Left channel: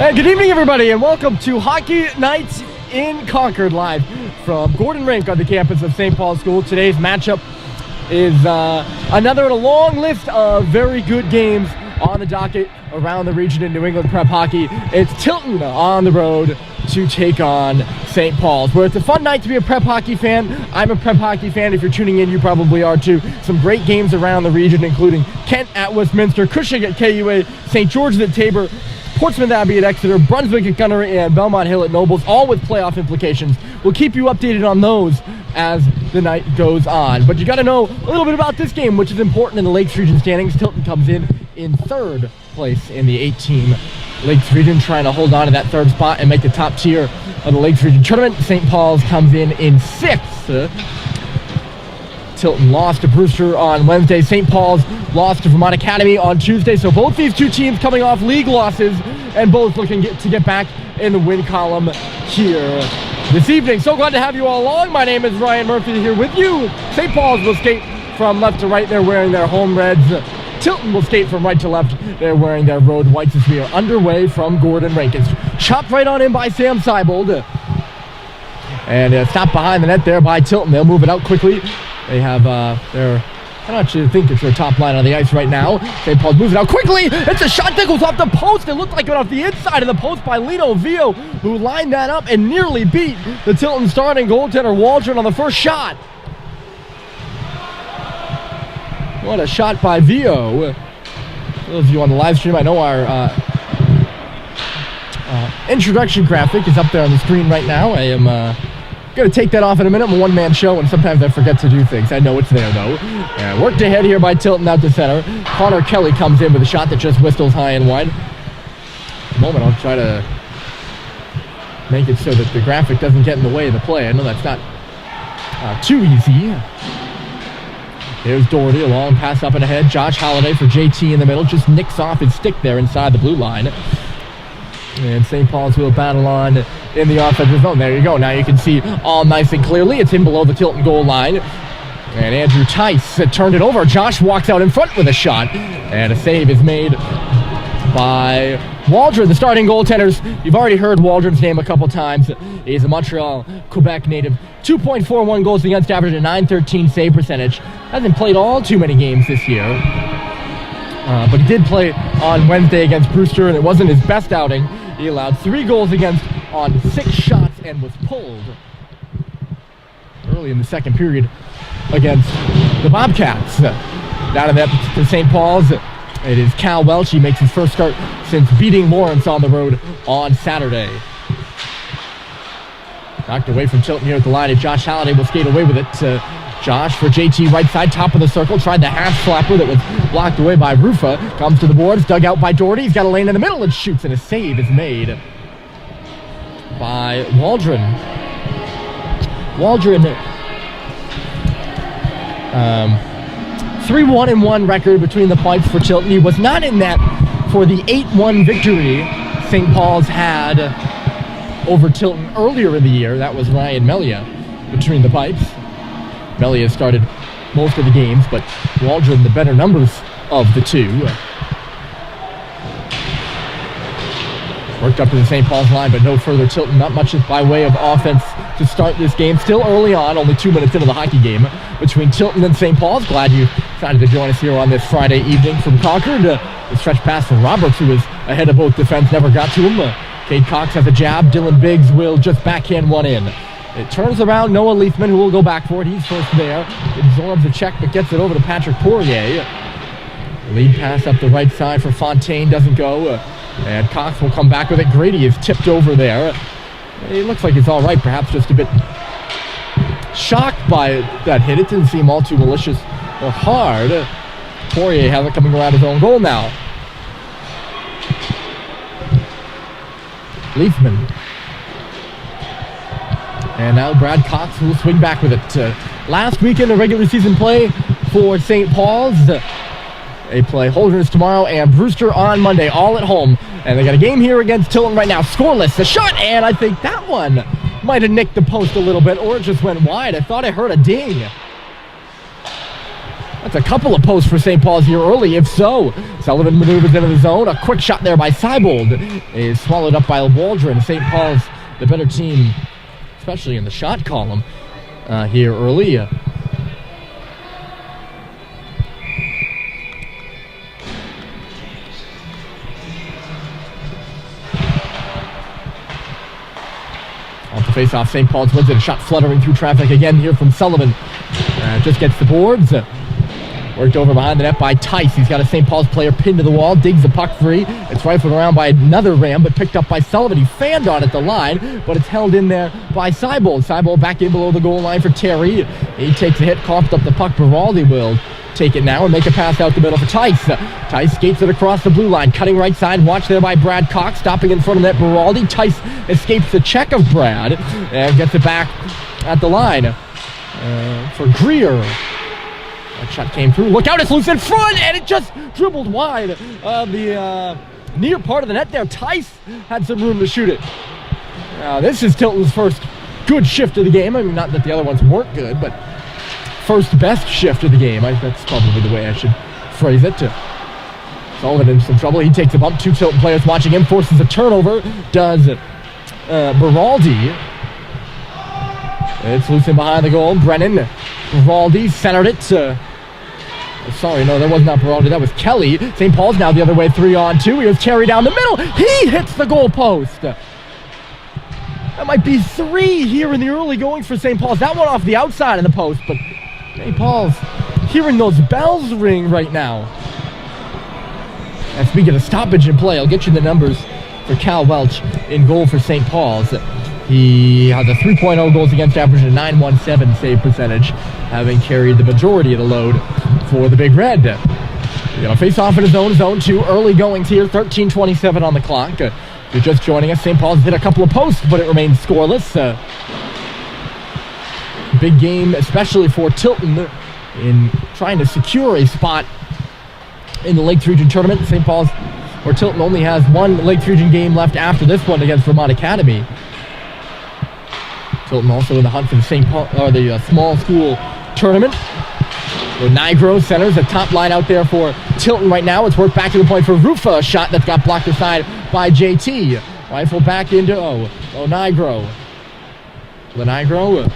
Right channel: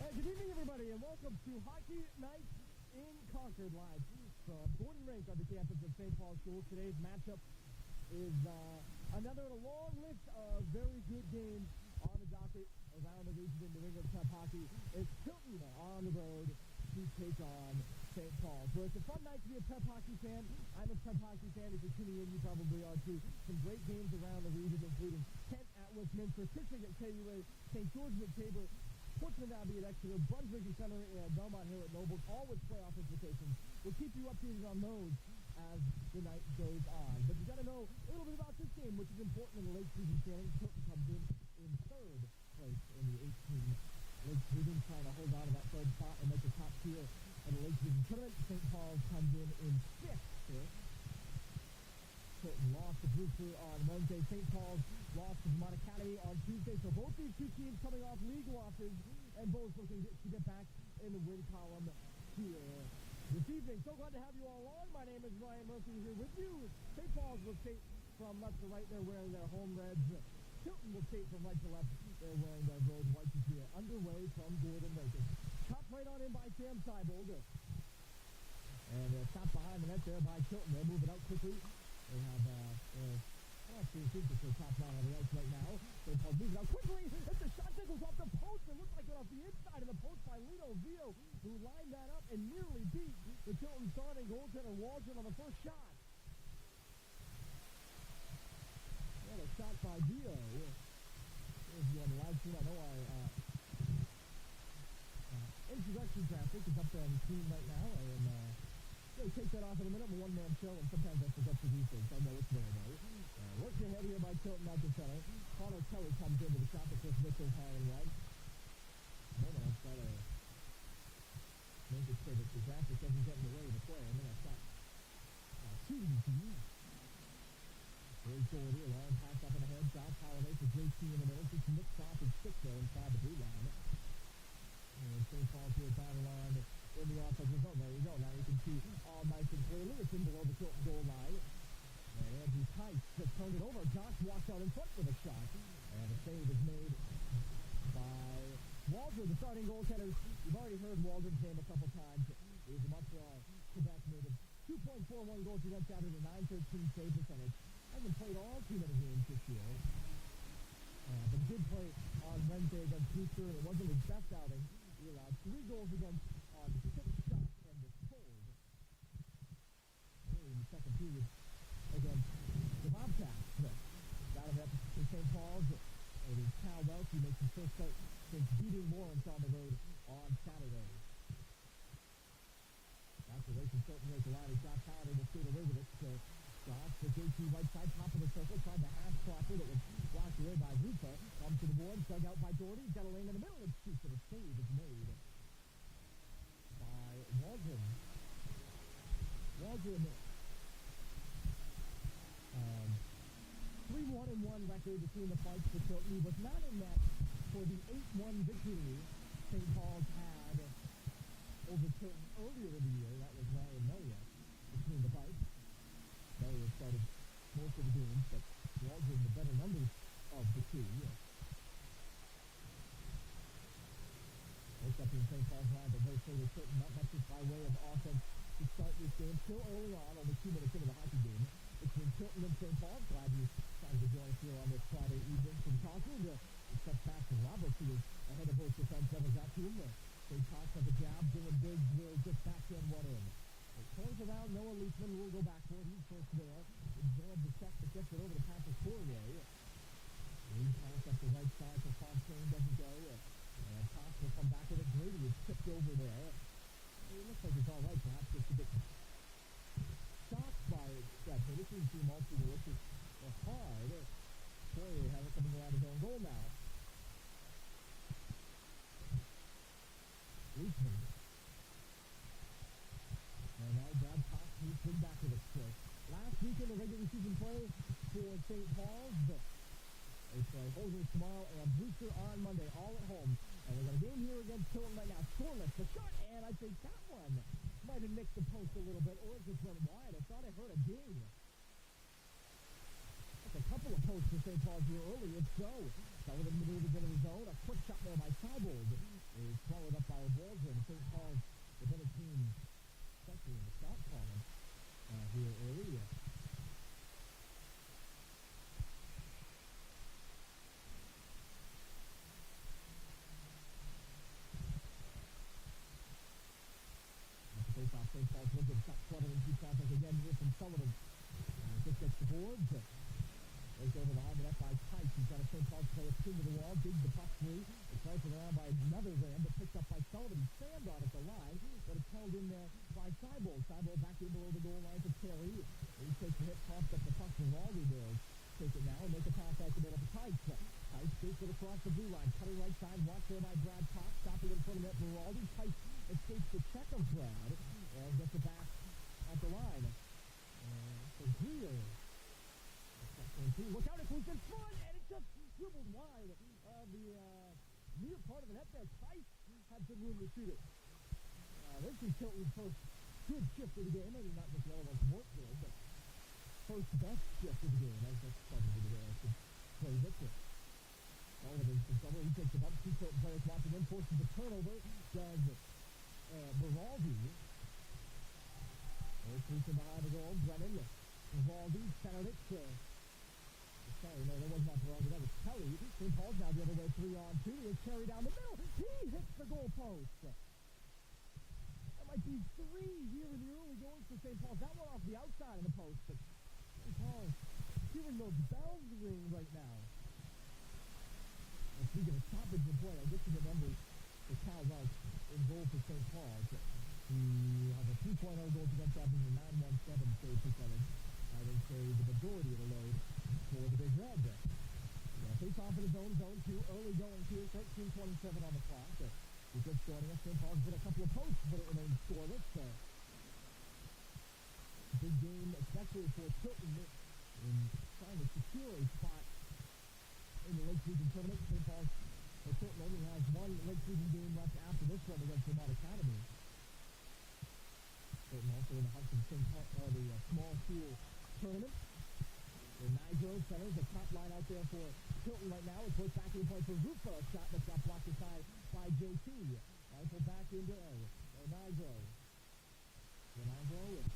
Hey, good evening, everybody, and welcome to Hockey Nights in Concord, live from Rink on the campus of St. Paul's School. Today's matchup is another in a long list of very good games on the docket around the region in New England prep hockey. It's Tilton on the road to take on St. Paul's, where it's a fun night to be a prep hockey fan. I'm a prep hockey fan. If you're tuning in, you probably are too. Some great games around the region, including Kent at Westminster, Cushing at KUA, St. George's at Tabor, Portsmouth Abbey at Exeter, Brunswick at Gunnery, and Belmont Hill at Nobles, all with playoff implications. We'll keep you updated on those as the night goes on. But you got to know a little bit about this game, which is important in the Lakes Region standings. Tilton comes in third place in the 8-team Lakes Region, trying to hold on to that third spot and make the top tier of the Lakes Region tournament. St. Paul's comes in sixth. Tilton lost to Brewster on Wednesday. St. Paul's lost to Vermont Academy on Tuesday. So both these two teams coming off league losses and both looking to get back in the win column here this evening. So glad to have you all along. My name is Ryan Murphy here with you. St. Paul's will skate from left to right. They're wearing their home reds. Tilton will skate from right to left. They're wearing their road whites as we are underway from Rink. It's chopped right on in by Sam Seibold. And stopped behind the net there by Tilton. They'll move it out quickly. They have their, I don't actually think it's their top line on the ice right now. St. Paul's moves it out quickly. It's a shot that goes off the post. It looked like it went off the inside of the post by Lino Vio, who lined that up and nearly beat the Tilton starting goaltender Waldron on the first shot. What a shot by Vio. For those of you on the live stream, I know our introduction graphic is up there on the screen right now. I am going to take that off in a minute. I'm a one-man show, and sometimes I forget to do things. I know it's there, though. Worked ahead here by Tilton out to center. Connor Kelly comes in with a shot that just whistles high and wide. In a moment, I'll try to make it so that the graphic doesn't get in the way of the play. I know that's not too easy. Here's Doherty, a long pass up and ahead. Josh Holliday for JT in the middle. Just nicks off his stick there inside the blue line. And St. Paul's will battle on in the offensive zone. There you go. Now you can see all nice and clearly. It's in below the Tilton goal line. And Andrew Tice turned it over. Josh walks out in front with a shot. And a save is made by Waldron, the starting goaltenders. You've already heard Waldron's name a couple times. He's a Montreal, Quebec native. 2.41 goals against average, a .913 save percentage. Hasn't played all too many games this year. But he did play on Wednesday against Brewster, and it wasn't his best outing. He allowed 3 goals against on 6 shots and was pulled early in the second period against the Bobcats. Down in that to St. Paul's, it is Cal Welch. He makes his first start since beating Lawrence on the road on Saturday. Knocked away from Tilton here at the line, and Josh Halliday will skate away with it. Josh for JT right side, top of the circle, tried the half slapper that was blocked away by Rufa. Comes to the boards, dug out by Doherty. He's got a lane in the middle and shoots, and a save is made by Waldron. Waldron, 3-1-1 record between the pipes for Tilton. He was not in that for the 8-1 victory St. Paul's had over Tilton earlier in the year. That was Ryan Melia between the pipes. Melia started most of the games, but Waldron the better numbers of the two. Worked up to the St. Paul's line, but no further Tilton. Not much by way of offense to start this game. Still early on, only 2 minutes into the hockey game between Tilton and St. Paul's. Glad you decided to join us here on this Friday evening from Concord. The stretch pass from Roberts, who was ahead of both defense, never got to him. Cade Cox has a jab. Dylan Biggs will just backhand one in. It turns around Noah Leafman, who will go back for it. He's first there. Absorbs the check, but gets it over to Patrick Poirier. Lead pass up the right side for Fontaine doesn't go. And Cox will come back with it. Grady is tipped over there. It looks like it's all right, perhaps just a bit shocked by that hit. It didn't seem all too malicious or hard. Poirier has it coming around his own goal now. Leafman. And now Brad Cox will swing back with it. Last weekend of regular season play for St. Paul's. They play Holderness tomorrow and Brewster on Monday, all at home. And they got a game here against Tilton right now. Scoreless, the shot, and I think that one might have nicked the post a little bit, or it just went wide. I thought I heard a ding. That's a couple of posts for St. Paul's here early, if so. Sullivan maneuvers into the zone. A quick shot there by Seibold is swallowed up by Waldron. St. Paul's the better team, especially in the shot column here early. Off the face-off, St. Paul's wins it. A shot fluttering through traffic again here from Sullivan. Just gets the boards. Worked over behind the net by Tice. He's got a St. Paul's player pinned to the wall, digs the puck free. It's rifled around by another Ram, but picked up by Sullivan. He fanned on it the line, but it's held in there by Seibold. Seibold back in below the goal line for Terry. He takes a hit, coughed up the puck. Beraldi will take it now and make a pass out the middle for Tice. Tice skates it across the blue line, cutting right side. Watch there by Brad Cox, stopping in front of net Beraldi. Tice escapes the check of Brad and gets it back at the line for Greer. That shot came through. Look out, it's loose in front, and it just dribbled wide of the near part of the net there. Tice had some room to shoot it. Now, this is Tilton's first good shift of the game. I mean, not that the other ones weren't good, but first best shift of the game. That's probably the way I should phrase it. Sullivan in some trouble. He takes a bump. Two Tilton players watching him. Forces a turnover. Does Beraldi. It's loose in behind the goal. Brennan. Beraldi centered it. Sorry, no, that was not Beraldi. That was Kelly. St. Paul's now the other way, 3-on-2. Here's Terry down the middle. He hits the goal post. That might be 3 here in the early goings for St. Paul's. That one off the outside of the post, but St. Paul's hearing those bells ring right now. And speaking of stoppage in play, I'll get you the numbers for Cal Welch in goal for St. Paul's. He has a 3.0 goals against average and a 9.17 save percentage, having carried the majority of the load for the Big Red. You know, face off in his own zone 2. Early goings here, 13:27 on the clock. If you're just joining us, St. Paul's hit a couple of posts, but it remains scoreless. Big game, especially for Tilton, in trying to secure a spot in the Lakes Region tournament. St. Paul's, or Tilton, only has one Lakes Region game left after this one against Vermont Academy. Tilton also in the hunt for the St. Paul, or the small school tournament. So Nigro centers the top line out there for Tilton right now. It's worked back to the point for Rufa, a shot that's got blocked aside by JT. Rifle back into Nigro. Nigro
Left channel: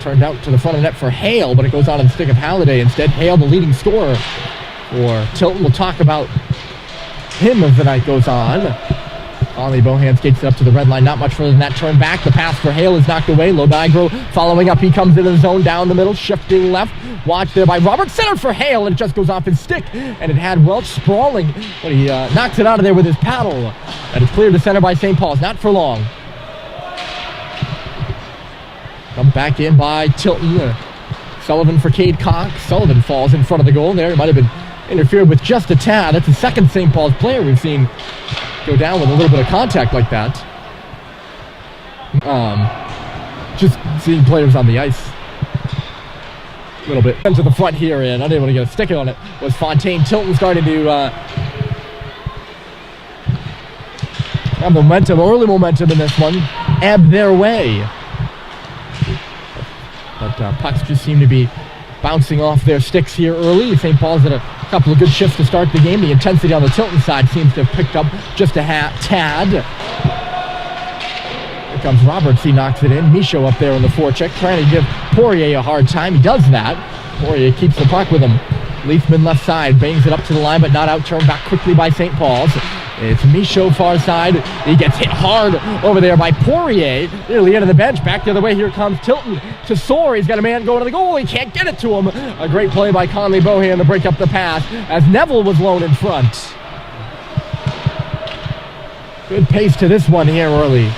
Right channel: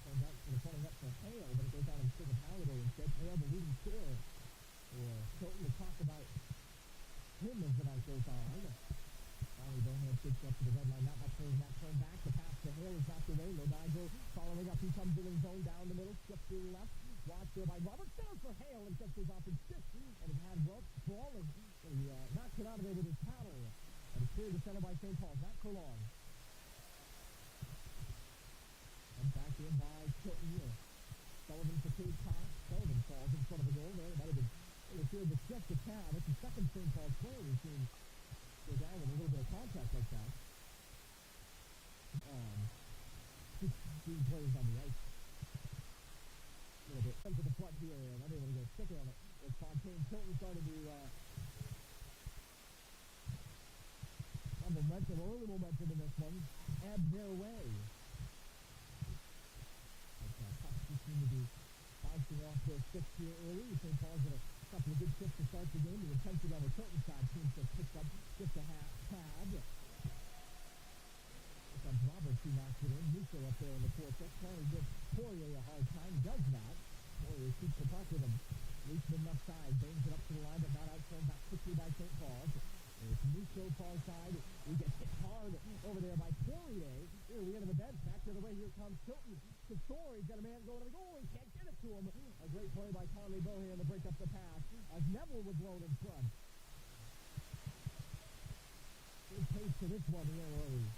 turned out to the front of the net for Hale, but it goes out of the stick of Halliday instead. Hale, the leading scorer for Tilton. We'll talk about him as the night goes on. Ollie Bohan skates it up to the red line, not much further than that. Turn back, the pass for Hale is knocked away. Lonigro following up, he comes into the zone down the middle, shifting left. Watch there by Robert, centered for Hale, and it just goes off his stick. And it had Welch sprawling, but he knocks it out of there with his paddle. And it's cleared to center by St. Paul's, not for long. Come back in by Tilton. Sullivan for Cade Cox. Sullivan falls in front of the goal there. It might have been interfered with just a tad. That's the second St. Paul's player we've seen go down with a little bit of contact like that. Just seeing players on the ice a little bit. To the front here and unable to get a stick on it was Fontaine. Tilton starting to have momentum, early momentum in this one, ebb their way. But pucks just seem to be bouncing off their sticks here early. St. Paul's had a couple of good shifts to start the game. The intensity on the Tilton side seems to have picked up just a tad. Here comes Roberts. He knocks it in. Michaud up there in the forecheck, trying to give Poirier a hard time. He does that. Poirier keeps the puck with him. Leafman left side, bangs it up to the line, but not out. Turned back quickly by St. Paul's. It's Michaud far side. He gets hit hard over there by Poirier. Nearly into the bench. Back the other way. Here comes Tilton to soar. He's got a man going to the goal. He can't get it to him. A great play by Conley Bohan to break up the pass as Neville was lone in front. Good pace to this one here early.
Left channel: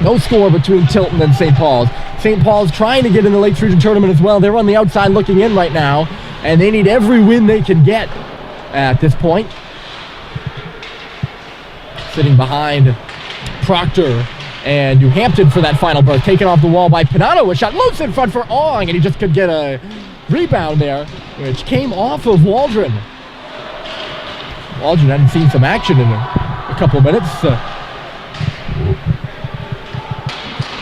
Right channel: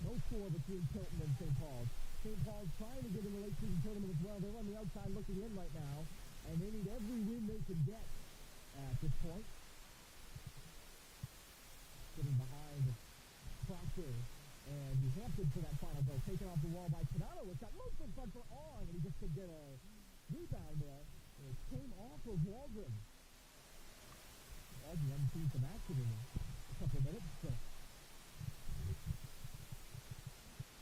No score between Tilton and St. Paul's. St. Paul's trying to get in the Lakes Region tournament as well. They're on the outside looking in right now, and they need every win they can get at this point. Sitting behind Proctor and New Hampton for that final berth. Taken off the wall by Pinato. A shot loose in front for Ong, and he just could get a rebound there, which came off of Waldron. Waldron hadn't seen some action in a couple of minutes.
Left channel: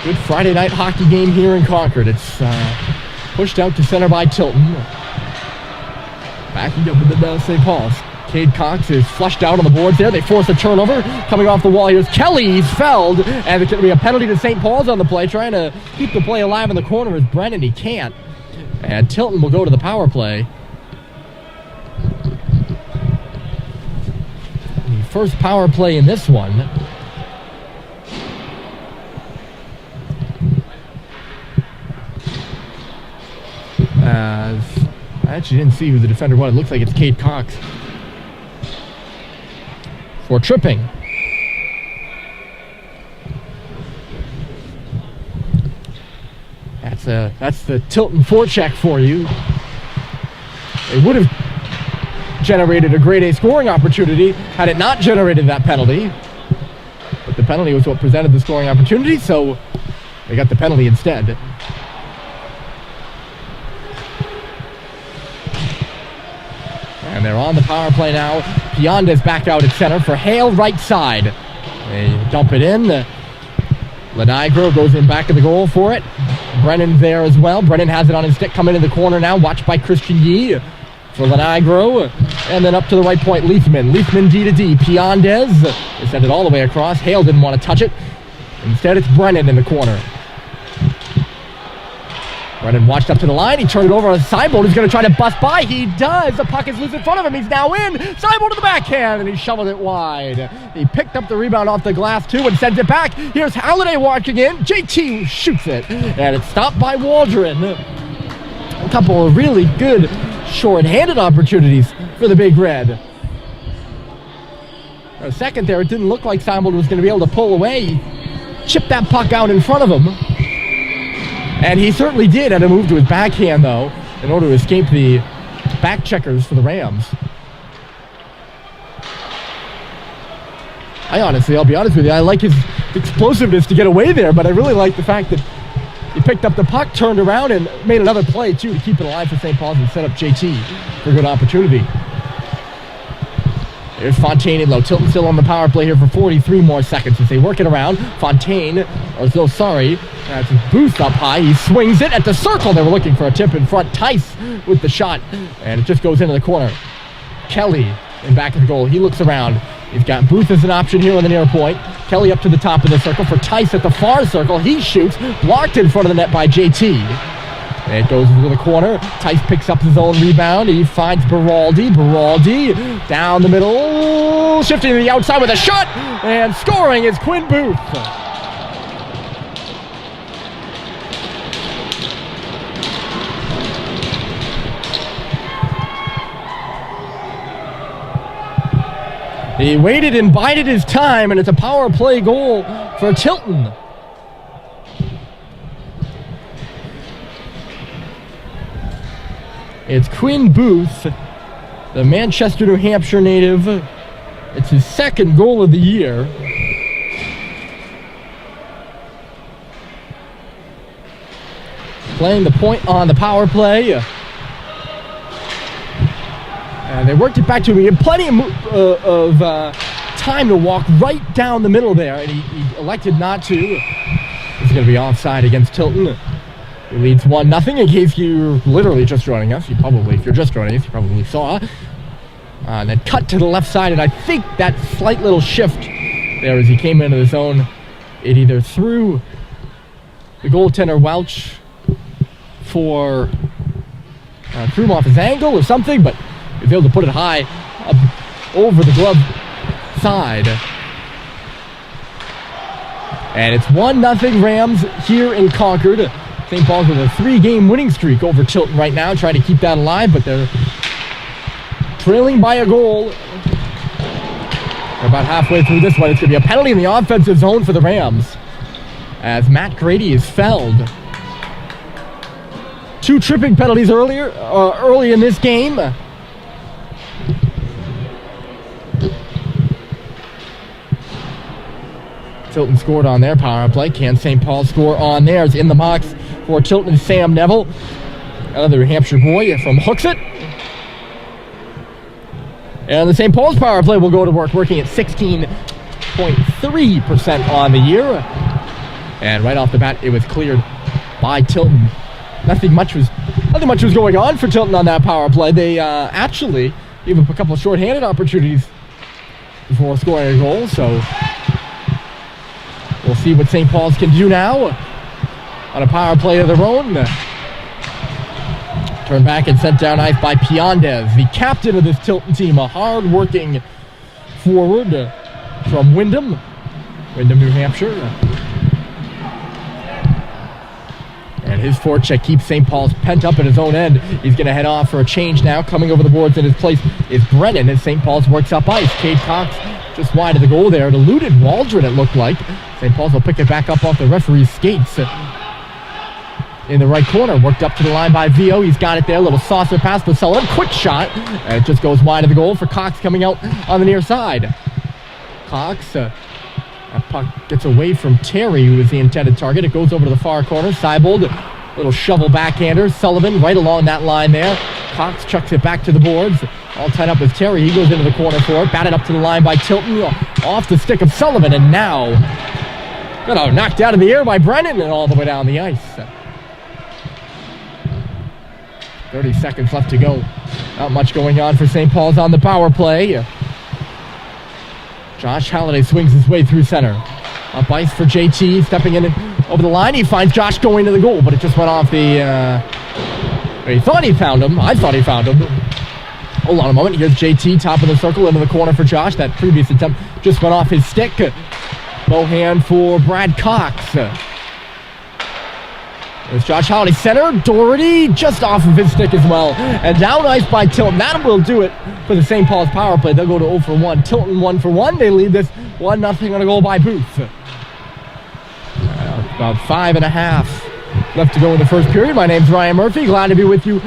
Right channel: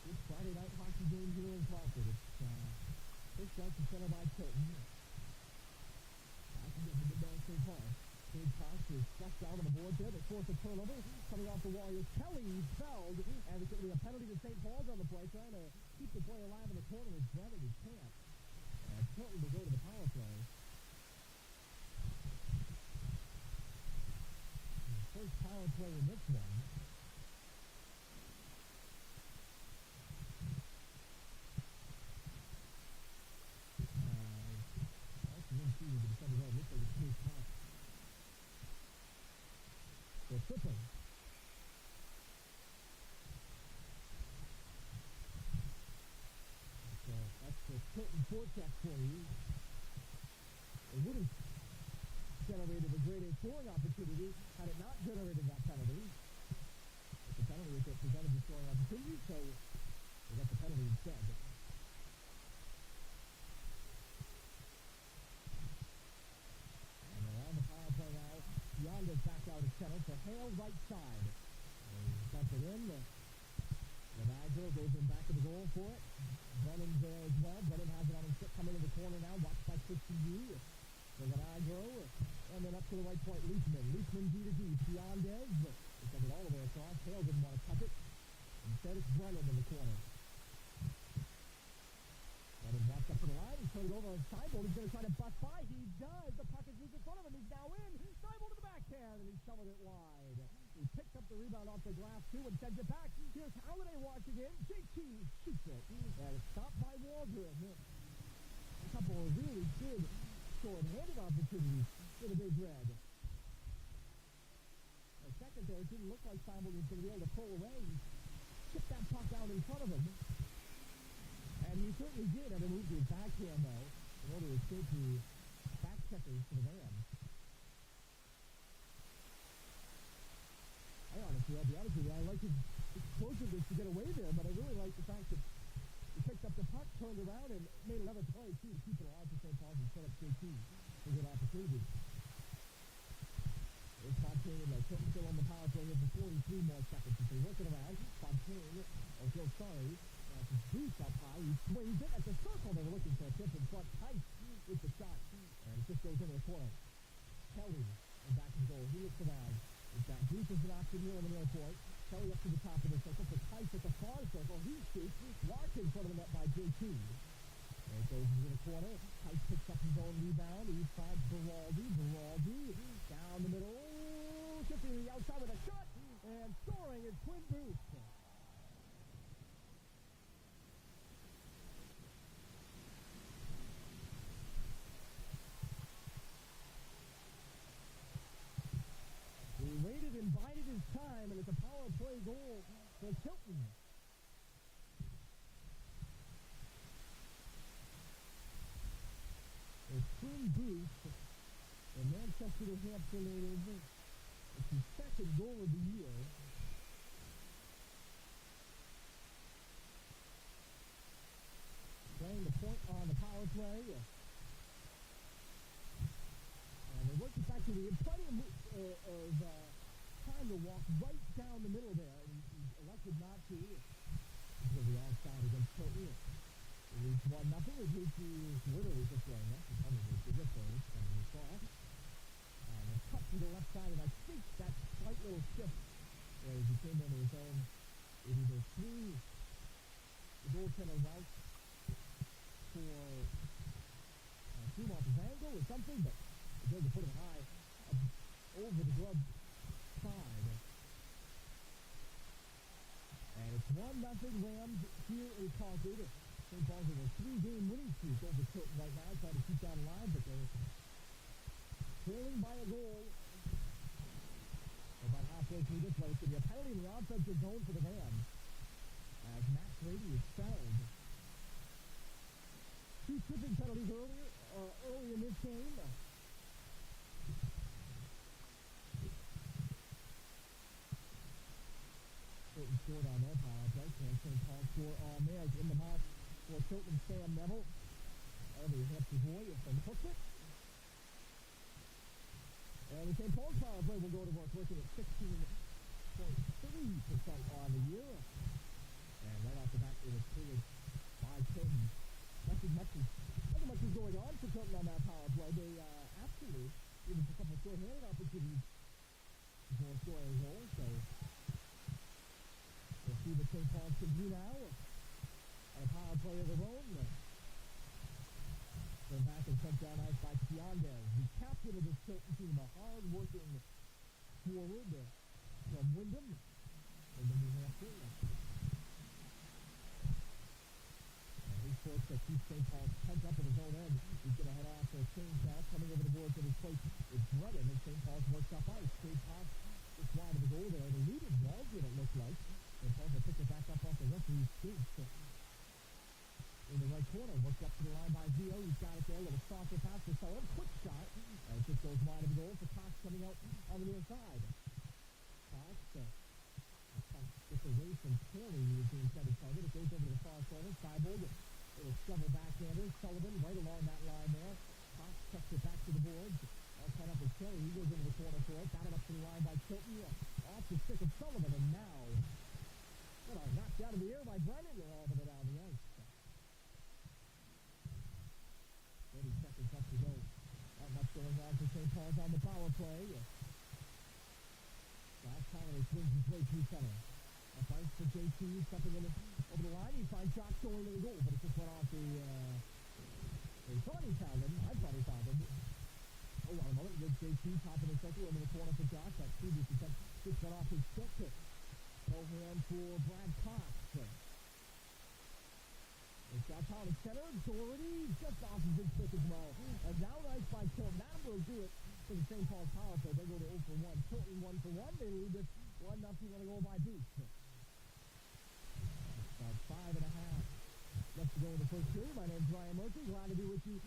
Good Friday night hockey game here in Concord. It's pushed out to center by Tilton. Backing up with the St. Paul's. Cade Cox is flushed out on the boards there. They force a turnover. Coming off the wall, here's Kelly. He's fouled. And it's going to be a penalty to St. Paul's on the play. Trying to keep the play alive in the corner is Brennan. He can't. And Tilton will go to the power play. The first power play in this one. I actually didn't see who the defender was. It looks like it's Cade Cox. For tripping. That's the Tilton forecheck for you. It would have generated a grade A scoring opportunity had it not generated that penalty. But the penalty was what presented the scoring opportunity, so they got the penalty instead. And they're on the power play now. Pionda's back out at center for Hale, right side. They dump it in. Lenigro goes in back of the goal for it. Brennan there as well. Brennan has it on his stick, coming in the corner now. Watched by Christian Yee for Lenigro. And then up to the right point, Leithman. Leithman D to D. Piondes. They send it all the way across. Hale didn't want to touch it. Instead, it's Brennan in the corner. Brennan watched up to the line. He turned it over on Seibold. He's going to try to bust by. He does. The puck is loose in front of him. He's now in. Seibold to the backhand, and he shoveled it wide. He picked up the rebound off the glass, too, and sends it back. Here's Halliday walking in. JT shoots it, and it's stopped by Waldron. A couple of really good short-handed opportunities for the Big Red. For a second there, it didn't look like Seibold was going to be able to pull away. He chipped that puck out in front of him. And he certainly did at a move to his backhand, though, in order to escape the back checkers for the Rams. I'll be honest with you, I like his explosiveness to get away there, but I really like the fact that he picked up the puck, turned around, and made another play, too, to keep it alive for St. Paul's and set up JT for a good opportunity. There's Fontaine in low. Tilton still on the power play here for 43 more seconds as they work it around. Fontaine, that's his boost up high. He swings it at the circle. They were looking for a tip in front. Tice with the shot, and it just goes into the corner. Kelly in back of the goal. He looks around. He's got Booth as an option here on the near point. Kelly up to the top of the circle for Tice at the far circle. He shoots, blocked in front of the net by JT. And it goes into the corner. Tice picks up his own rebound. He finds Beraldi. Beraldi down the middle. Shifting to the outside with a shot. And scoring is Quinn Booth. He waited and bided his time, and it's a power play goal for Tilton. It's Quinn Booth, the Manchester, New Hampshire native. It's his second goal of the year. Playing the point on the power play. And they worked it back to him. He had plenty of time to walk right down the middle there, and he elected not to. It's going to be offside against Tilton. It leads 1-0. In case you're literally just joining us, if you're just joining us, you probably saw. And then cut to the left side, and I think that slight little shift there as he came into the zone, it either threw the goaltender Welch threw him off his angle or something, but he was able to put it high up over the glove side. And it's 1-0 Rams here in Concord. St. Paul's with a 3-game winning streak over Tilton right now, trying to keep that alive, but they're trailing by a goal. They're about halfway through this one. It's going to be a penalty in the offensive zone for the Rams as Matt Grady is fouled. 2 tripping penalties early in this game. Tilton scored on their power play. Can St. Paul score on theirs? In the box for Tilton, Sam Neville, another New Hampshire boy from Hooksett. And the St. Paul's power play will go to work, working at 16.3% on the year. And right off the bat, it was cleared by Tilton. Nothing much was Nothing much was going on for Tilton on that power play. They actually gave up a couple of shorthanded opportunities before scoring a goal, so we'll see what St. Paul's can do now on a power play of their own. Turned back and sent down ice by Piandez, the captain of this Tilton team, a hard-working forward from Windham, New Hampshire. And his forecheck keeps St. Paul's pent up at his own end. He's going to head off for a change now. Coming over the boards in his place is Brennan as St. Paul's works up ice. Cade Cox just wide of the goal there. It eluded Waldron, it looked like. St. Paul's will pick it back up off the referee's skates. In the right corner, worked up to the line by Vio. He's got it there. Little saucer pass to Sullivan. Quick shot. And it just goes wide of the goal for Cox coming out on the near side. Cox, that puck gets away from Terry, who is the intended target. It goes over to the far corner. Seibold, little shovel backhander. Sullivan right along that line there. Cox chucks it back to the boards. All tied up with Terry. He goes into the corner for it. Batted up to the line by Tilton. Off the stick of Sullivan. And now, knocked out in the air by Brennan and all the way down the ice. 30 seconds left to go. Not much going on for St. Paul's on the power play. Josh Halliday swings his way through center. Up ice for JT, stepping in over the line. He finds Josh going to the goal, but it just went off the... he thought he found him. I thought he found him. Hold on a moment. Here's JT, top of the circle, into the corner for Josh. That previous attempt just went off his stick. Low hand for Brad Cox. There's Josh Halliday, center. Doherty just off of his stick as well. And down ice by Tilton. That will do it for the St. Paul's power play. They'll go to 0 for 1. Tilton 1 for 1. They lead this 1-0 on a goal by Booth. About 5.5 left to go in the first period. My name's Ryan Murphy. Glad to be with you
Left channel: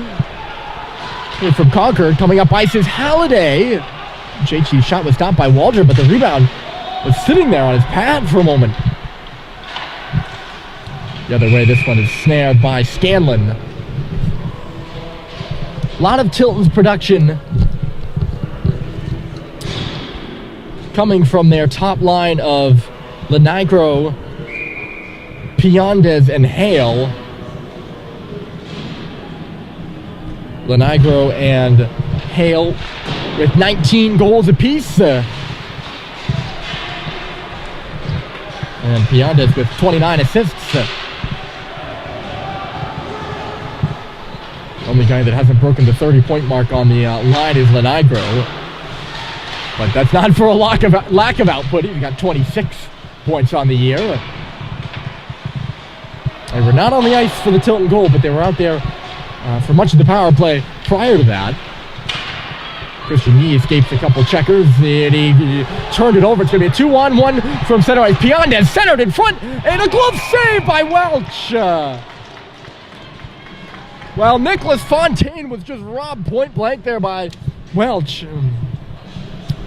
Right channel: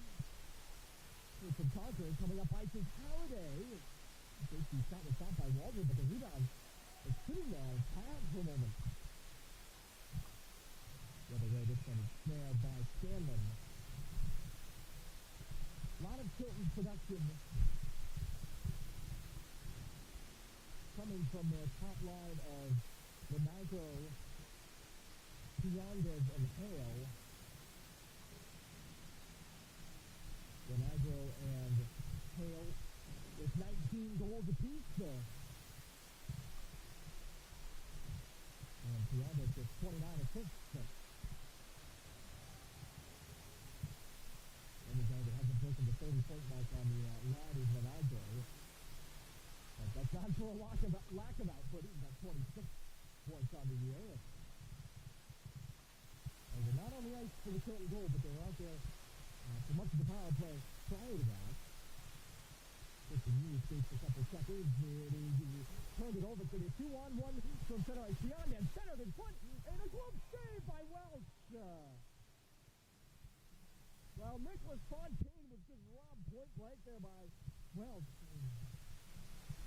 here from Concord. Coming up ice is Halliday. JT's shot was stopped by Waldron, but the rebound was sitting there on his pad for a moment. The other way, this one is snared by Scanlon. A lot of Tilton's production coming from their top line of Lenigro, Piandez, and Hale. Lenigro and Hale with 19 goals apiece. And Piandez with 29 assists. Only guy that hasn't broken the 30-point mark on the line is Lenigro. But that's not for a lack of output. He's got 26 points on the year. They were not on the ice for the Tilton goal, but they were out there for much of the power play prior to that. Christian Yee escapes a couple checkers, and he turned it over. It's going to be a 2-on-1 from center ice. Piandez centered in front, and a glove save by Welch. Well, Nicholas Fontaine was just robbed point blank there by Welch,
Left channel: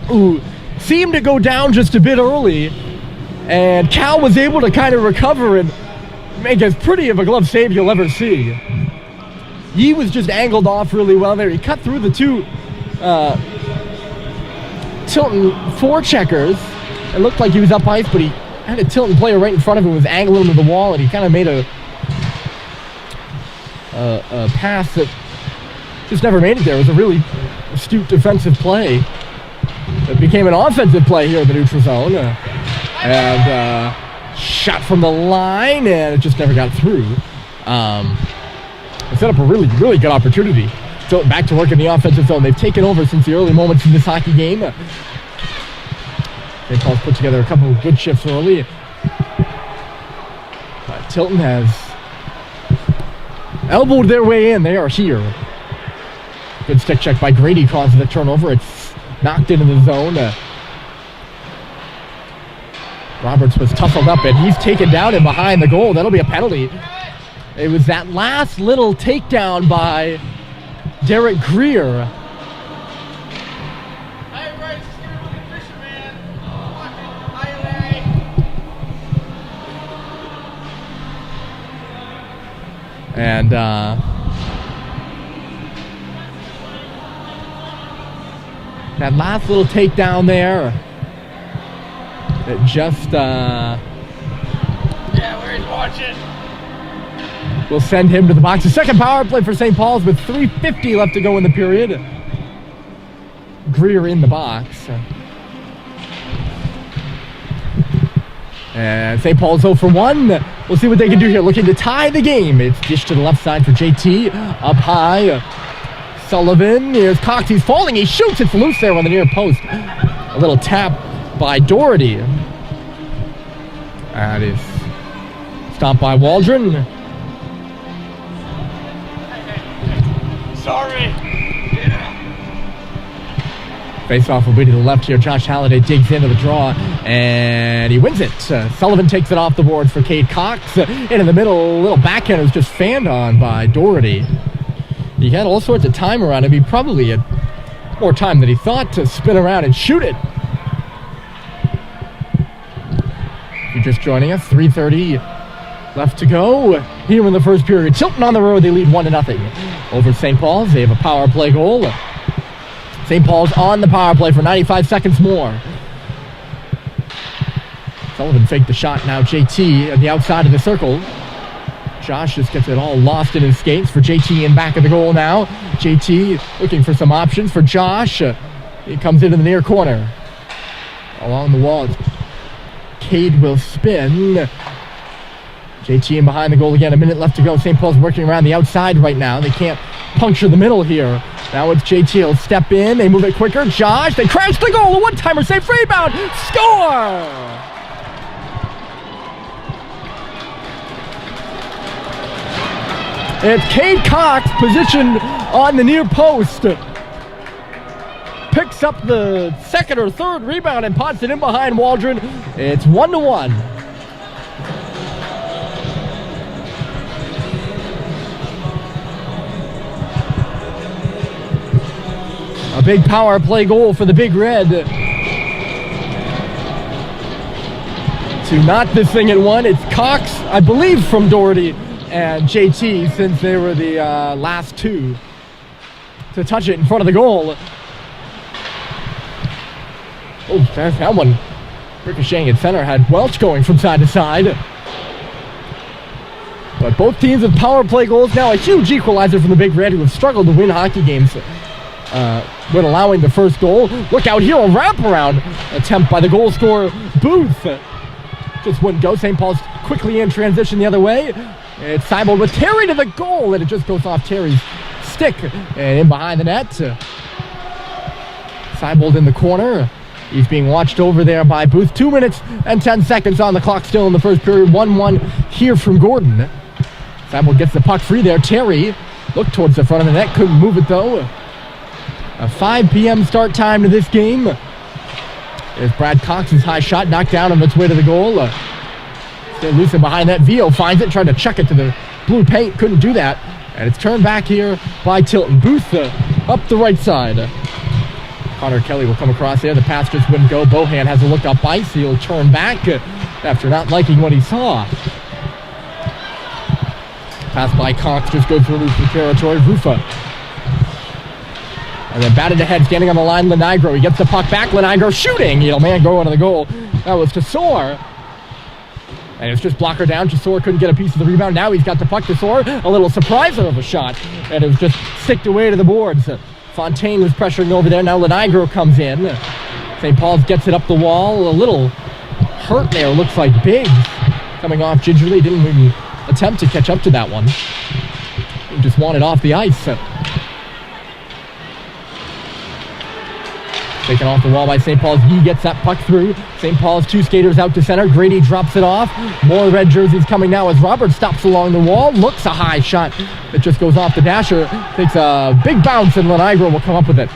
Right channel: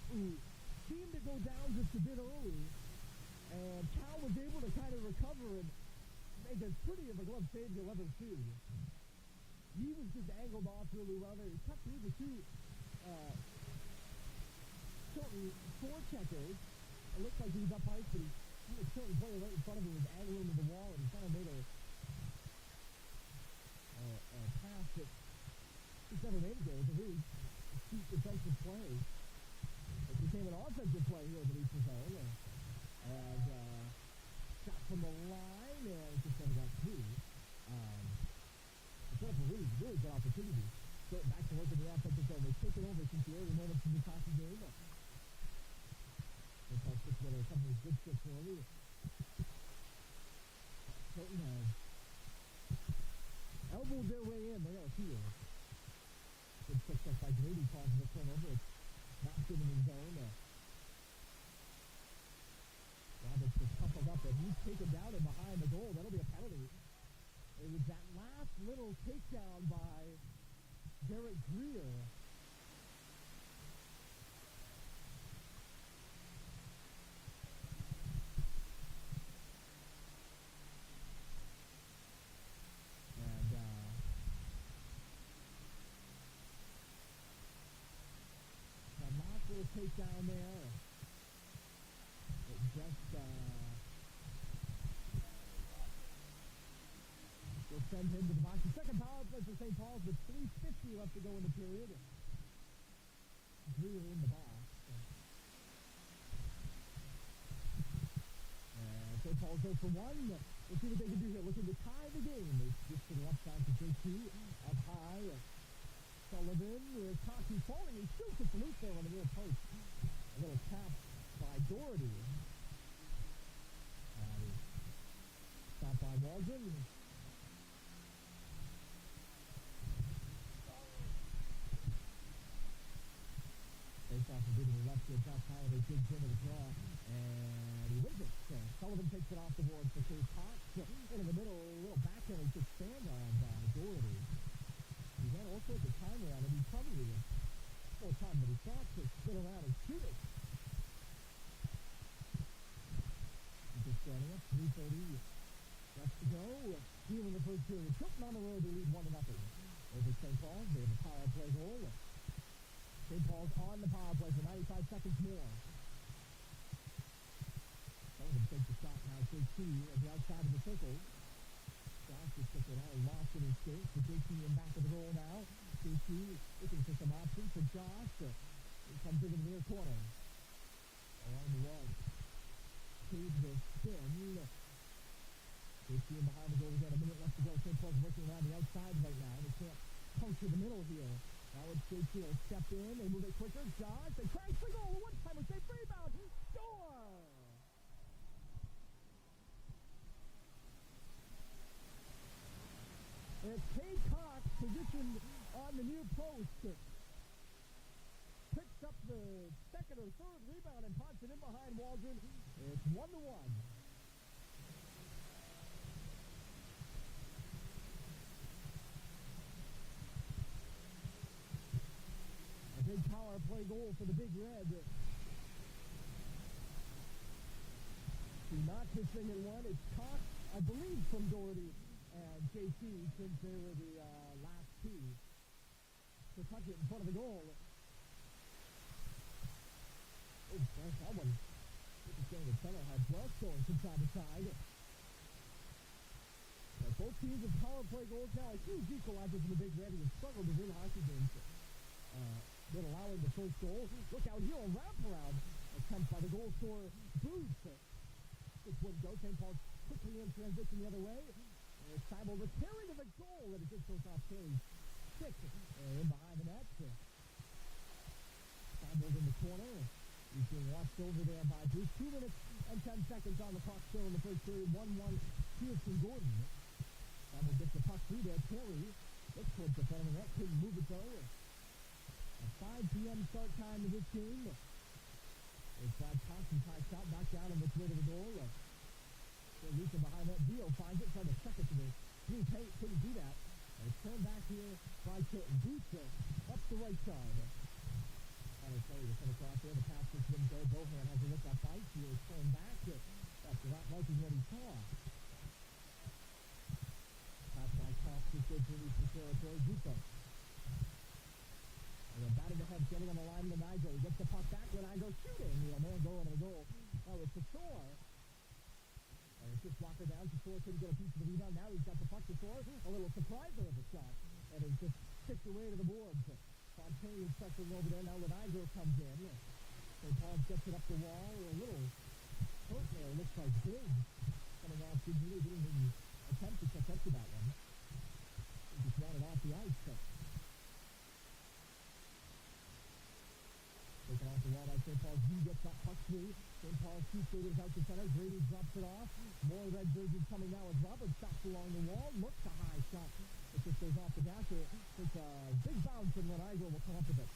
who seemed to go down just a bit early, and Cal was able to kind of recover and make as pretty of a glove save you'll ever see. Yee was just angled off really well there. He cut through the two Tilton forecheckers. It looked like he was up ice, but he had a Tilton player right in front of him, was angling to the wall, and he kind of made a pass that just never made it there. It was a really astute defensive play that became an offensive play here in the neutral zone. And shot from the line, and it just never got through. It set up a really, really good opportunity. So back to work in the offensive zone. They've taken over since the early moments in this hockey game. St. Paul's put together a couple of good shifts early. But Tilton has elbowed their way in. They are here. Good stick check by Grady causes the turnover. It's knocked into the zone. Roberts was tussled up, and he's taken down and behind the goal. That'll be a penalty. It was that last little takedown by Derek Greer. And that last little takedown there, it just yeah, where's watching? will send him to the box. The second power play for St. Paul's with 3:50 left to go in the period. Greer in the box. And St. Paul's 0 for 1. We'll see what they can do here. Looking to tie the game. It's dished to the left side for JT. Up high. Sullivan. Here's Cox. He's falling. He shoots. It's loose there on the near post. A little tap by Doherty. That is stopped by Waldron. Sorry. Face-off will be to the left here. Josh Halliday digs into the draw, and he wins it. Sullivan takes it off the boards for Cade Cox. In the middle, a little backhand was just fanned on by Doherty. He had all sorts of time around him. He probably had more time than he thought to spin around and shoot it. If you're just joining us, 3:30 left to go here in the first period. Tilton on the road, they lead 1-0 over St. Paul's. They have a power play goal. St. Paul's on the power play for 95 seconds more. Sullivan faked the shot. Now JT at the outside of the circle. Josh just gets it all lost in his skates for JT in back of the goal now. JT looking for some options for Josh. He comes into the near corner. Along the wall, Cade will spin. JT in behind the goal again. A minute left to go. St. Paul's working around the outside right now. They can't puncture the middle here. Now it's JT. He'll step in. They move it quicker. Josh. They crash the goal. A one-timer save. Rebound. Score! It's Cade Cox positioned on the near post. Picks up the second or third rebound and pots it in behind Waldron. It's 1-1. A big power play goal for the Big Red to knot this thing at one. It's Cox, I believe, from Doherty and JT, since they were the last two to touch it in front of the goal. Oh, there's that one. Ricocheting at center, had Welch going from side to side. But both teams with power play goals now. A huge equalizer from the Big Red, who have struggled to win hockey games when allowing the first goal. Look out here, a wraparound attempt by the goal scorer, Booth. Just wouldn't go. St. Paul's quickly in transition the other way. It's Seibel with Terry to the goal, and it just goes off Terry's stick and in behind the net. Seibel in the corner. He's being watched over there by Booth. 2 minutes and 10 seconds on the clock still in the first period. 1-1 here from Gordon. Seibel gets the puck free there. Terry looked towards the front of the net, couldn't move it though. A 5 p.m. start time to this game. There's Brad Cox's high shot, knocked down on its way to the goal. Stay loose and behind that. Vio finds it, tried to chuck it to the blue paint, couldn't do that. And it's turned back here by Tilton. Booth up the right side. Connor Kelly will come across there. The pass just wouldn't go. Bohan has a look up ice. He'll turn back after not liking what he saw. Pass by Cox just goes through the territory. Rufa. And then batted ahead, standing on the line, Lenigro. He gets the puck back. Lenigro shooting. He'll man go into the goal. That was Tesor. And it's just blocker down. Tesor couldn't get a piece of the rebound. Now he's got the puck. Tesor, a little surpriser of a shot. And it was just sticked away to the boards. Fontaine was pressuring over there. Now Lenigro comes in. St. Paul's gets it up the wall. A little hurt there. Looks like Biggs coming off gingerly. Didn't even attempt to catch up to that one. He just wanted off the ice. Taken off the wall by St. Paul's. He gets that puck through. St. Paul's two skaters out to center. Grady drops it off. More red jerseys coming now as Robert stops along the wall. Looks a high shot that just goes off the dasher. Takes a big bounce and Lenigro will come up with it.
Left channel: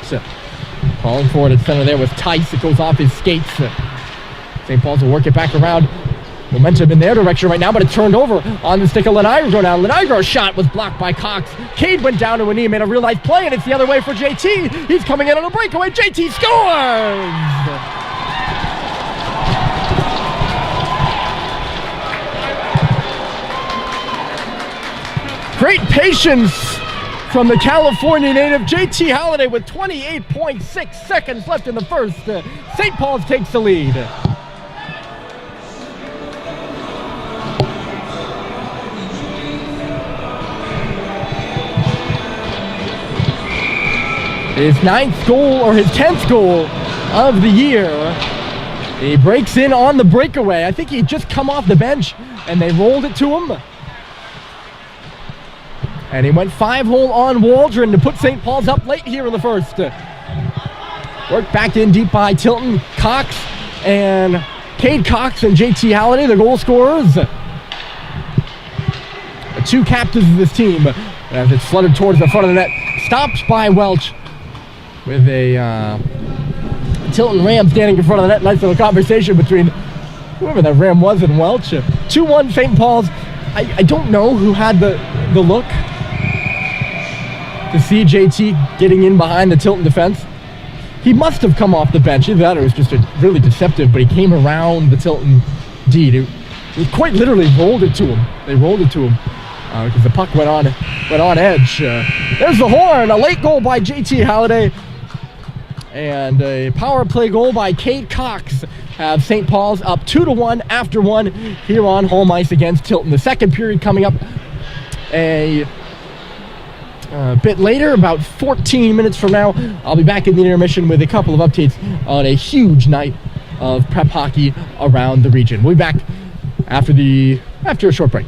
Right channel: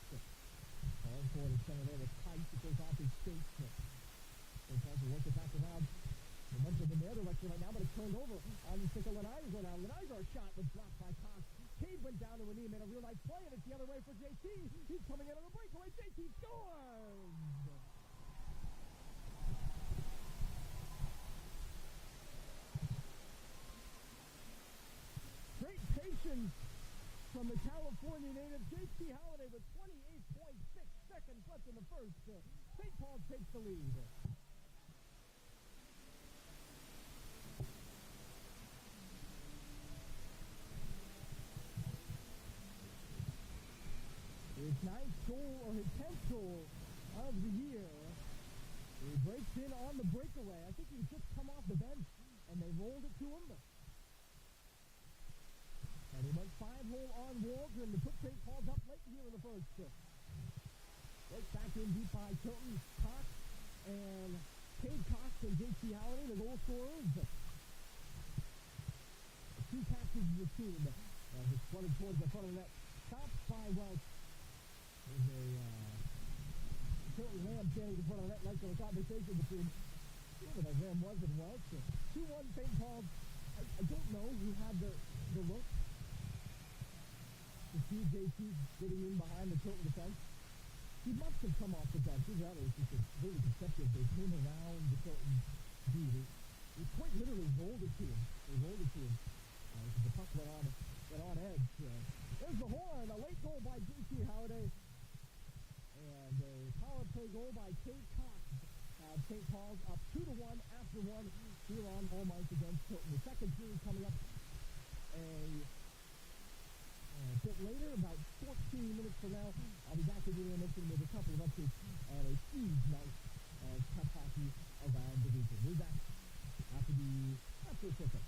Calling for it at center there with Tice. It goes off his skates. St. Paul's will work it back around. Momentum in their direction right now, but it's turned over on the stick of Lenigro now. Lenigro's shot was blocked by Cox. Cade went down to a knee, made a real nice play, and it's the other way for JT. He's coming in on a breakaway. JT scores! Great patience from the California native, JT Halliday, with 28.6 seconds left in the first. St. Paul's takes the lead. his 9th goal, or his 10th goal of the year. He breaks in on the breakaway. I think he'd just come off the bench, and they rolled it to him. And he went 5-hole on Waldron to put St. Paul's up late here in the first. Worked back in deep by Tilton. Cox and Cade Cox and JT Halliday, the goal scorers. The two captains of this team as it's flooded towards the front of the net. Stopped by Welch with a Tilton Ram standing in front of the net. Nice little conversation between whoever that Ram was and Welch. 2-1 St. Paul's. I don't know who had the look to see JT getting in behind the Tilton defense. He must have come off the bench. Either that or it was just really deceptive, but he came around the Tilton D. It quite literally rolled it to him. They rolled it to him because the puck went on edge. There's the horn. A late goal by JT Halliday. And a power play goal by Cade Cox have St. Paul's up 2-1 after 1 here on home ice against Tilton. The second period coming up a bit later, about 14 minutes from now. I'll be back in the intermission with a couple of updates on a huge night of prep hockey around the region. We'll be back after a short break.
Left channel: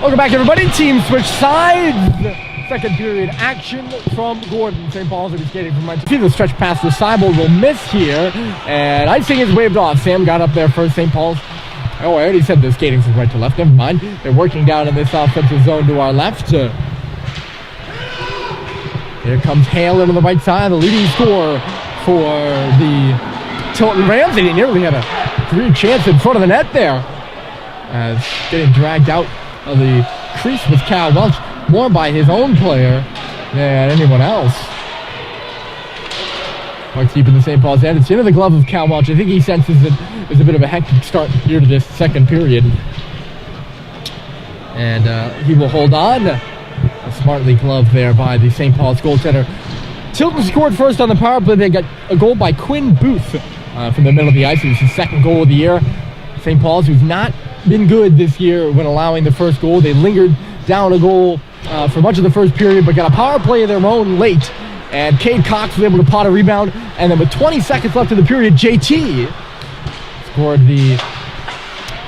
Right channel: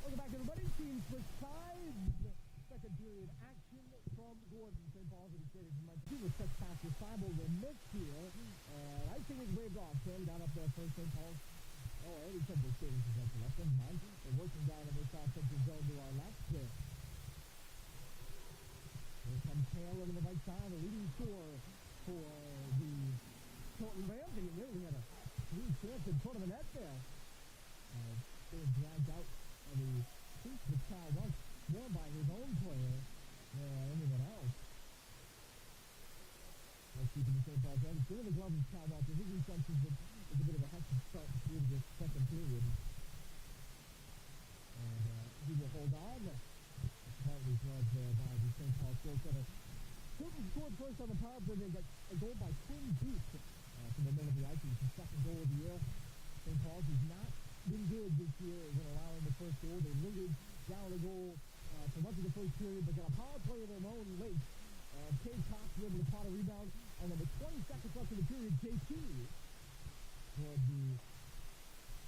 Welcome back, everybody. Team switch sides. Second period action from Gordon. St. Paul's will be skating from right. See the stretch pass to Seibel will miss here, and icing is waved off. Sam got up there first. St. Paul's. Oh, I already said they're skating from right to left. Never mind. They're working down in this offensive zone to our left. Here comes Hale into the right side, the leading scorer for the Tilton Rams. He nearly had a career chance in front of the net there. As getting dragged out of the crease with Cal Welch, more by his own player than anyone else. Puck's deep in the St. Paul's end. It's into the glove of Cal Welch. I think he senses that there's a bit of a hectic start here to this second period. And he will hold on. A smartly gloved there by the St. Paul's goaltender. Tilton scored first on the power play. They got a goal by Quinn Booth from the middle of the ice. It was his second goal of the year. St. Paul's, who's not been good this year when allowing the first goal. They lingered down a goal for much of the first period, but got a power play of their own late. And Cade Cox was able to pot a rebound. And then with 20 seconds left in the period, JT scored the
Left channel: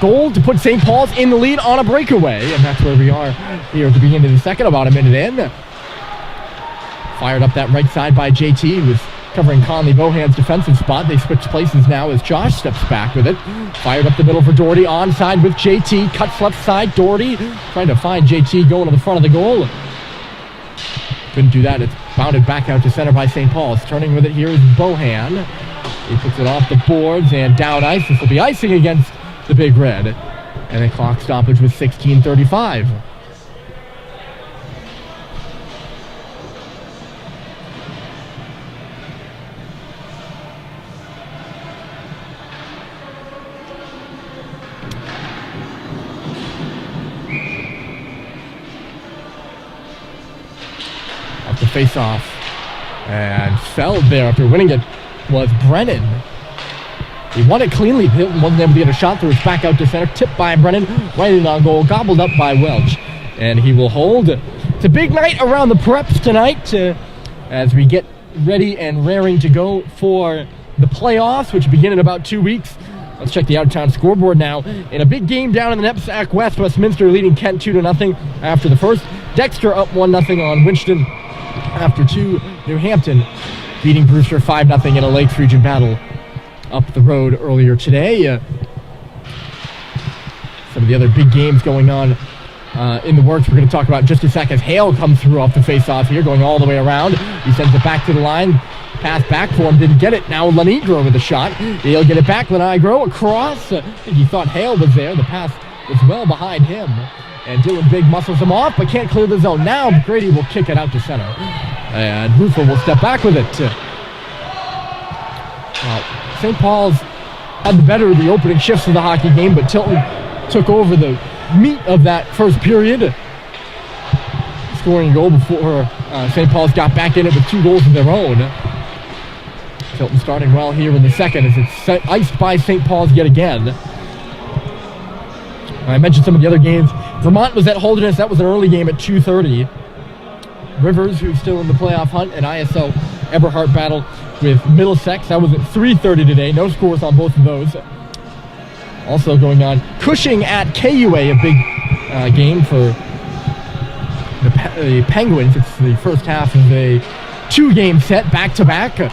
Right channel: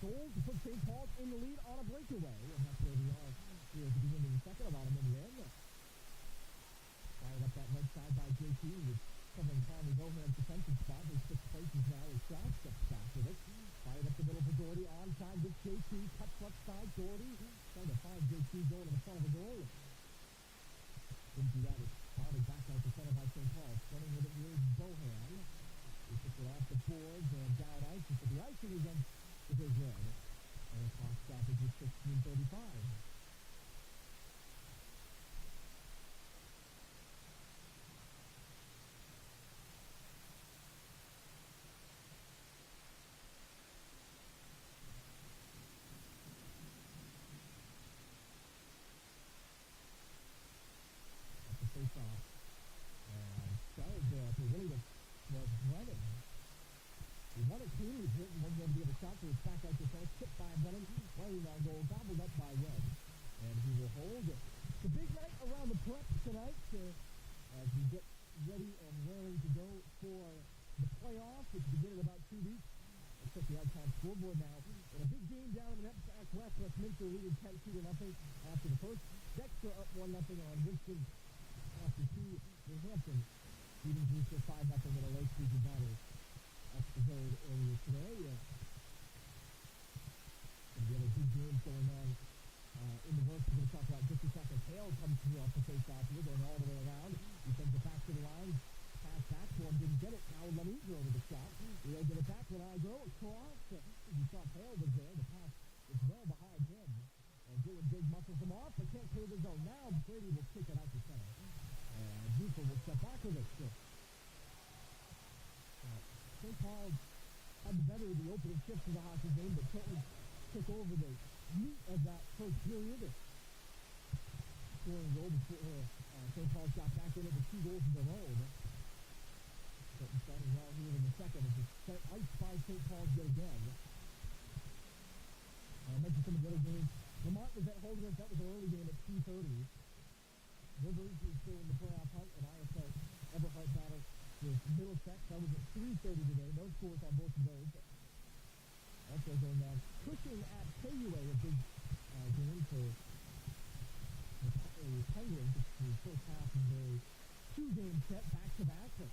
goal to put St. Paul's in the lead on a breakaway. And that's where we are here at the beginning of the second, about a minute in. Fired up that right side by JT, who was covering Conley Bohan's defensive spot. They switch places now as Josh steps back with it. Fired up the middle for Doherty, onside with JT. Cuts left side, Doherty trying to find JT going to the front of the goal. Couldn't do that. It's bounded back out to center by St. Paul's. Turning with it here is Bohan. He puts it off the boards and down ice. This will be icing against the Big Red. And a clock stoppage with 16:35. Off the face-off. And fell there after winning it was Brennan. He won it cleanly. Hilton wasn't able to get a shot through. It's back out to center. Tipped by Brennan. Right in on goal. Gobbled up by Welch. And he will hold. It's a big night around the preps tonight as we get ready and raring to go for the playoffs, which begin in about 2 weeks. Let's check the out-of-town scoreboard now. In a big game down in the Knapsack West, Westminster leading Kent 2-0 after the first. Dexter up 1-0 on Winston after 2. New Hampton beating Brewster 5-0 in a Lakes Region battle up the road earlier today. Some of the other big games going on in the works we're going to talk about in just a second. Hale comes through off the face-off here, going all the way around. He sends it back to the line. Pass back for him, didn't get it. Now Lenigro with a shot. He'll get it back. Lenigro across. I think he thought Hale was there. The pass was well behind him. And Dylan Big muscles him off, but can't clear the zone. Now Grady will kick it out to center. And Rufo will step back with it. St. Paul's had the better of the opening shifts of the hockey game, but Tilton took over the meat of that first period, scoring a goal before St. Paul's got back in it with 2 goals of their own. Tilton starting well here in the second as it's iced by St. Paul's yet again. I mentioned some of the other games. Vermont was at Holderness. That was an early game at 2:30. Rivers, who's still in the playoff hunt, and ISL Eberhart battle with Middlesex. That was at 3:30 today. No scores on both of those. Also going on, Cushing at KUA, a big game for the Penguins. It's the first half of a 2-game set, back-to-back.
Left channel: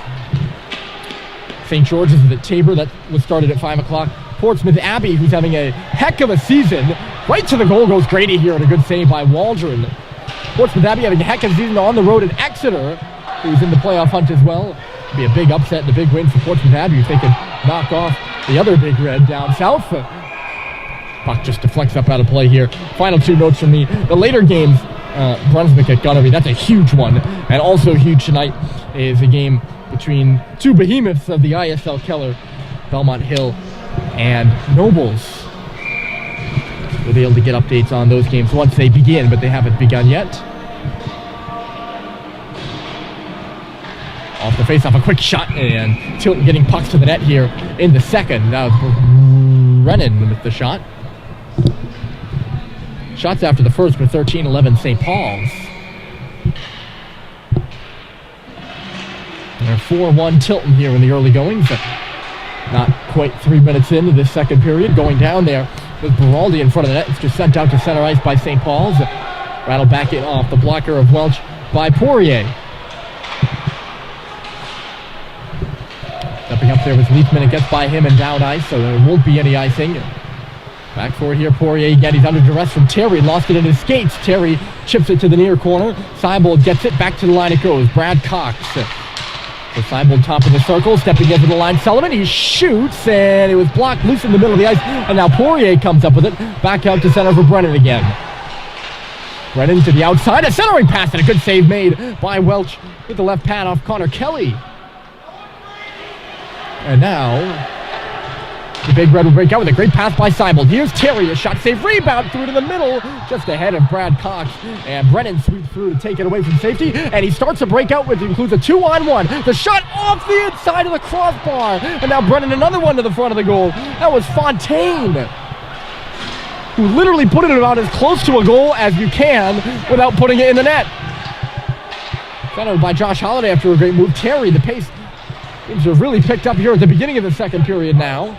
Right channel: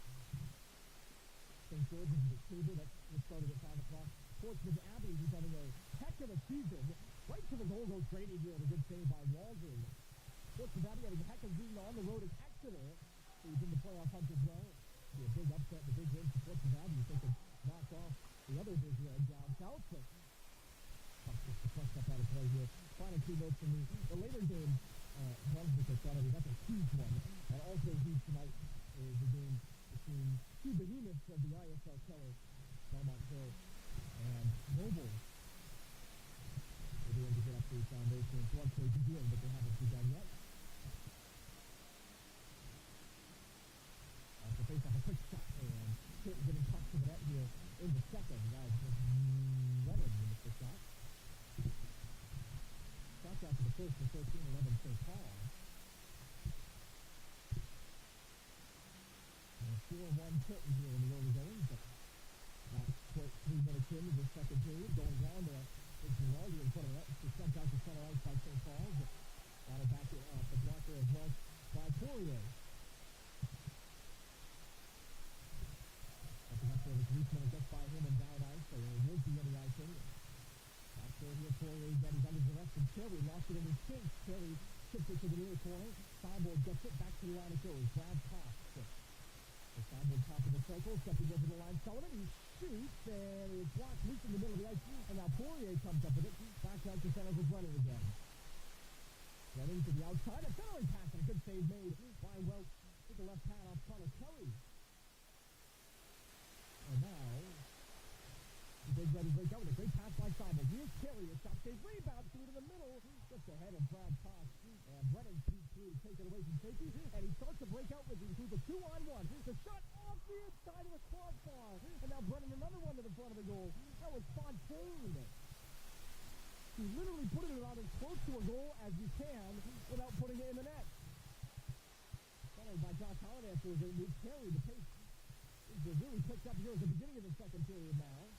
St. George's is at Tabor. That was started at 5 o'clock. Portsmouth Abbey, who's having a heck of a season. Right to the goal goes Grady here, and a good save by Waldron. Portsmouth Abbey having a heck of a season on the road at Exeter, who's in the playoff hunt as well. It'll be a big upset and a big win for Portsmouth Abbey if they can knock off the other Big Red down south. Puck just deflects up out of play here. Final 2 notes from me. The later games, Brunswick at Gunnery, that's a huge one. And also huge tonight is a game between 2 behemoths of the ISL Keller, Belmont Hill and Nobles. We'll be able to get updates on those games once they begin, but they haven't begun yet. Off the face-off, a quick shot, and Tilton getting pucks to the net here in the second. That was Brennan with the shot. Shots after the first with 13-11 St. Paul's. They're 4-1 Tilton here in the early goings. Not quite 3 minutes into this second period. Going down there with Beraldi in front of the net. It's just sent out to center ice by St. Paul's. Rattled back in off the blocker of Welch by Poirier. Stepping up there with Leafman, it gets by him and down ice, so there won't be any icing. Back forward here, Poirier again. He's under duress from Terry. Lost it in his skates. Terry chips it to the near corner. Seibold gets it. Back to the line it goes. Brad Cox. So Seibold top of the circle. Stepping into the line. Sullivan, he shoots, and it was blocked loose in the middle of the ice. And now Poirier comes up with it. Back out to center for Brennan again. Brennan to the outside. A centering pass and a good save made by Welch with the left pad off Connor Kelly. And now the Big Red will break out with a great pass by Seibold. Here's Terry, a shot save rebound through to the middle, just ahead of Brad Cox. And Brennan sweeps through to take it away from safety. And he starts a breakout with includes a 2-on-1. The shot off the inside of the crossbar. And now Brennan another one to the front of the goal. That was Fontaine, who literally put it about as close to a goal as you can without putting it in the net. Centered by Josh Holliday after a great move. Terry, the pace seems to have really picked up here at the beginning of the second period now.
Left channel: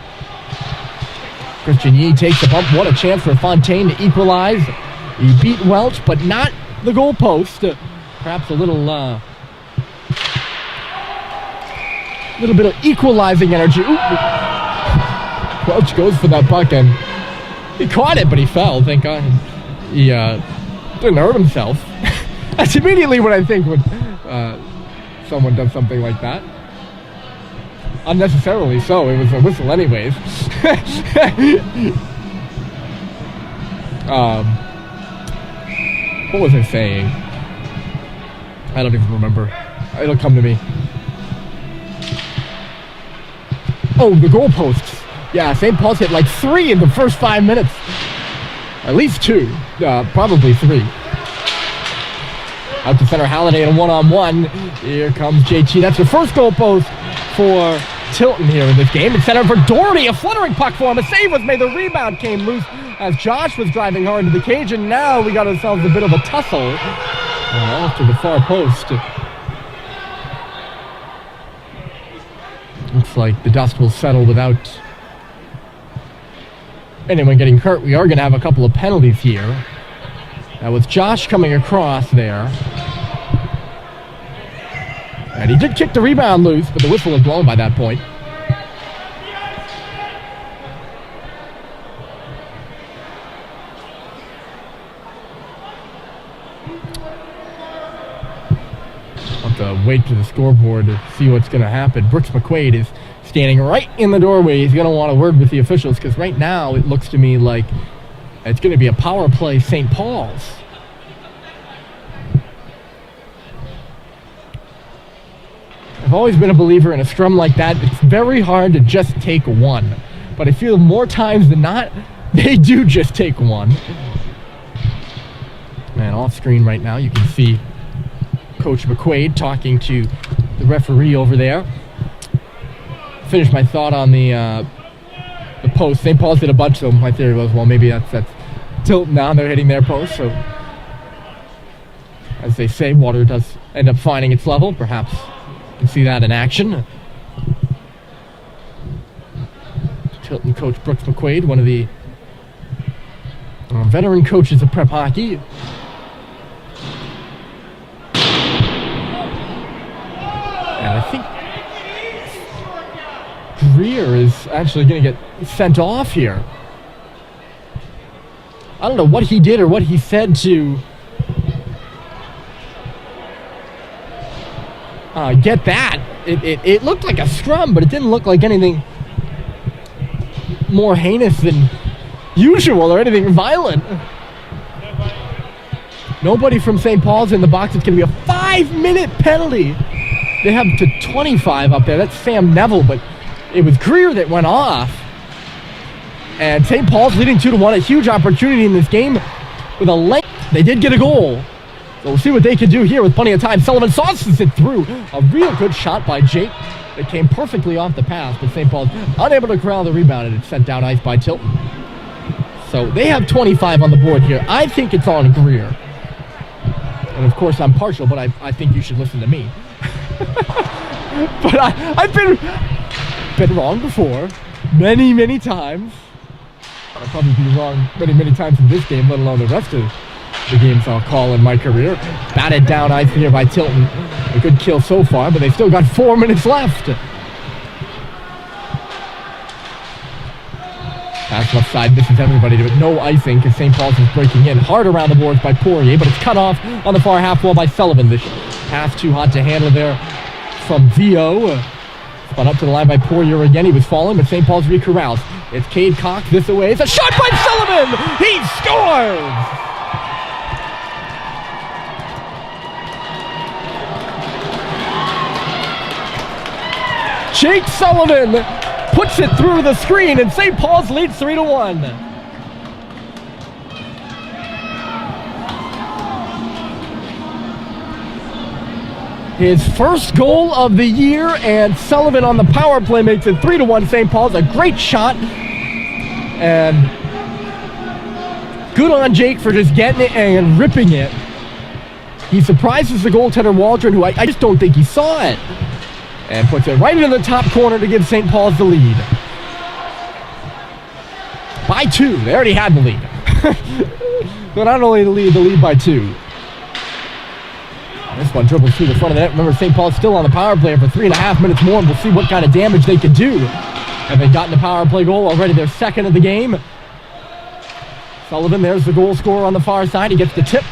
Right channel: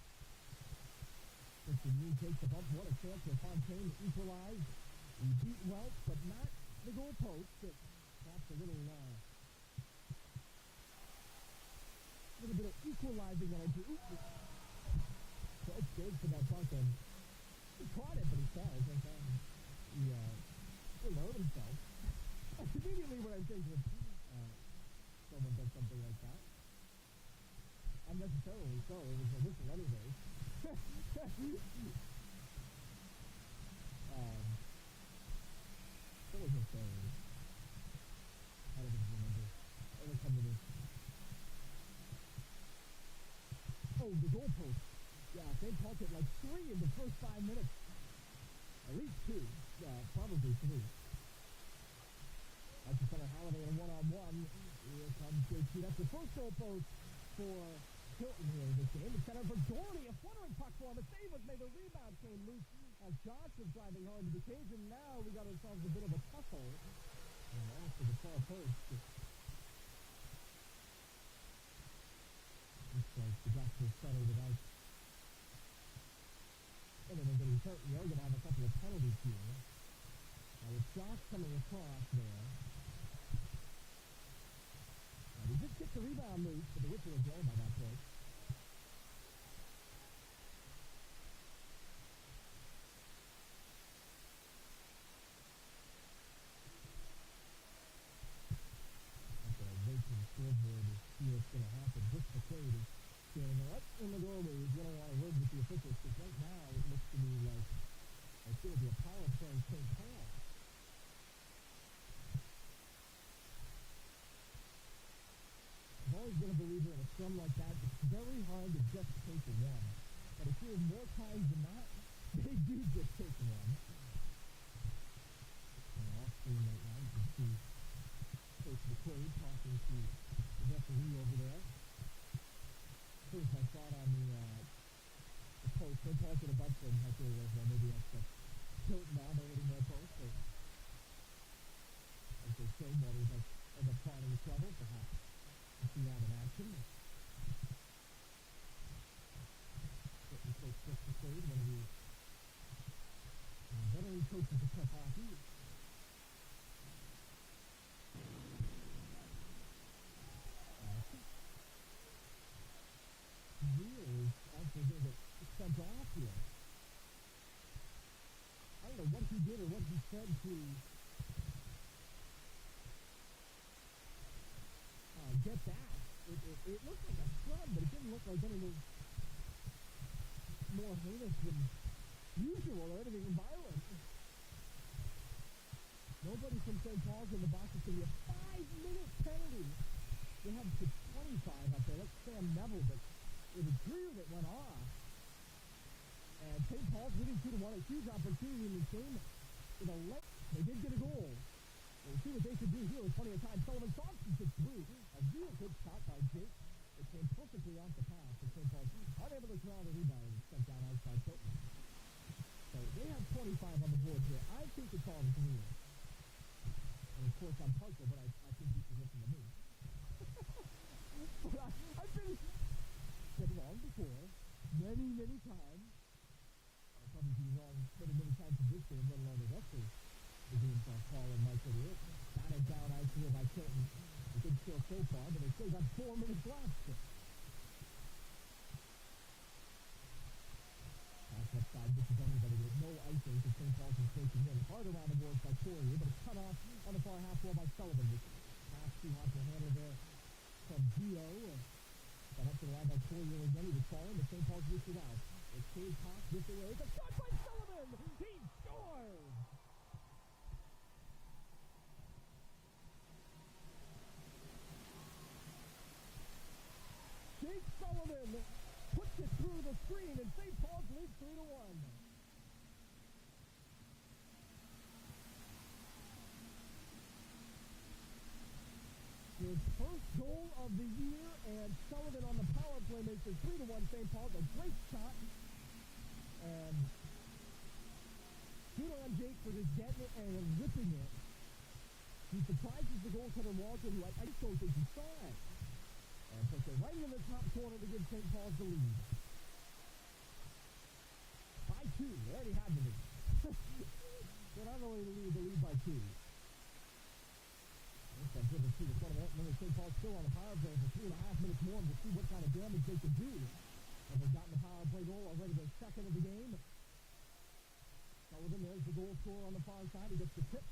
Christian Yee takes the bump. What a chance for Fontaine to equalize. He beat Welch, but not the goal post. Perhaps a little bit of equalizing energy. Ooh. Welch goes for that puck, and he caught it, but he fell. Thank God. He didn't hurt himself. That's immediately what I think when someone does something like that. Unnecessarily so. It was a whistle anyways. What was I saying? I don't even remember. It'll come to me. Oh, the goalposts. Yeah, St. Paul's hit like 3 in the first 5 minutes. At least 2. Probably 3. Out to center, Halliday in a 1-on-1. Here comes JT. That's the first goalpost for Tilton here in this game. It's set up for Doherty, a fluttering puck for him. A save was made. The rebound came loose as Josh was driving hard into the cage, and now we got ourselves a bit of a tussle off to the far post. Looks like the dust will settle without anyone getting hurt. We are going to have a couple of penalties here. Now with Josh coming across there. And he did kick the rebound loose, but the whistle was blown by that point. I'll have to wait to the scoreboard to see what's going to happen. Brooks McQuaid is standing right in the doorway. He's going to want a word with the officials, because right now it looks to me like it's going to be a power play St. Paul's. I've always been a believer in a scrum like that. It's very hard to just take one. But I feel more times than not, they do just take one. And off screen right now, you can see Coach McQuaid talking to the referee over there. Finish my thought on the post. St. Paul's did a bunch of them. My theory was, well, maybe that's Tilton now. They're hitting their post. So, as they say, water does end up finding its level. Perhaps you can see that in action. Tilton coach Brooks McQuaid, one of the veteran coaches of prep hockey. And I think Greer is actually going to get sent off here. I don't know what he did or what he said to get that. It looked like a scrum, but it didn't look like anything more heinous than usual or anything violent. Nobody from St. Paul's in the box. It's going to be a 5-minute penalty. They have to 25 up there. That's Sam Neville, but it was Greer that went off. And St. Paul's leading 2-1. A huge opportunity in this game with a length. They did get a goal. So we'll see what they can do here with plenty of time. Sullivan sauces it through. A real good shot by Jake. It came perfectly off the pass, but St. Paul's unable to corral the rebound, and it's sent down ice by Tilton. So they have 25 on the board here. I think it's on Greer. And of course I'm partial, but I think you should listen to me. But I've been wrong before, many times. I'll probably be wrong many times in this game, let alone the rest of the games I'll call in my career. Batted down ice here by Tilton. A good kill so far, but they've still got 4 minutes left. Pass left side, misses everybody, but no icing because St. Paul's is breaking in. Hard around the boards by Poirier, but it's cut off on the far half wall by Sullivan. The pass too hot to handle there from Vio. Spun up to the line by Poirier again. He was falling, but St. Paul's recorrals. It's Cade Cox this away. It's a shot by Sullivan! He scores! Jake Sullivan puts it through the screen, and St. Paul's leads 3-1. His first goal of the year, and Sullivan on the power play makes it 3-1 St. Paul's. A great shot, and good on Jake for just getting it and ripping it. He surprises the goaltender Waldron, who I just don't think he saw it, and puts it right into the top corner to give St. Paul's the lead. By 2. They already had the lead. But not only the lead by 2. This one dribbles through the front of the net. Remember, St. Paul's still on the power play for 3.5 minutes more, and we'll see what kind of damage they can do. And they've gotten the power play goal already, their second of the game. Sullivan, there's the goal scorer on the far side. He gets the tip.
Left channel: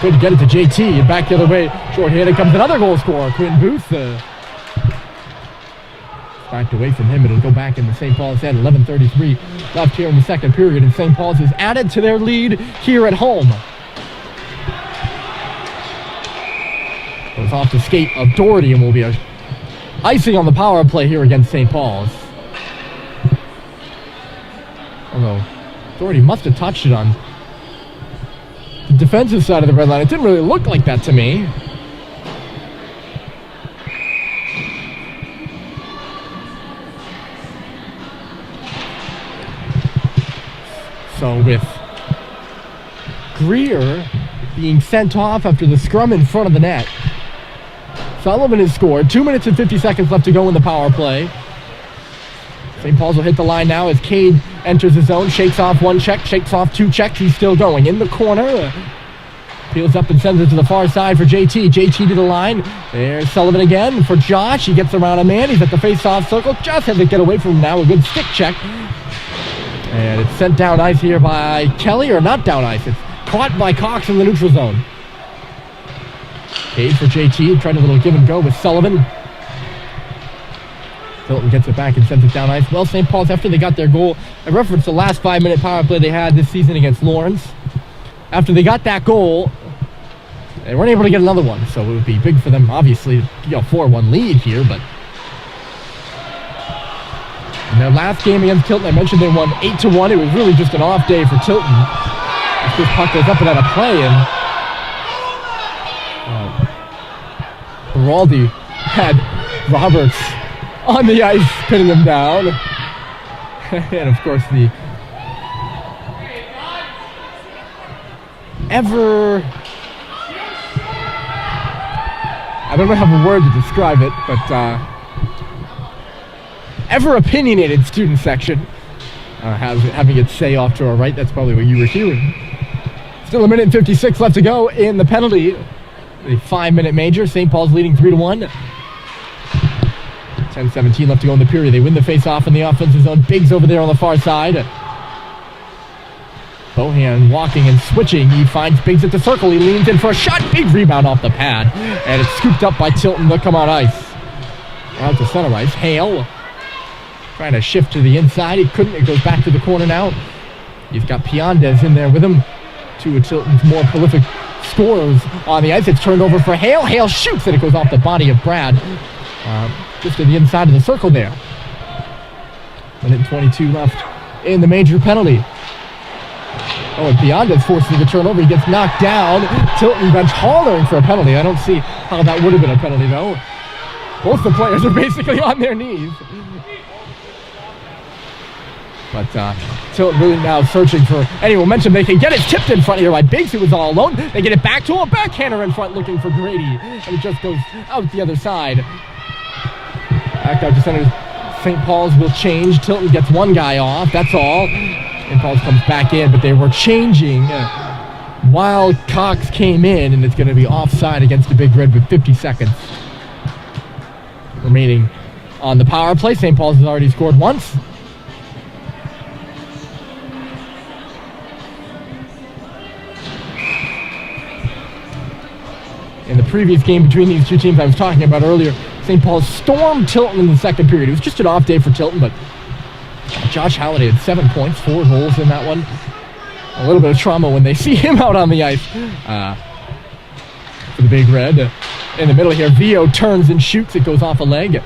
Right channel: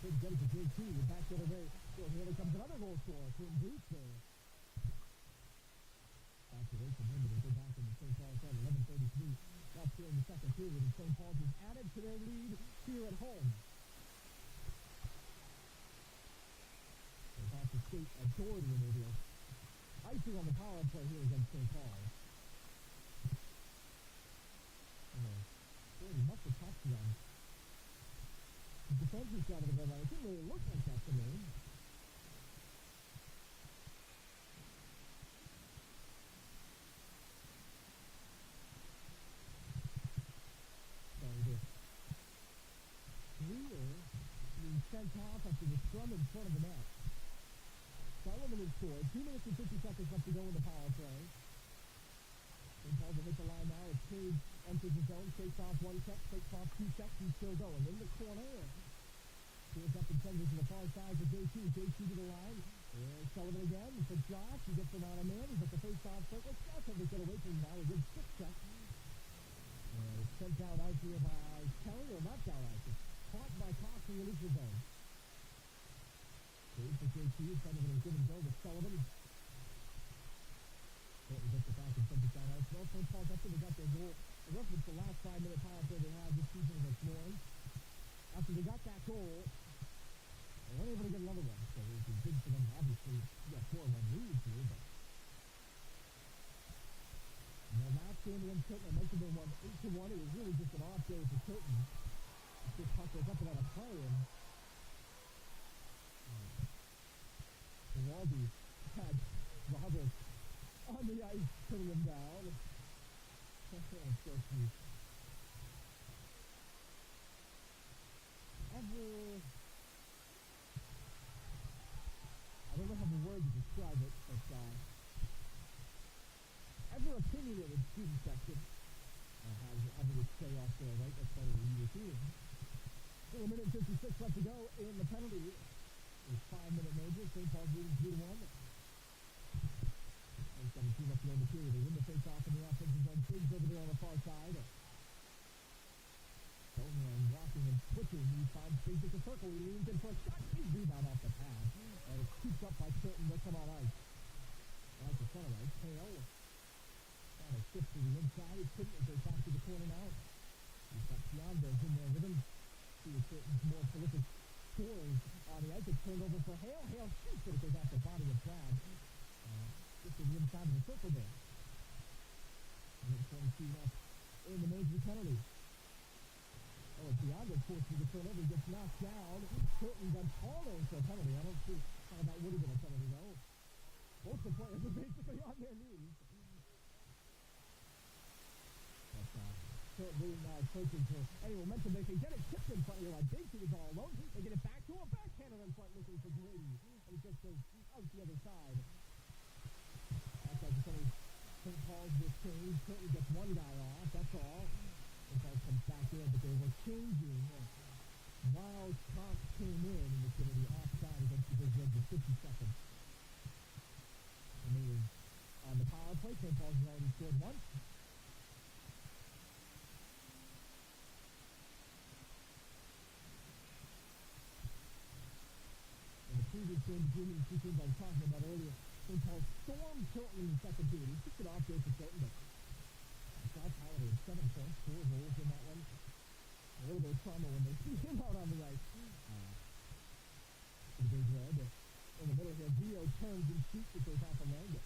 Couldn't get it to JT, and back the other way. Short-handed comes another goal scorer, Quentin Booth. Backed away from him. It'll go back in the St. Paul's end. 11:33 left here in the second period, and St. Paul's has added to their lead here at home. Goes off the skate of Doherty, and will be a icing on the power play here against St. Paul's. Although Doherty must have touched it on the defensive side of the red line. It didn't really look like that to me. So with Greer being sent off after the scrum in front of the net, Sullivan has scored. 2 minutes and 50 seconds left to go in the power play. St. Paul's will hit the line now as Cade enters the zone, shakes off one check, shakes off two checks. He's still going in the corner. Peels up and sends it to the far side for JT. JT to the line. There's Sullivan again for Josh. He gets around a man. He's at the face-off circle. Just has to get away from him now. A good stick check. And it's sent down ice here by Kelly, or not down ice. It's caught by Cox in the neutral zone. Cade for JT, tried a little give and go with Sullivan. Tilton gets it back and sends it down ice. Well, St. Paul's, after they got their goal, I referenced the last 5-minute power play they had this season against Lawrence. After they got that goal, they weren't able to get another one, so it would be big for them, obviously, to get a 4-1 lead here, but in their last game against Tilton, I mentioned they won 8-1. It was really just an off day for Tilton. This puck goes up and out of play, and Beraldi had Roberts on the ice, pinning him down. And of course, the I don't have a word to describe it, but ever opinionated student section having its say off to our right. That's probably what you were hearing. Still a minute and 56 left to go in the penalty. The 5-minute major. St. Paul's leading 3-1. 10:17 left to go in the period. They win the face-off in the offensive zone. Biggs over there on the far side. Bohan walking and switching. He finds Biggs at the circle. He leans in for a shot. Big rebound off the pad. And it's scooped up by Tilton. They'll come on ice. Out to center ice. Hale trying to shift to the inside. He couldn't. It goes back to the corner now. He's got Piandez in there with him. Two of Tilton's more prolific scorers on the ice. It's turned over for Hale. Hale shoots, and it goes off the body of Brad. Just to the inside of the circle there. Minute 22 left in the major penalty. Oh, and Piandez forcing the turnover. He gets knocked down. Tilton bench hollering for a penalty. I don't see how that would have been a penalty, though. Both the players are basically on their knees. But Tilton really now searching for any momentum they can get. It tipped in front here by Biggs, who was all alone. They get it back to a backhander in front looking for Grady. And it just goes out the other side. Back out to center St. Paul's will change. Tilton gets one guy off, that's all. St. Paul's comes back in, but they were changing while Cox came in, and it's going to be offside against the Big Red with 50 seconds remaining on the power play. St. Paul's has already scored once. In the previous game between these two teams I was talking about earlier, St. Paul's stormed Tilton in the second period. It was just an off day for Tilton, but Josh Halliday had 7 points, 4 goals in that one. A little bit of trauma when they see him out on the ice for the Big Red. In the middle here, Vio turns and shoots. It goes off a leg.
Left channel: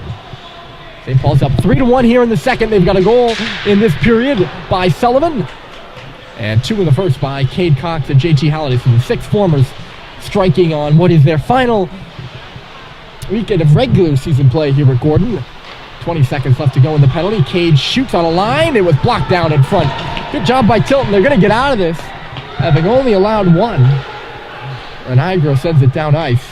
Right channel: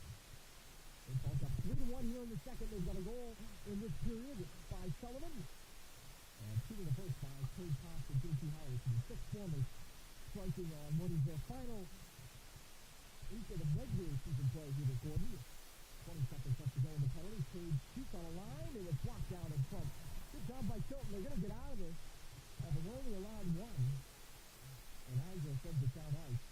St. Paul's up 3-1 here in the second. They've got a goal in this period by Sullivan. And 2 in the first by Cade Cox and JT Halliday. So the 6 formers striking on what is their final weekend of regular season play here at Gordon. 20 seconds left to go in the penalty. Cade shoots on a line. It was blocked down in front. Good job by Tilton. They're going to get out of this, having only allowed 1. And Igro sends it down ice.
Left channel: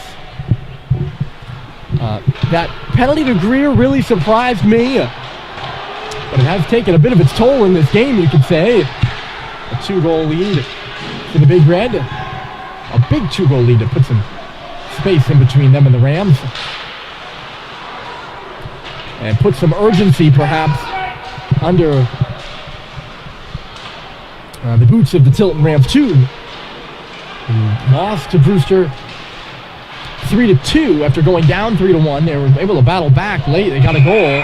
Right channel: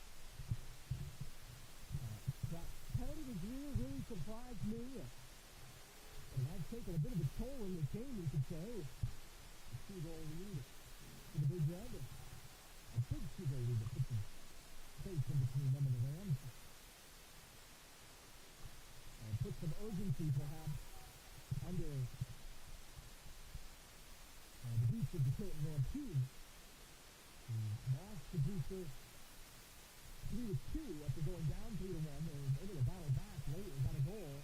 That penalty to Greer really surprised me, but it has taken a bit of its toll in this game, you could say. A 2-goal lead for the Big Red. A big 2-goal lead to put some space in between them and the Rams. And put some urgency, perhaps, under the boots of the Tilton Rams, too. Who lost to Brewster 3-2 after going down 3-1. They were able to battle back late. They got a goal.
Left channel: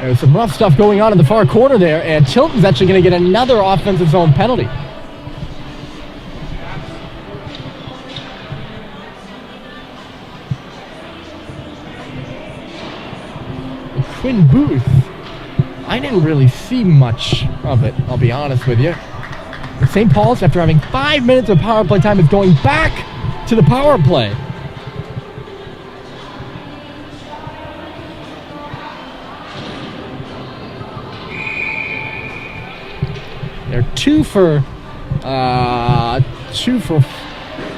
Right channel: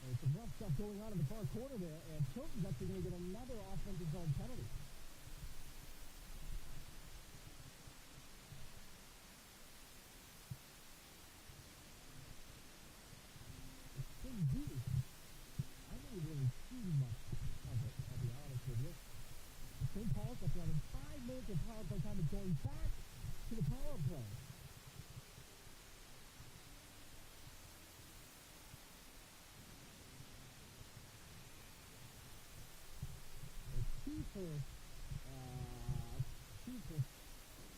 There's some rough stuff going on in the far corner there, and Tilton's actually going to get another offensive zone penalty. Quinn Booth, I didn't really see much of it, I'll be honest with you. St. Paul's, after having 5 minutes of power play time, is going back to the power play. They're 2 for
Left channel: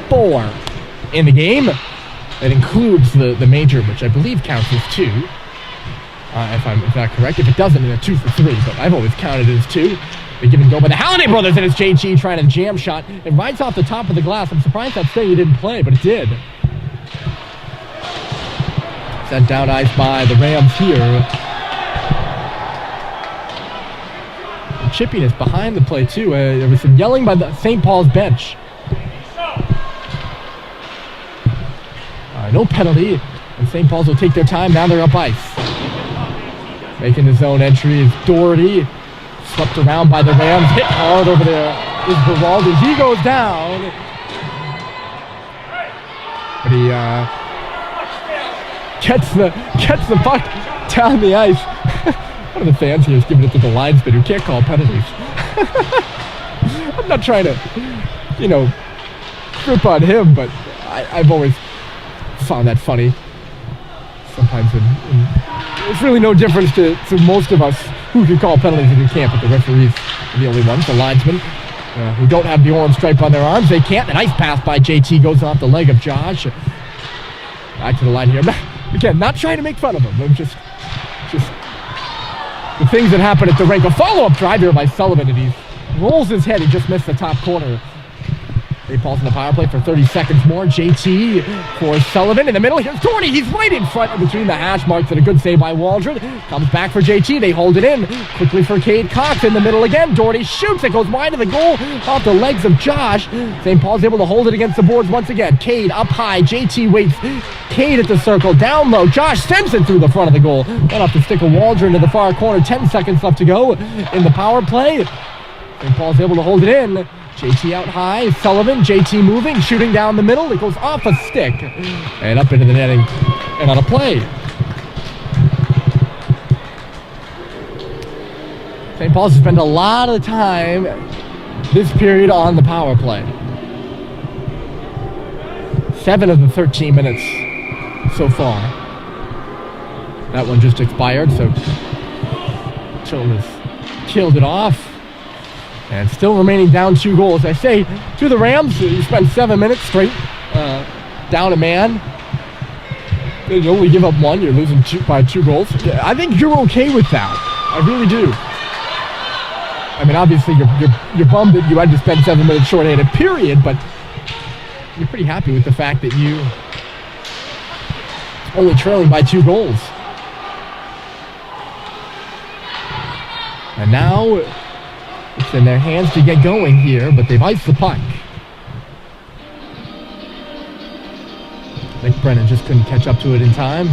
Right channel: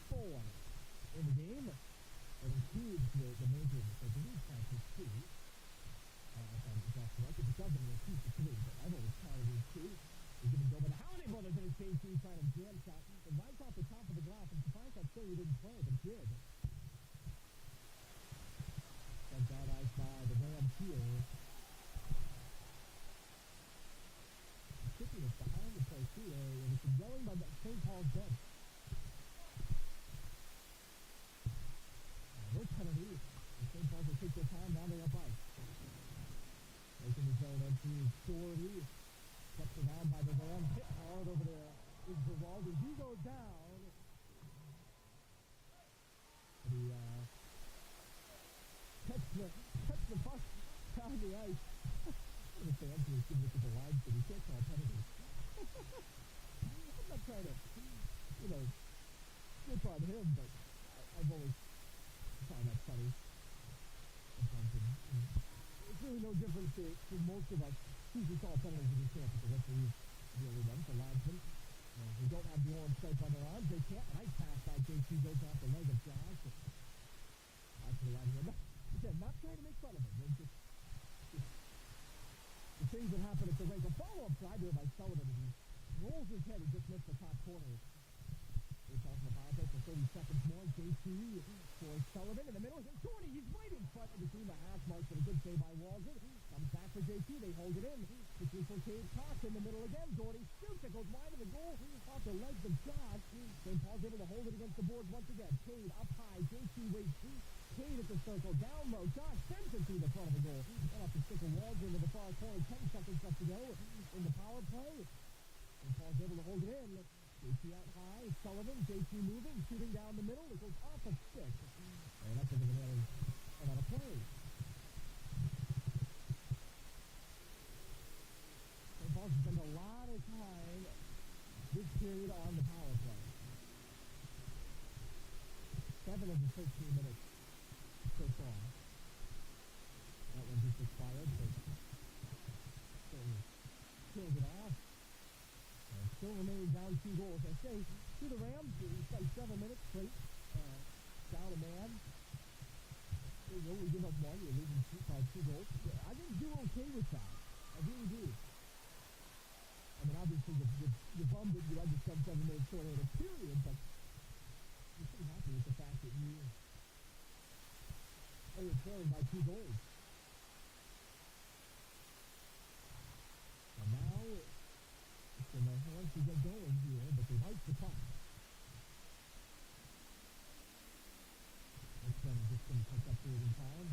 4 in the game. That includes the major, which I believe counts as 2. If I'm not correct. If it doesn't, then they're 2 for 3, but I've always counted it as 2. They give and go by the Halliday brothers, and it's JG trying a jam shot. It rides off the top of the glass. I'm surprised that Stay didn't play, but it did. Sent down ice by the Rams here. And chippiness behind the play, too. There was some yelling by the St. Paul's bench. No penalty, and St. Paul's will take their time. Now they're up ice. Making his own entry is Doherty. Swept around by the Rams. Hit hard over there is Beraldi. He goes down. But he gets the puck down the ice. One of the fans here is giving it to the linesman who can't call penalties. I'm not trying to, rip on him, but I've always found that funny. Sometimes it's really no difference to most of us who can call penalties and who can't, but the referees are the only ones, the linesmen, who don't have the orange stripe on their arms. They can't. A nice pass by JT goes off the leg of Josh. Back to the line here. Again, not trying to make fun of him, but just the things that happen at the rink. A follow-up drive here by Sullivan, and he rolls his head. He just missed the top corner. St. Paul's in the power play for 30 seconds more. JT for Sullivan in the middle. Here's Doherty. He's right in front between the hash marks, and a good save by Waldron. Comes back for JT. They hold it in. Quickly for Cade Cox in the middle again. Doherty shoots. It goes wide of the goal off the legs of Josh. St. Paul's able to hold it against the boards once again. Cade up high. JT waits. Cade at the circle. Down low. Josh sends it through the front of the goal. Went off the stick of Waldron to the far corner. 10 seconds left to go in the power play. St. Paul's able to hold it in. JT out high, Sullivan, JT moving, shooting down the middle. It goes off a stick and up into the netting and on a play. St. Paul's has spent a lot of time this period on the power play. 7 of the 13 minutes so far. That one just expired, so Tilton has killed it off. And still remaining down 2 goals. I say to the Rams, you spent 7 minutes straight down a man. You only give up one, you're losing by 2 goals. I think you're okay with that. I really do. I mean, obviously, you're bummed that you had to spend 7 minutes short-handed, period, but you're pretty happy with the fact that you only trailing by 2 goals. And now it's in their hands to get going here, but they've iced the puck. I think Brennan just couldn't catch up to it in time.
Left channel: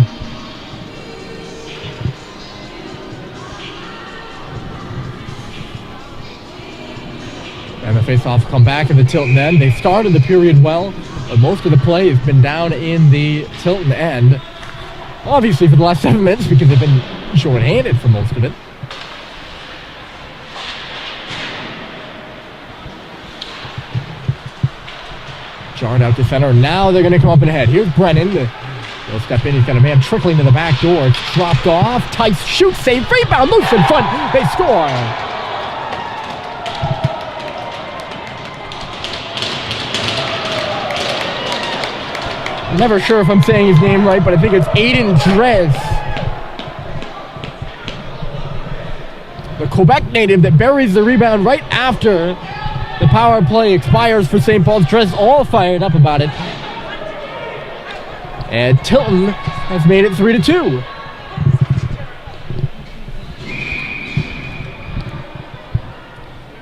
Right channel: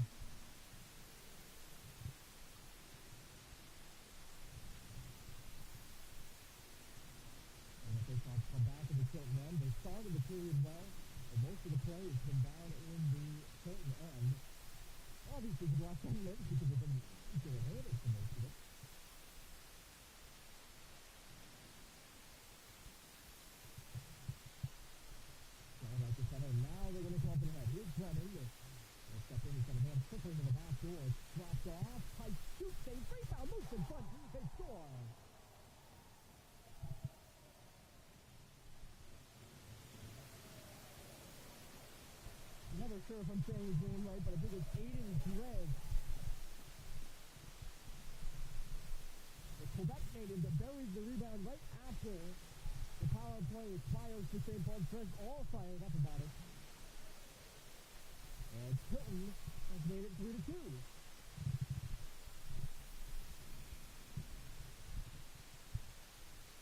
And the face-offs come back in the Tilton end. They started the period well, but most of the play has been down in the Tilton end. Obviously for the last 7 minutes because they've been short-handed for most of it. Jarred out to center. Now they're going to come up and ahead. Here's Brennan. He'll step in. He's got a man trickling to the back door. It's dropped off. Tice shoots. Save. Rebound. Loose in front. They score. I'm never sure if I'm saying his name right, but I think it's Aiden Drez. The Quebec native that buries the rebound right after the power play expires for St. Paul's. Dress all fired up about it. And Tilton has made it 3-2.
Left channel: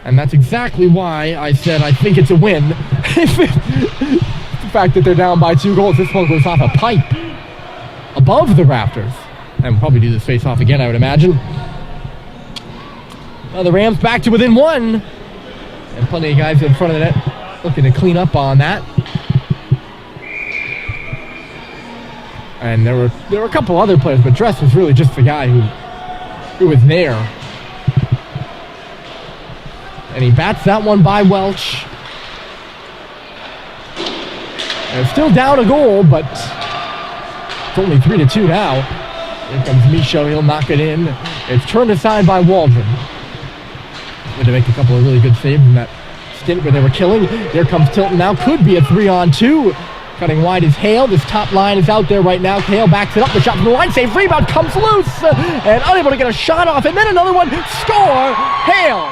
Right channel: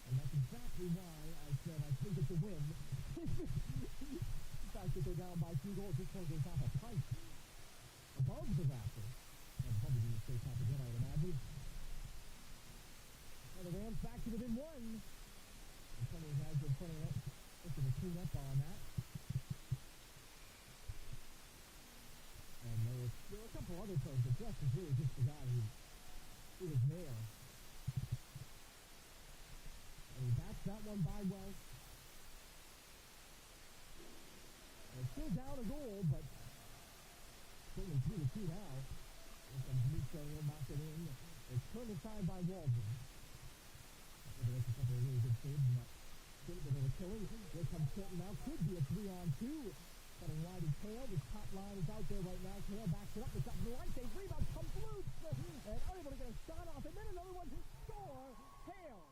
And that's exactly why I said I think it's a win. The fact that they're down by 2 goals, this one goes off a pipe above the rafters. And we'll probably do this face-off again, I would imagine. Well, the Rams back to within 1. And plenty of guys in front of the net looking to clean up on that. And there were a couple other players, but Dress was really just the guy who was there. And he bats that one by Welch. And it's still down a goal, but it's only 3-2 now. Here comes Michaud, he'll knock it in. It's turned aside by Waldron. To make a couple of really good saves in that stint where they were killing. Here comes Tilton now. Could be a 3-on-2. Cutting wide is Hale. This top line is out there right now. Hale backs it up. The shot from the line. Save. Rebound comes loose. And unable to get a shot off. And then another one. Score. Hale.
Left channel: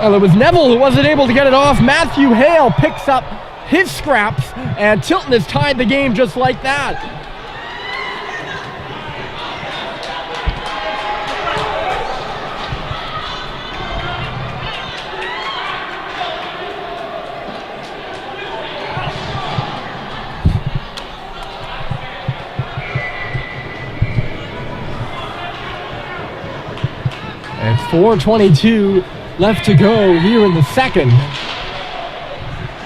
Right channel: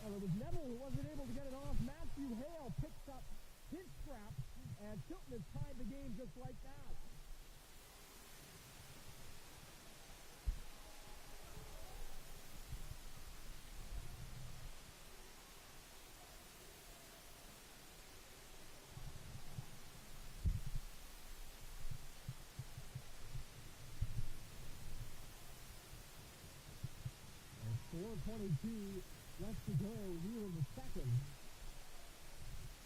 Well, it was Neville who wasn't able to get it off. Matthew Hale picks up his scraps, and Tilton has tied the game just like that. And 4:22 left to go here in the second.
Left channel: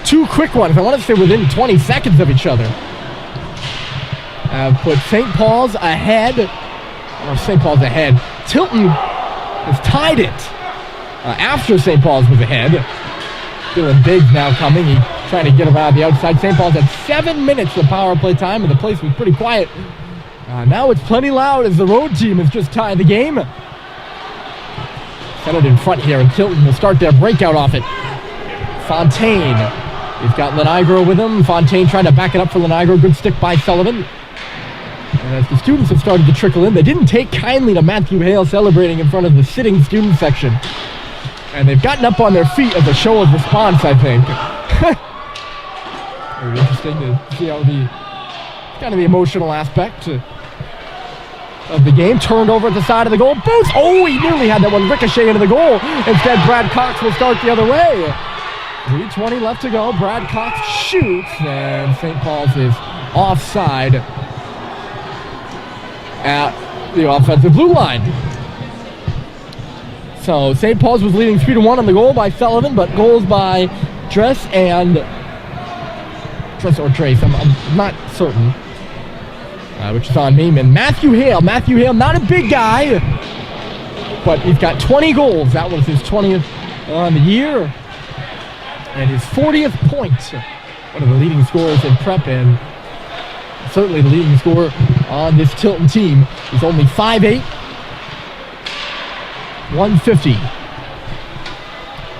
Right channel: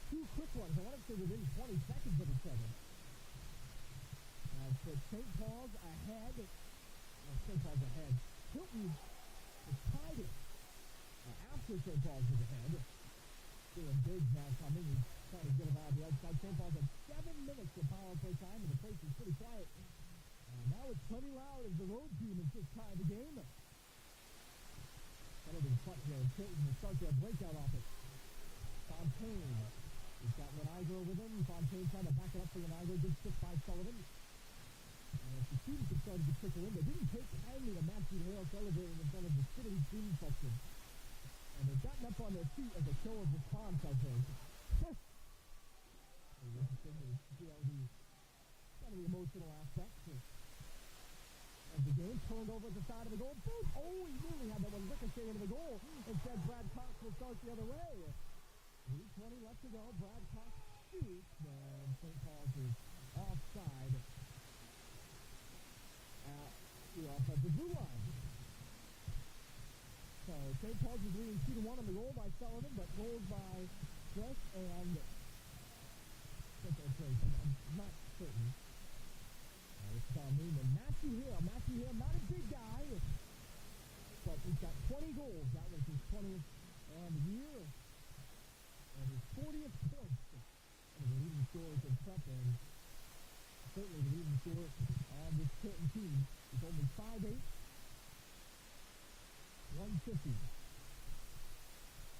2 quick ones. I want to say within 20 seconds of each other. Put St. Paul's ahead. Or St. Paul's ahead. Tilton has tied it after St. Paul's was ahead. Dylan Biggs now coming. He's trying to get around the outside. St. Paul's had 7 minutes of power play time, and the place was pretty quiet. Now it's plenty loud as the road team has just tied the game. Centered in front here, and Tilton will start their breakout off it. Fontaine. He's got Lenigro with him. Fontaine trying to back it up for Lenigro. Good stick by Sullivan. And as the students have started to trickle in, they didn't take kindly to Matthew Hale celebrating in front of the sitting student section. And they've gotten up on their feet as a show of response, I think. Very interesting to see how kind of the emotional aspect of the game. Turned over at the side of the goal. Boost! Oh, he nearly had that one ricochet into the goal. Instead, Brad Cox will start the other way. 3:20 left to go. Brad Cox shoots, and St. Paul's is offside at the offensive blue line. So St. Paul's was leading 3-1 on the goal by Sullivan, but goals by Dress or Trace, I'm not certain, which is on me. And Matthew Hale, not a big guy, but he's got 20 goals. That was his 20th on the year. And his 40th point, one of the leading scorers in prep, and certainly the leading scorer on this Tilton team. He's only 5'8", 150.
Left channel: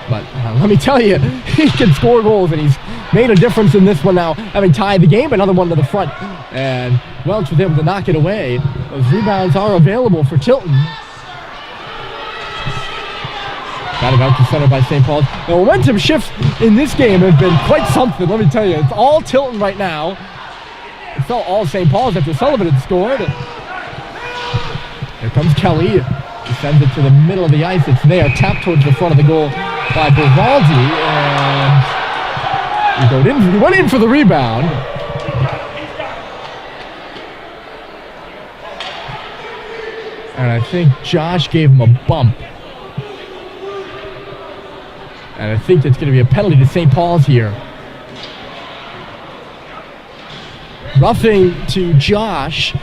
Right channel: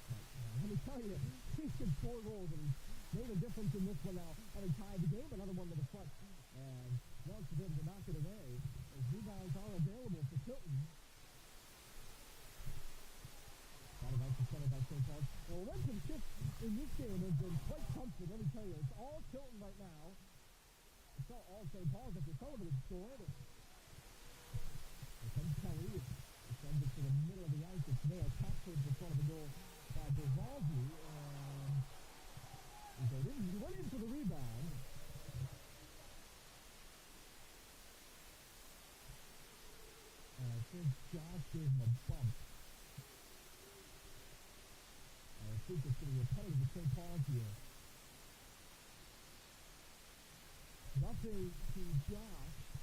But let me tell you, he can score goals, and he's made a difference in this one now, having tied the game. Another one to the front, and Welch was able to knock it away. Those rebounds are available for Tilton. Got it out to center by St. Paul's. The momentum shifts in this game have been quite something, let me tell you. It's all Tilton right now. It felt all St. Paul's after Sullivan had scored. Here comes Kelly. He sends it to the middle of the ice. It's there, tapped towards the front of the goal by Bervaldi. And he went in for the rebound. And I think Josh gave him a bump. And I think that's going to be a penalty to St. Paul's here. Roughing to Josh.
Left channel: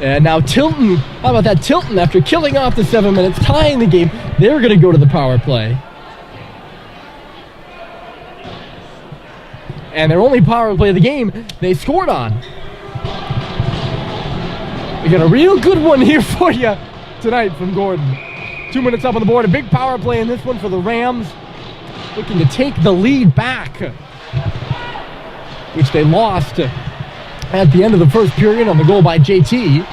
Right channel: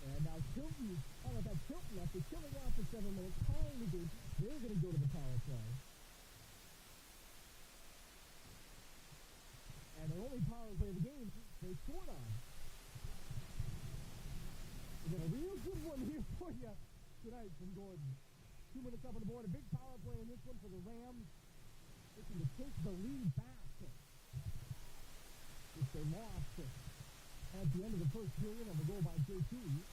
And now Tilton, how about that? Tilton, after killing off the 7 minutes, tying the game, they're going to go to the power play. And their only power play of the game, they scored on. We got a real good one here for you tonight from Gordon. 2 minutes up on the board, a big power play in this one for the Rams. Looking to take the lead back, which they lost at the end of the first period on the goal by JT.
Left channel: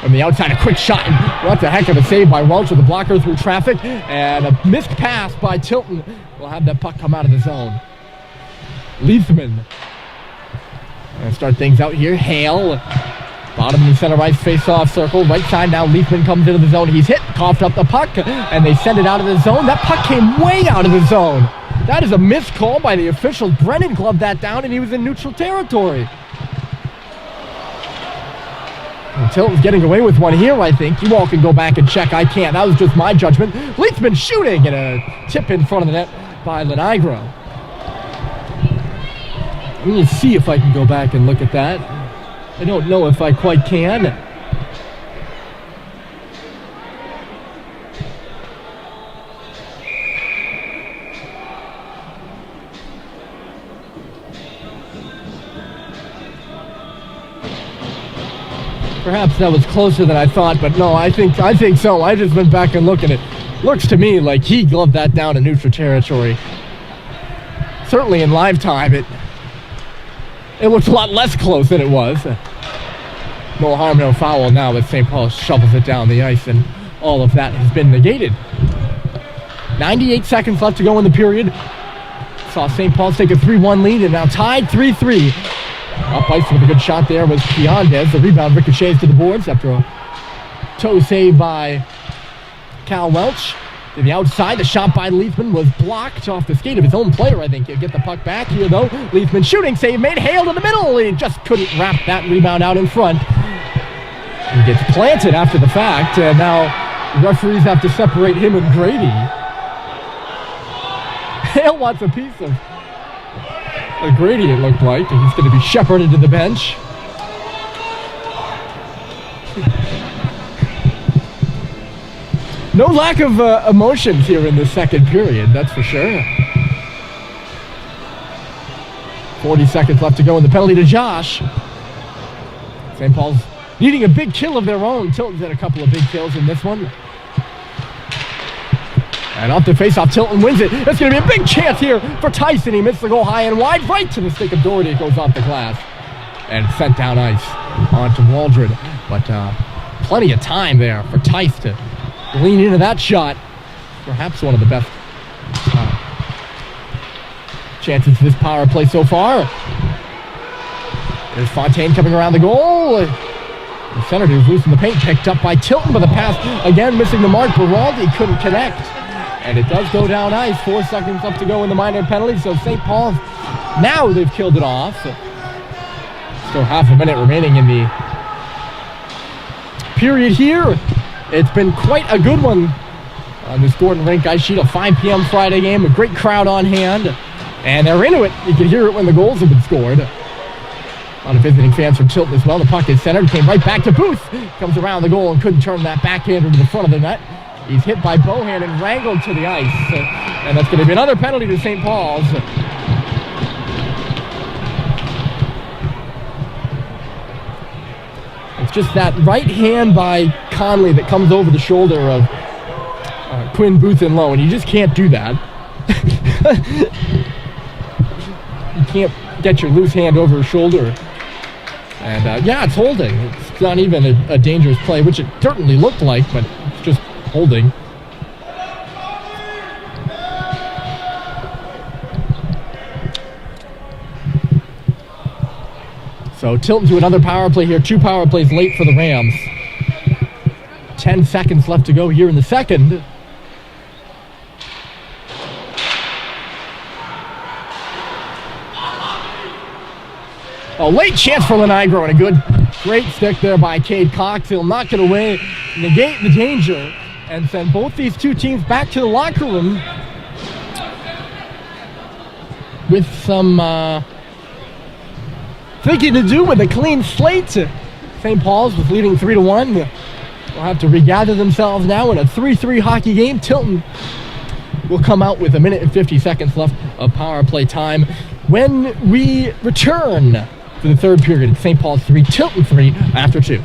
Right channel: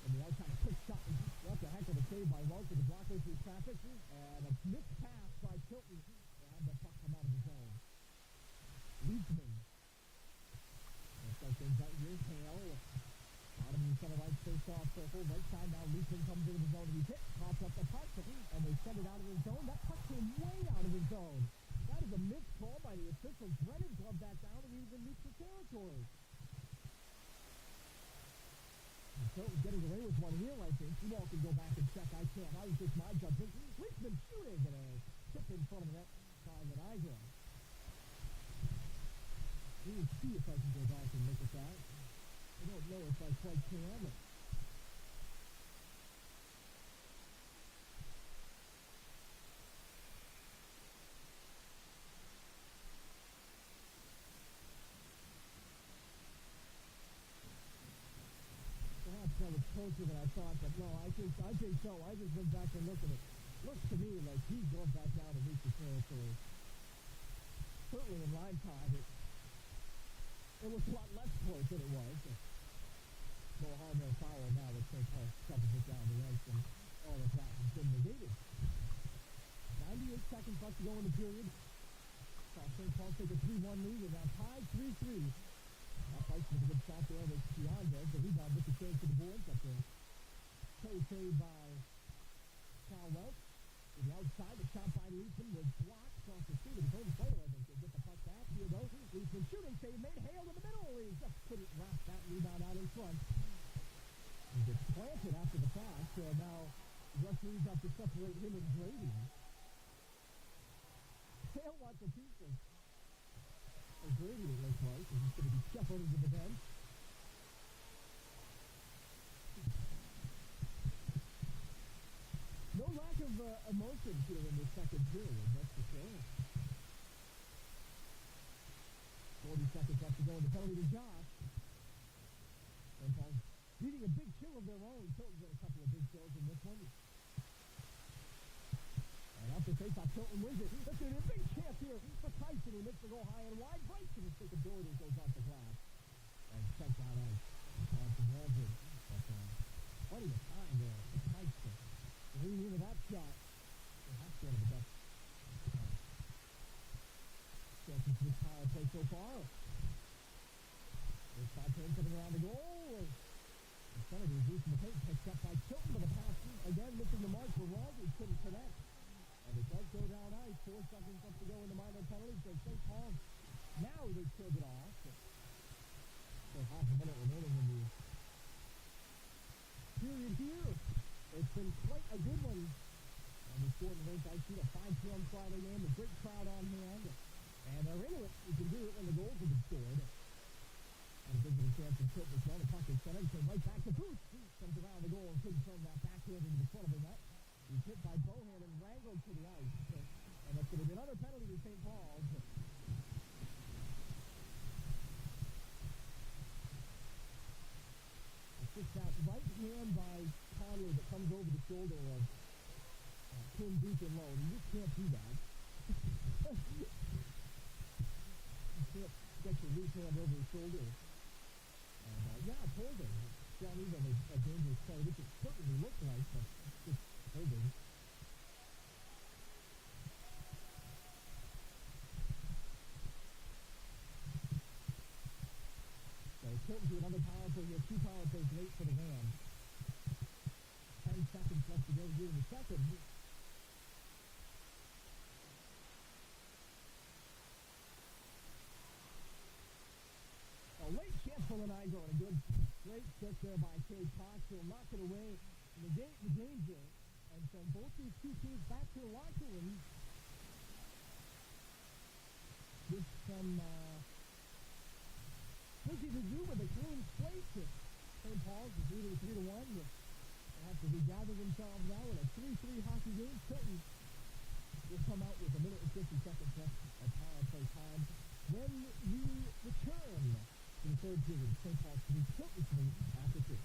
From the outside, a quick shot. What the heck of a save by Welch with the blocker through traffic. And a missed pass by Tilton will have that puck come out of the zone. Leithman. Gonna start things out here. Hale. Bottom of the center ice face-off circle. Right side now, Leithman comes into the zone. He's hit, coughed up the puck, and they send it out of the zone. That puck came way out of the zone. That is a missed call by the officials. Brennan gloved that down, and he was in neutral territory. And Tilton's getting away with one here, I think. You all can go back and check. I can't. That was just my judgment. Leithman shooting, and a tip in front of the net by Lenigro. I'm going to see if I can go back and look at that. I don't know if I quite can. Perhaps that was closer than I thought, but no, I think so. I just went back and looked at it. Looks to me like he gloved that down in neutral territory. Certainly in live time, it looks a lot less close than it was. No harm, no foul now, but St. Paul shovels it down the ice, and all of that has been negated. 98 seconds left to go in the period. Saw St. Paul's take a 3-1 lead, and now tied 3-3. Up ice with a good shot there was Piandez. The rebound ricochets to the boards after a toe save by Cal Welch. To the outside, the shot by Leithman was blocked off the skate of his own player, I think. He'll get the puck back here, though. Leithman shooting save made. Hale to the middle. He just couldn't wrap that rebound out in front. He gets planted after the fact, and now referees have to separate him and Grady. Hale wants a piece of Grady, it looked like, and he's going to be shepherded to the bench. No lack of emotions here in the second period, that's for sure. 40 seconds left to go in the penalty to Josh. St. Paul's needing a big kill of their own. Tilton's had a couple of big kills in this one. And off the face-off, Tilton wins it. It's going to be a big chance here for Tyson. He missed the goal high and wide, right to the stick of Doherty. It goes off the glass and sent down ice onto Waldron. But plenty of time there for Tice to lean into that shot. Perhaps one of the best chances of this power play so far. There's Fontaine coming around the goal. The Senators losing the paint, picked up by Tilton, but the pass again missing the mark. Beraldi couldn't connect. And it does go down ice. 4 seconds left to go in the minor penalty. So St. Paul's, now they've killed it off. Still half a minute remaining in the period here. It's been quite a good one on this Gordon Rink ice sheet. A 5 p.m. Friday game. A great crowd on hand. And they're into it. You can hear it when the goals have been scored. A lot of visiting fans from Tilton as well. The puck is centered. Came right back to Booth. Comes around the goal and couldn't turn that backhander to the front of the net. He's hit by Bohan and wrangled to the ice. And that's going to be another penalty to St. Paul's. It's just that right hand by Conley that comes over the shoulder of Quinn Booth and Lowe, and you just can't do that. You can't get your loose hand over his shoulder. And yeah, it's holding. It's not even a dangerous play, which it certainly looked like, but it's just holding. So Tilton to another power play here. 2 power plays late for the Rams. 10 seconds left to go here in the second. A late chance for Lenigro, and a great stick there by Cade Cox. He'll knock it away, negate the danger, and send both these two teams back to the locker room with some thinking to do with a clean slate. St. Paul's was leading 3-1. They'll have to regather themselves now in a 3-3 hockey game. Tilton will come out with 1 minute and 50 seconds left of power play time when we return for the third period. St. Paul's 3, Tilton 3 after 2.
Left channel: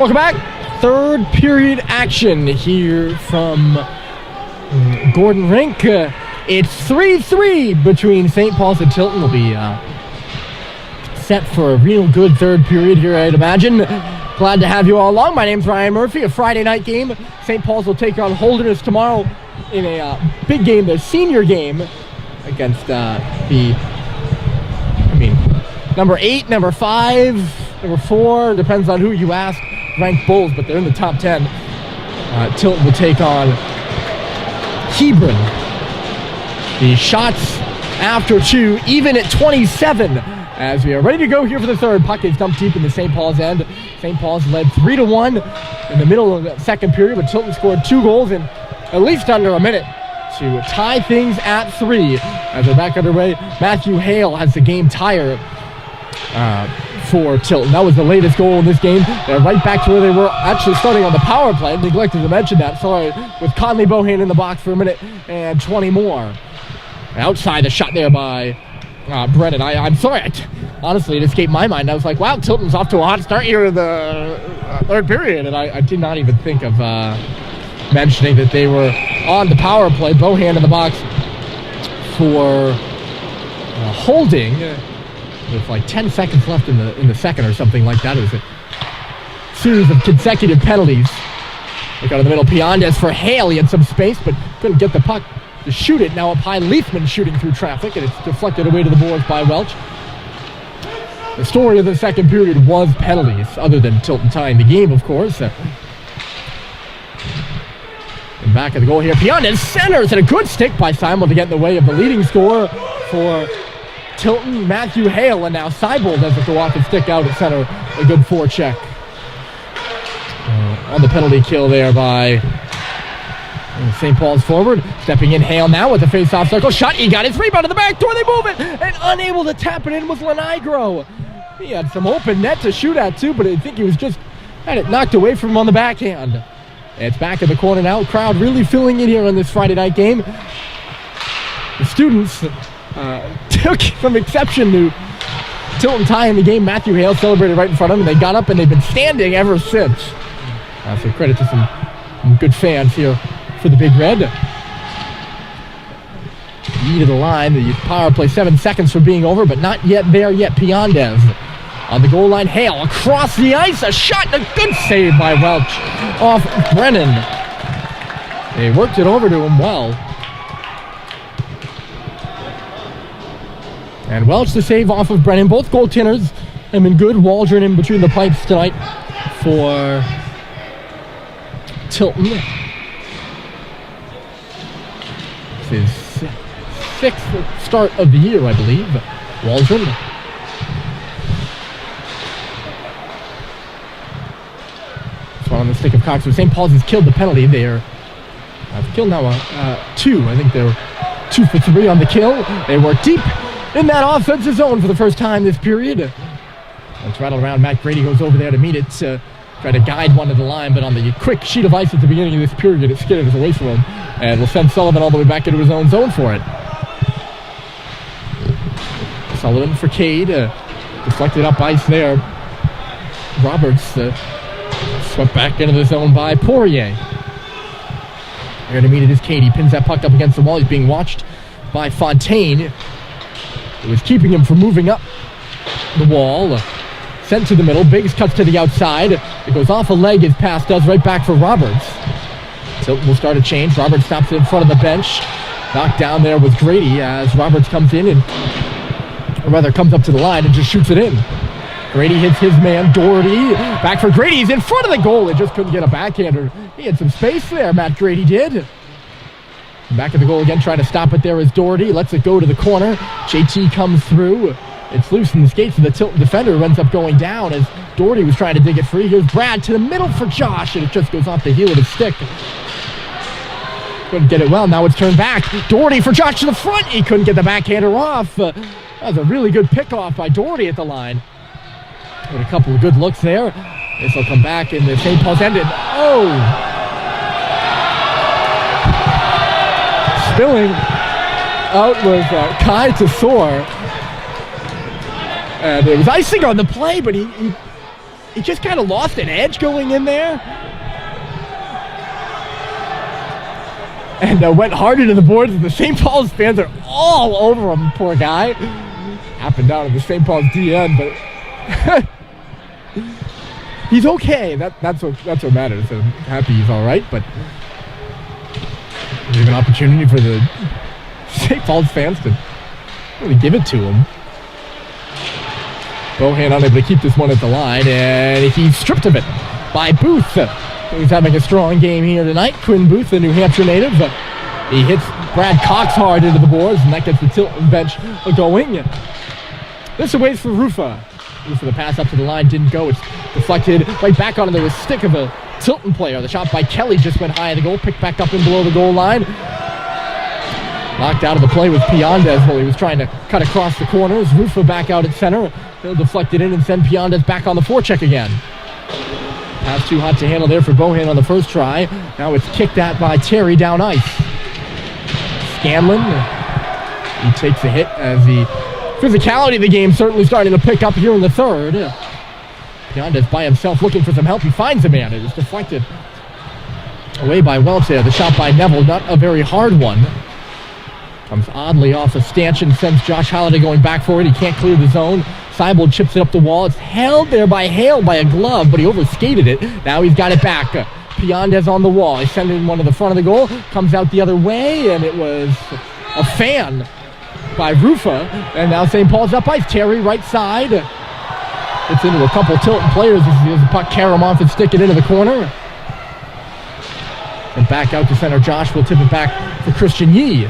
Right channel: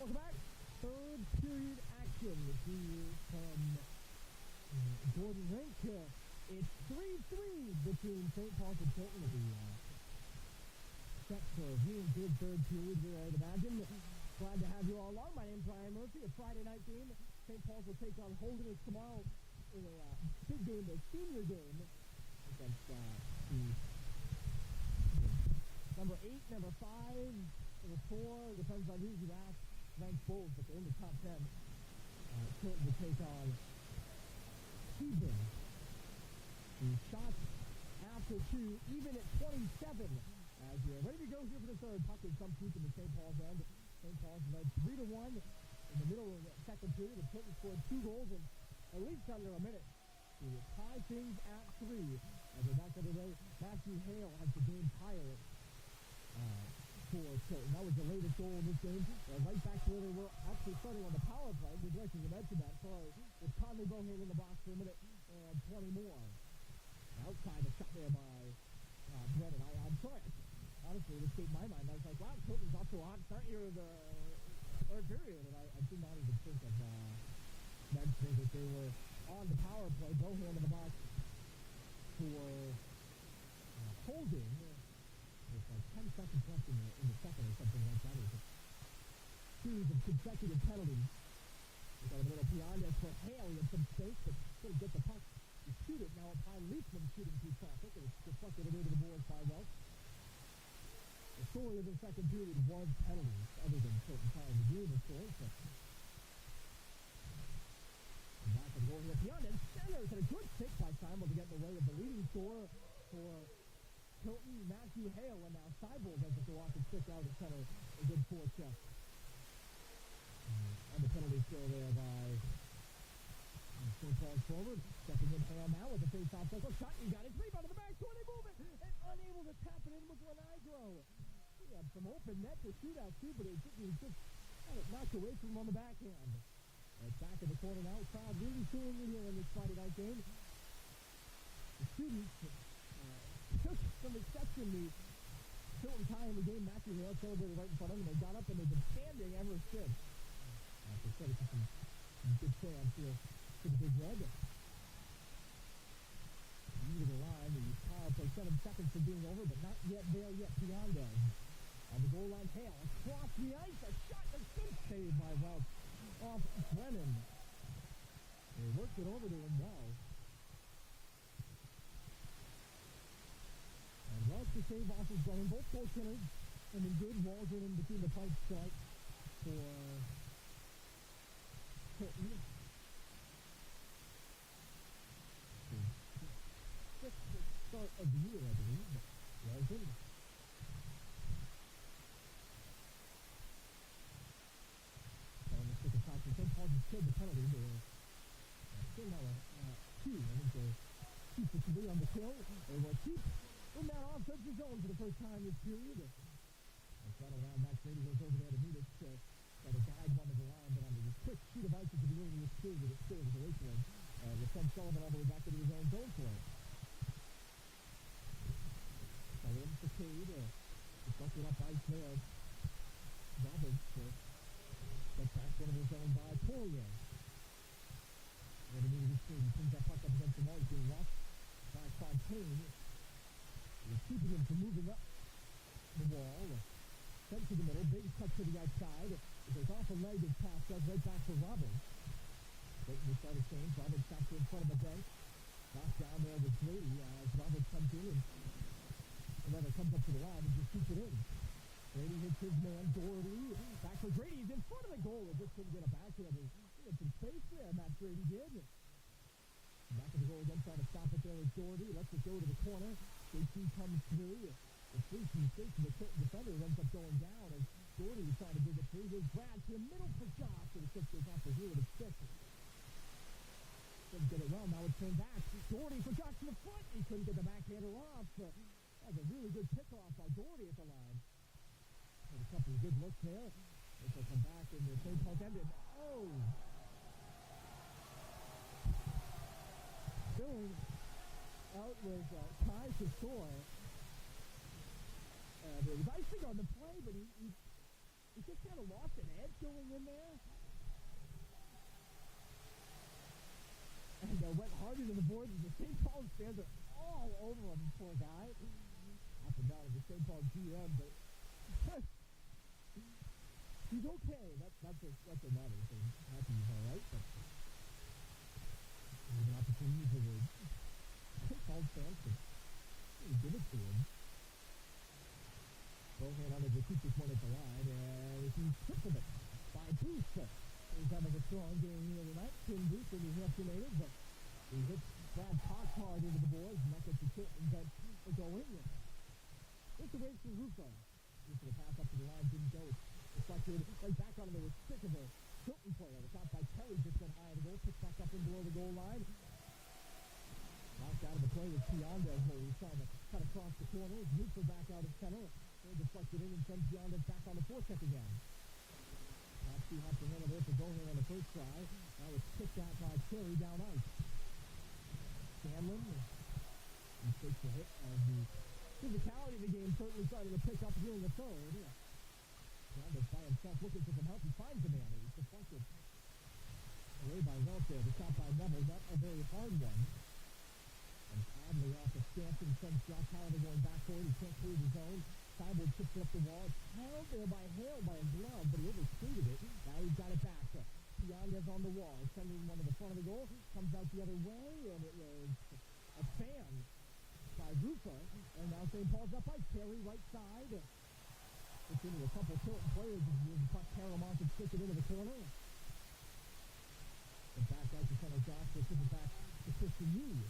Welcome back. Third period action here from Gordon Rink. It's 3-3 between St. Paul's and Tilton. Will be set for a real good third period here, I'd imagine. Glad to have you all along. My name's Ryan Murphy. A Friday night game. St. Paul's will take on Holderness tomorrow in a big game, the senior game against number 8, number 5, number 4, depends on who you ask, ranked Bulls, but they're in the top 10. Tilton will take on Hebron. The shots after 2, even at 27, as we are ready to go here for the third. Puck is dumped deep in the St. Paul's end. St. Paul's led 3-1 in the middle of the second period, but Tilton scored 2 goals in at least under a minute to tie things at 3 as they're back underway. Matthew Hale has the game tire for Tilton. That was the latest goal in this game. They're right back to where they were actually starting on the power play. Neglected to mention that. Sorry, with Conley Bohan in the box for a minute and 20 more. Outside the shot there by Brennan. I'm sorry. Honestly, it escaped my mind. I was like, wow, Tilton's off to a hot start here in the third period. And I did not even think of mentioning that they were on the power play. Bohan in the box for holding with like 10 seconds left in the second or something like that. It was a series of consecutive penalties. Look out in the middle. Piandes for Hale. He had some space, but couldn't get the puck to shoot it. Now up high, Leafman shooting through traffic, and it's deflected away to the boards by Welch. The story of the second period was penalties, other than Tilton tying the game, of course. And back at the goal here, Piandes centers, and a good stick by Simon to get in the way of the leading scorer for Tilton, Matthew Hale, and now Seibold has to go off and stick out at center. A good forecheck on the penalty kill there by St. Paul's forward. Stepping in, Hale now with the face-off circle. Shot, he got his rebound to the back door. They move it, and unable to tap it in was Lenigro. He had some open net to shoot at too, but I think he was just had it knocked away from him on the backhand. It's back in the corner now. Crowd really filling in here on this Friday night game. The students took some exception to Tilton tying the game. Matthew Hale celebrated right in front of them, and they got up and they've been standing ever since. So credit to some good fans here for the Big Red. Knee to the line. The power play 7 seconds from being over, but not yet there yet. Piandes on the goal line. Hale across the ice. A shot and a good save by Welch off Brennan. They worked it over to him well. And Welch the save off of Brennan. Both goaltenders have been good. Waldron in between the pipes tonight for Tilton. It's his 6th start of the year, I believe. Waldron. So on the stick of Cox. St. Paul's has killed the penalty. They're killed now 2. I think they're 2 for 3 on the kill. They work deep in that offensive zone for the first time this period. Let's rattle around. Matt Grady goes over there to meet it. Try to guide one to the line, but on the quick sheet of ice at the beginning of this period, it skidded away from him. And will send Sullivan all the way back into his own zone for it. Sullivan for Cade. Deflected up ice there. Roberts swept back into the zone by Poirier. There to meet it is Cade. He pins that puck up against the wall. He's being watched by Fontaine. It was keeping him from moving up the wall. Sent to the middle. Biggs cuts to the outside. It goes off a leg. His pass does right back for Roberts. Tilton will start a change. Roberts stops in front of the bench. Knocked down there with Grady as Roberts comes in and, or rather comes up to the line and just shoots it in. Grady hits his man, Doherty. Back for Grady. He's in front of the goal. It just couldn't get a backhander. He had some space there, Matt Grady did. Back at the goal again, trying to stop it there is Doherty. Lets it go to the corner. JT comes through. It's loose in the skates of the Tilton defender, who ends up going down as Doherty was trying to dig it free. Here's Brad to the middle for Josh, and it just goes off the heel of his stick. Couldn't get it well. Now it's turned back. Doherty for Josh to the front. He couldn't get the backhander off. That was a really good pickoff by Doherty at the line. With a couple of good looks there. This will come back in the St. Paul's ended. Oh! Spilling out was Kai Tesor. And it was icing on the play, but he he just kind of lost an edge going in there. And went hard into the boards, and the St. Paul's fans are all over him, poor guy. Happened down at the St. Paul's DN, but he's okay. That's what matters. I'm happy he's all right, but there's an opportunity for the St. Paul's fans to really give it to him. Bohan unable to keep this one at the line, and he's stripped of it by Booth. He's having a strong game here tonight. Quinn Booth, the New Hampshire native. He hits Brad Cox hard into the boards, and that gets the Tilton bench going. This awaits for Rufa. Rufa, the pass up to the line didn't go. It's deflected right back onto the stick of a Tilton player. The shot by Kelly just went high at the goal, picked back up and below the goal line. Knocked out of the play with Piandez while he was trying to cut across the corners. Rufa back out at center. He'll deflect it in and send Piandez back on the forecheck again. Pass too hot to handle there for Bohan on the first try. Now it's kicked at by Terry down ice. Scanlon, he takes a hit as the physicality of the game certainly starting to pick up here in the third. Piandez by himself looking for some help. He finds a man. It is deflected away by Welch there. The shot by Neville, not a very hard one. Comes oddly off a stanchion, sends Josh Halliday going back for it. He can't clear the zone. Seibold chips it up the wall. It's held there by Hale by a glove, but he overskated it. Now he's got it back. Piandez on the wall. He's sending one to the front of the goal. Comes out the other way, and it was a fan by Rufa. And now St. Paul's up ice. Terry right side. It's into a couple Tilton players as he has the puck carry him off and stick it into the corner. And back out to center. Josh will tip it back for Christian Yee.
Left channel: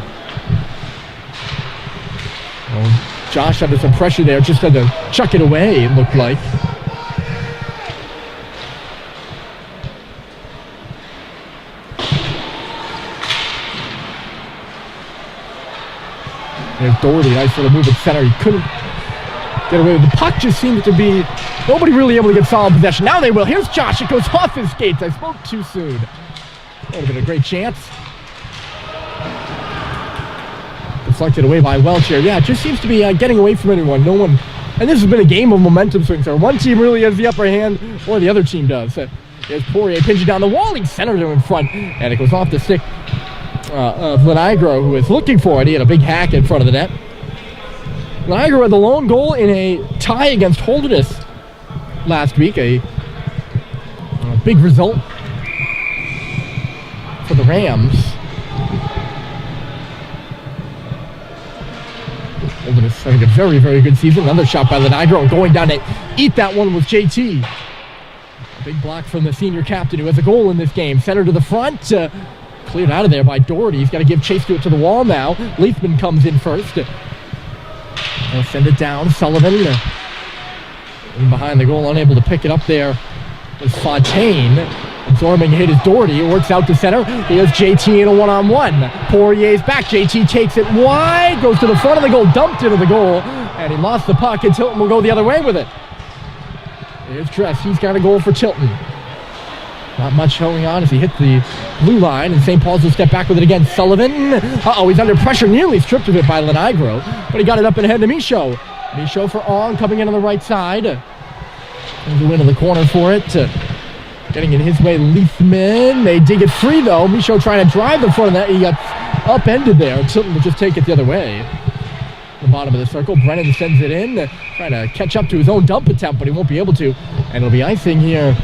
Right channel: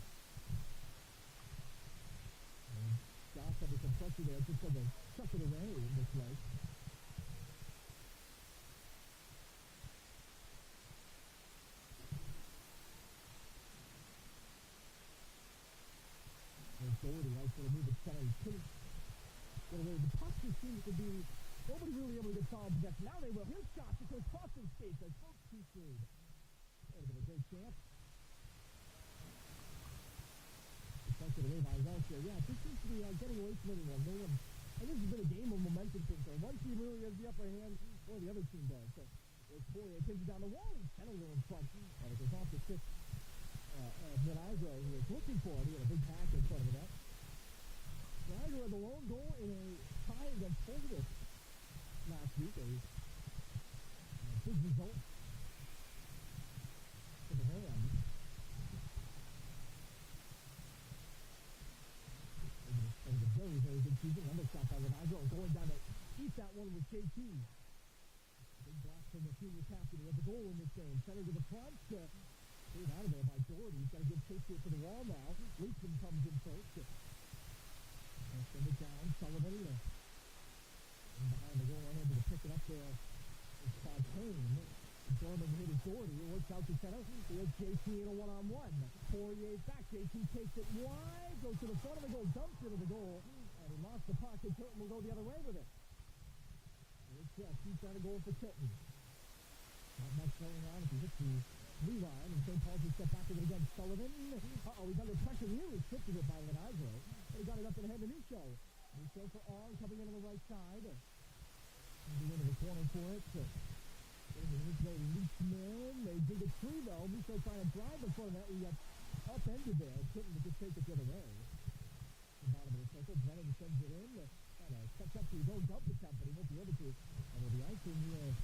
Well, Josh under some pressure there, just had to chuck it away, it looked like. There's Doherty, nice little move at center. He couldn't get away with the puck. Just seemed to be nobody really able to get solid possession. Now they will. Here's Josh. It goes off his skates. I spoke too soon. That would have been a great chance. Deflected away by Welch here. Yeah, it just seems to be getting away from anyone. No one, and this has been a game of momentum swings. So one team really has the upper hand, or the other team does. There's Poirier pinching down the wall. He centered him in front, and it goes off the stick of Lenigro, who is looking for it. He had a big hack in front of the net. Lenigro had the lone goal in a tie against Holderness last week. A big result for the Rams. Holderness having a very, very good season. Another shot by Lenigro. Going down to eat that one with JT. A big block from the senior captain who has a goal in this game. Center to the front. Cleared out of there by Doherty. He's got to give chase to it to the wall now. Leafman comes in first. They'll send it down. Sullivan in behind the goal, unable to pick it up there was Fontaine. Absorbing hit is Doherty. It works out to center. Here's JT in a one-on-one. Poirier's back. JT takes it wide. Goes to the front of the goal. Dumped into the goal. And he lost the puck, and Tilton will go the other way with it. Here's Dress. He's got a goal for Tilton. Not much going on as he hit the blue line, and St. Paul's will step back with it again. Sullivan. Uh-oh, he's under pressure. Nearly stripped of it by Lenigro, but he got it up and ahead to Michaud. Michaud for Ong, coming in on the right side. And go into the corner for it. Getting in his way, Leafman. They dig it free, though. Michaud trying to drive the front of that. He got upended there. Tilton will just take it the other way. The bottom of the circle. Brennan sends it in. Trying to catch up to his own dump attempt, but he won't be able to. And it'll be icing here.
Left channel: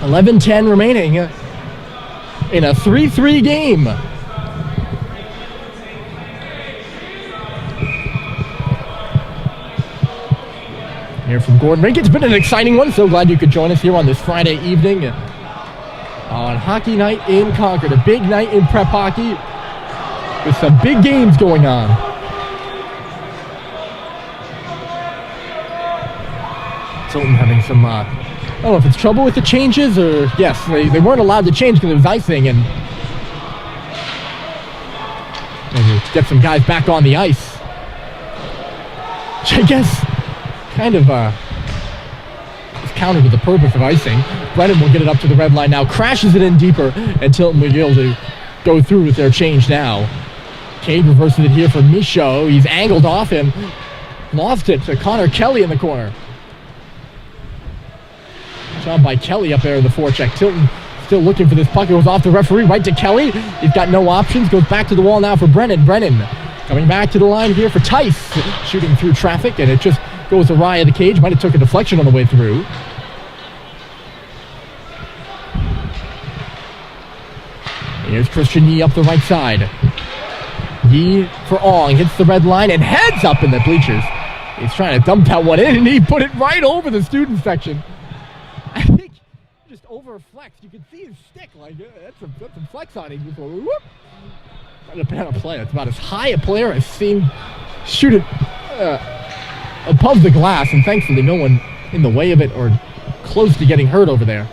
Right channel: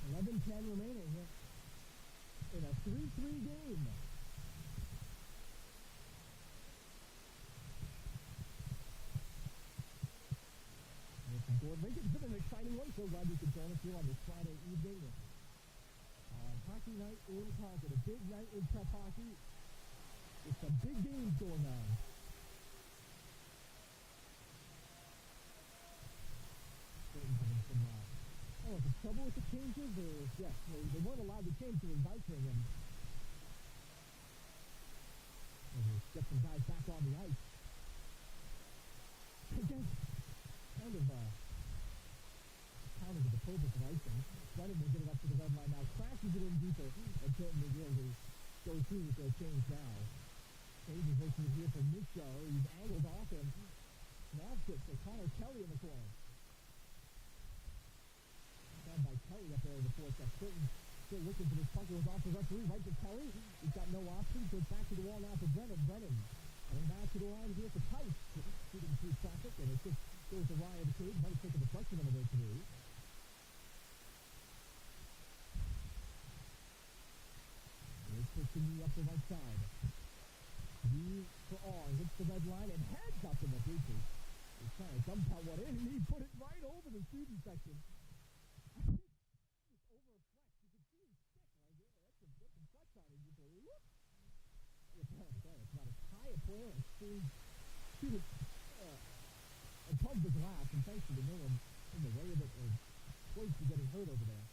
11-10 remaining in a 3-3 game. Here from Gordon Rink. It's been an exciting one. So glad you could join us here on this Friday evening on Hockey Night in Concord. A big night in prep hockey with some big games going on. Tilton having some, I don't know if it's trouble with the changes or, yes, they weren't allowed to change because it was icing, and get some guys back on the ice. Which I guess kind of is counter to the purpose of icing. Brennan will get it up to the red line now, crashes it in deeper, and Tilton will be able to go through with their change now. Cade reverses it here for Michaud. He's angled off and lost it to Connor Kelly in the corner. Job by Kelly up there in the forecheck. Tilton still looking for this puck. It goes off the referee, right to Kelly. He's got no options. Goes back to the wall now for Brennan. Brennan coming back to the line here for Tice. Shooting through traffic, and it just goes awry at the cage. Might have took a deflection on the way through. Here's Christian Yee up the right side. Yee for Ong. Hits the red line and heads up in the bleachers. He's trying to dump that one in, and he put it right over the student section. I think just over-flexed. You can see his stick. Like, that's some flex on him. Before, whoop. Not a bad play. That's about as high a player I've seen shoot it above the glass, and thankfully no one in the way of it or close to getting hurt over there.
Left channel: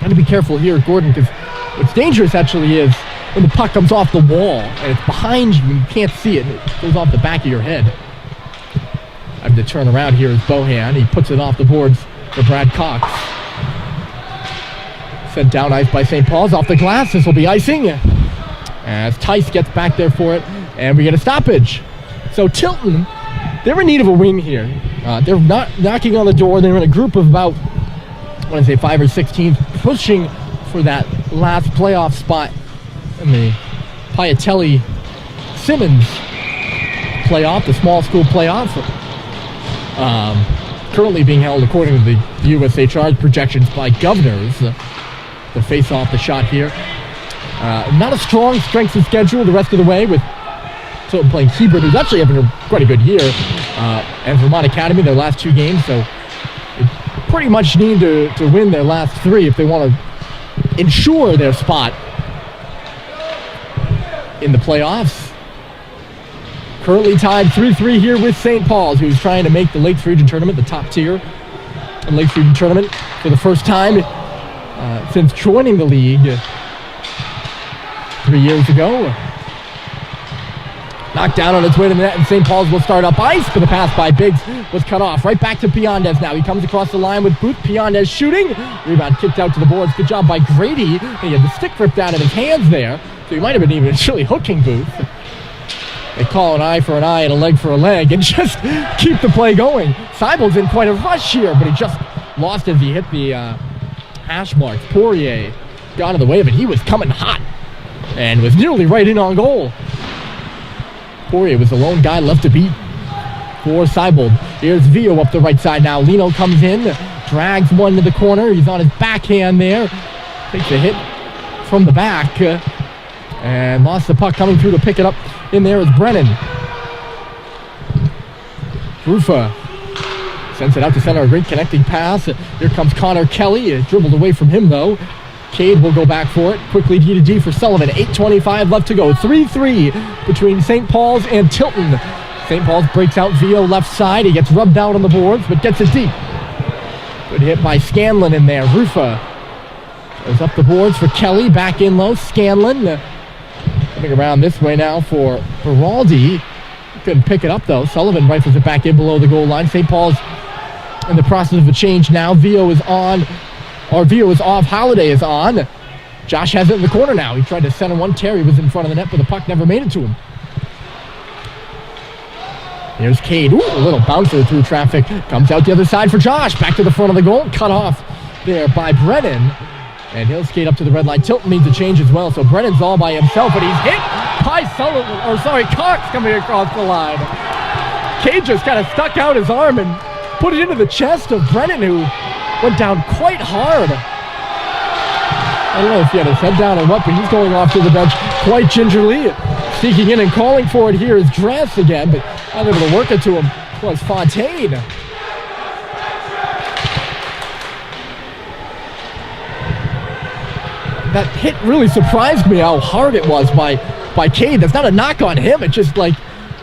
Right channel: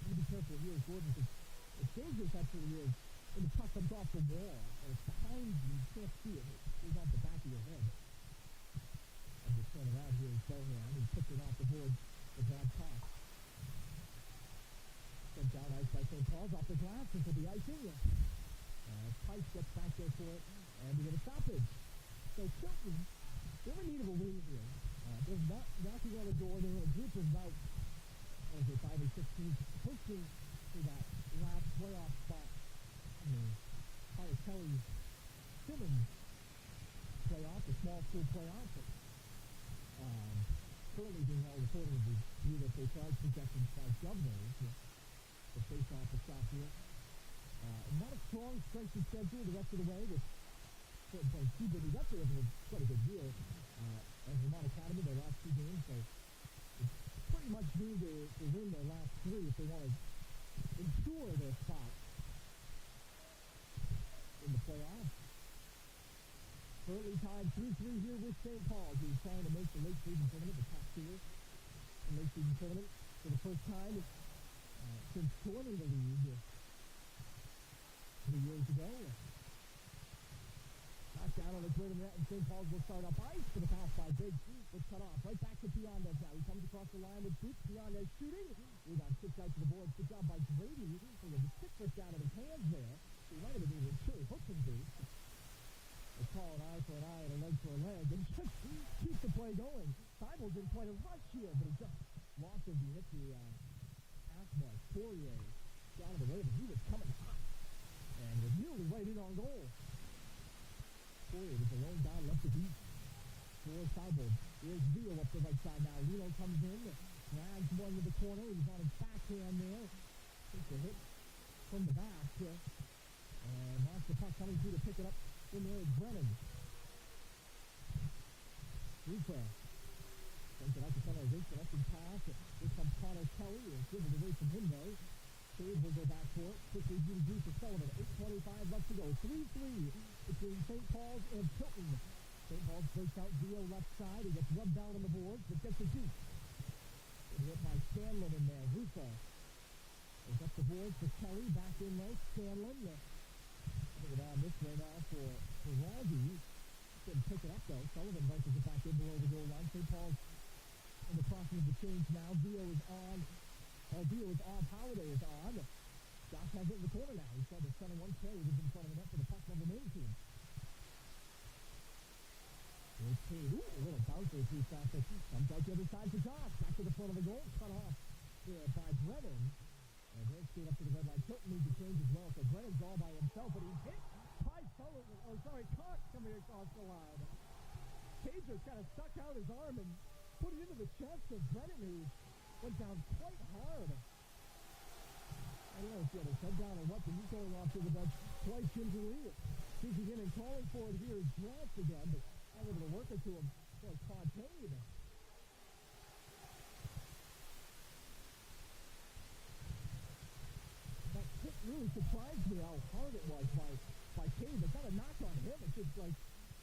Got to be careful here, Gordon, because what's dangerous actually is when the puck comes off the wall and it's behind you and you can't see it, and it goes off the back of your head. I have to turn around here as Bohan. He puts it off the boards for Brad Cox. Sent down ice by St. Paul's off the glass. This will be icing as Tice gets back there for it, and we get a stoppage. So Tilton, they're in need of a win here. They're not knocking on the door. They're in a group of about, I want to say 5 or 6 teams, pushing for that last playoff spot in the Piatelli-Simmons playoff, the small school playoff. Currently being held, according to the USHR's projections, by Governors. The face-off, the shot here. Not a strong strength of schedule the rest of the way, with Tilton playing Hebron, who's actually having quite a good year, and Vermont Academy their last 2 games, so they pretty much need to win their last 3 if they want to ensure their spot in the playoffs. Currently tied 3-3 here with St. Paul's, who's trying to make the Lakes Region Tournament, the top tier in Lakes Region Tournament, for the first time since joining the league 3 years ago. Knocked down on its way to the net, and St. Paul's will start up ice, but the pass by Biggs was cut off. Right back to Piandez now. He comes across the line with Booth. Piandez shooting. Rebound kicked out to the boards. Good job by Grady. He had the stick ripped out of his hands there, so he might have been even actually hooking Booth. They call an eye for an eye and a leg for a leg and just keep the play going. Seibel's in quite a rush here, but he just lost as he hit the hash marks. Poirier got out of the way of it. He was coming hot and was nearly right in on goal. Poirier was the lone guy left to beat for Seibel. Here's Vio up the right side now. Lino comes in, drags one to the corner. He's on his backhand there. Takes a hit from the back and lost the puck. Coming through to pick it up in there is Brennan. Rufa sends it out to center. A great connecting pass. Here comes Connor Kelly. It dribbled away from him though. Cade will go back for it. Quickly D to D for Sullivan. 8:25 left to go. 3-3 between St. Paul's and Tilton. St. Paul's breaks out Vio left side. He gets rubbed out on the boards, but gets it deep. Good hit by Scanlon in there. Rufa goes up the boards for Kelly. Back in low. Scanlon coming around this way now for Beraldi. Couldn't pick it up though. Sullivan rifles it back in below the goal line. St. Paul's in the process of a change now. Vio is on. Or Vio is off, Holiday is on. Josh has it in the corner now. He tried to center one. Terry was in front of the net, but the puck never made it to him. Here's Cade. Ooh, a little bouncer through traffic. Comes out the other side for Josh. Back to the front of the goal. Cut off there by Brennan. And he'll skate up to the red line. Tilton needs a change as well, so Brennan's all by himself, but he's hit by Cox coming across the line. Cade just kind of stuck out his arm and put it into the chest of Brennan, who went down quite hard. I don't know if he had his head down or what, but he's going off to the bench quite gingerly. Sneaking in and calling for it here is Dress again, but not able to work it to him was Fontaine. That hit really surprised me how hard it was by Cade. That's not a knock on him. It just like,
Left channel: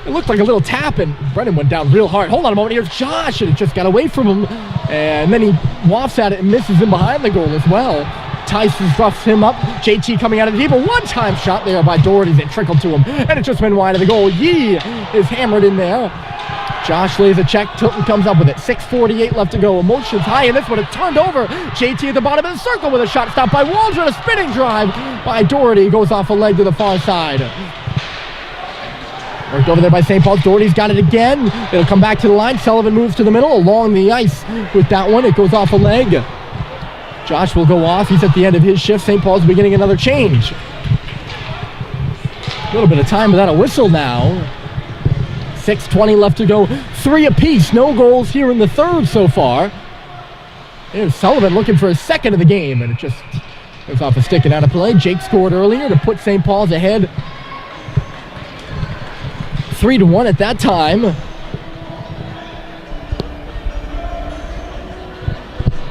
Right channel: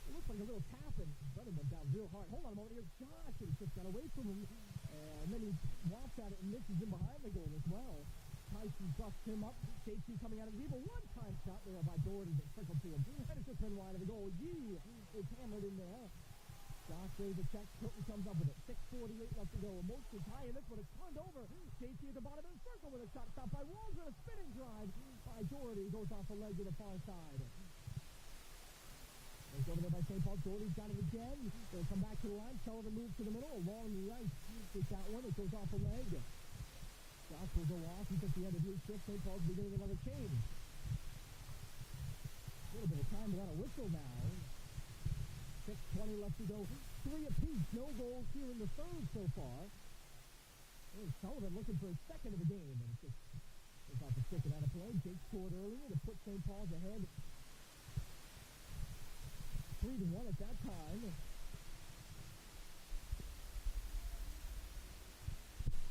it looked like a little tap, and Brennan went down real hard. Hold on a moment, here's Josh, and it just got away from him. And then he wafts at it and misses him behind the goal as well. Tyson roughs him up. JT coming out of the deep. A one-time shot there by Doherty that trickled to him. And it just went wide of the goal. Yee is hammered in there. Josh lays a check. Tilton comes up with it. 6:48 left to go. Emotions high in this one. It's turned over. JT at the bottom of the circle with a shot stopped by Waldron. A spinning drive by Doherty. Goes off a leg to the far side. Worked over there by St. Paul's. Doherty's got it again. It'll come back to the line. Sullivan moves to the middle along the ice with that one. It goes off a leg. Josh will go off. He's at the end of his shift. St. Paul's beginning another change. A little bit of time without a whistle now. 6:20 left to go. 3 apiece. No goals here in the third so far. Here's Sullivan looking for a second of the game, and it just goes off a stick and out of play. Jake scored earlier to put St. Paul's ahead 3-1 at that time.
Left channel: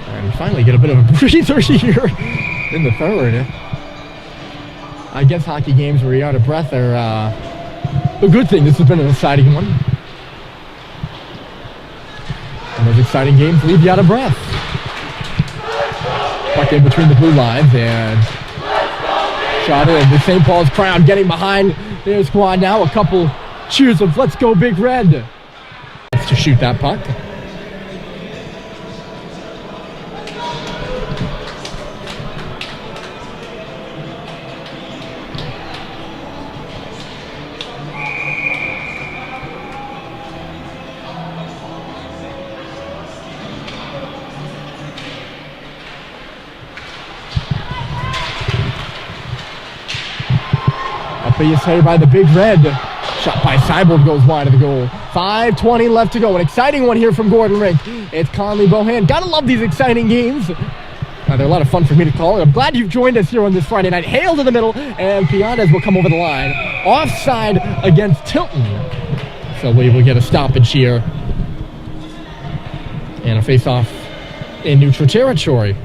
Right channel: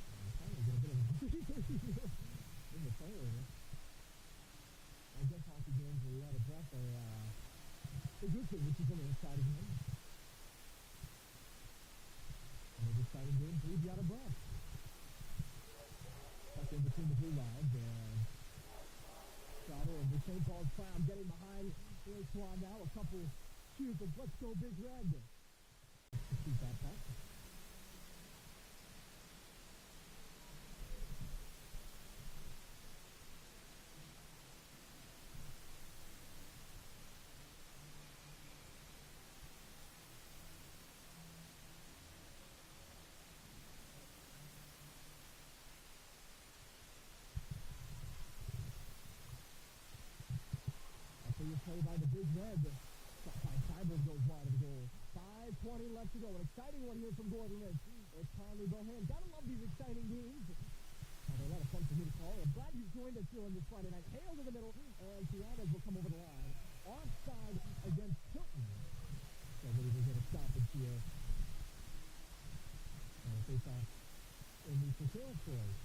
And finally get a bit of a breather here in the third. I guess hockey games where you're out of breath are a good thing. This has been an exciting one. And those exciting games leave you out of breath. Puck in between the blue lines and shot in. The St. Paul's crowd getting behind their squad now. A couple cheers of "Let's go Big Red" to shoot that puck. Is headed by the Big Red. Shot by Seibold goes wide of the goal. 5:20 left to go. An exciting one here from Gordon Rink. It's Conley Bohan. Gotta love these exciting games. They're a lot of fun for me to call. And I'm glad you've joined us here on this Friday night. Hale to the middle, and Pianez will come over the line. Offside against Tilton. So we will get a stoppage here. And a face-off in neutral territory.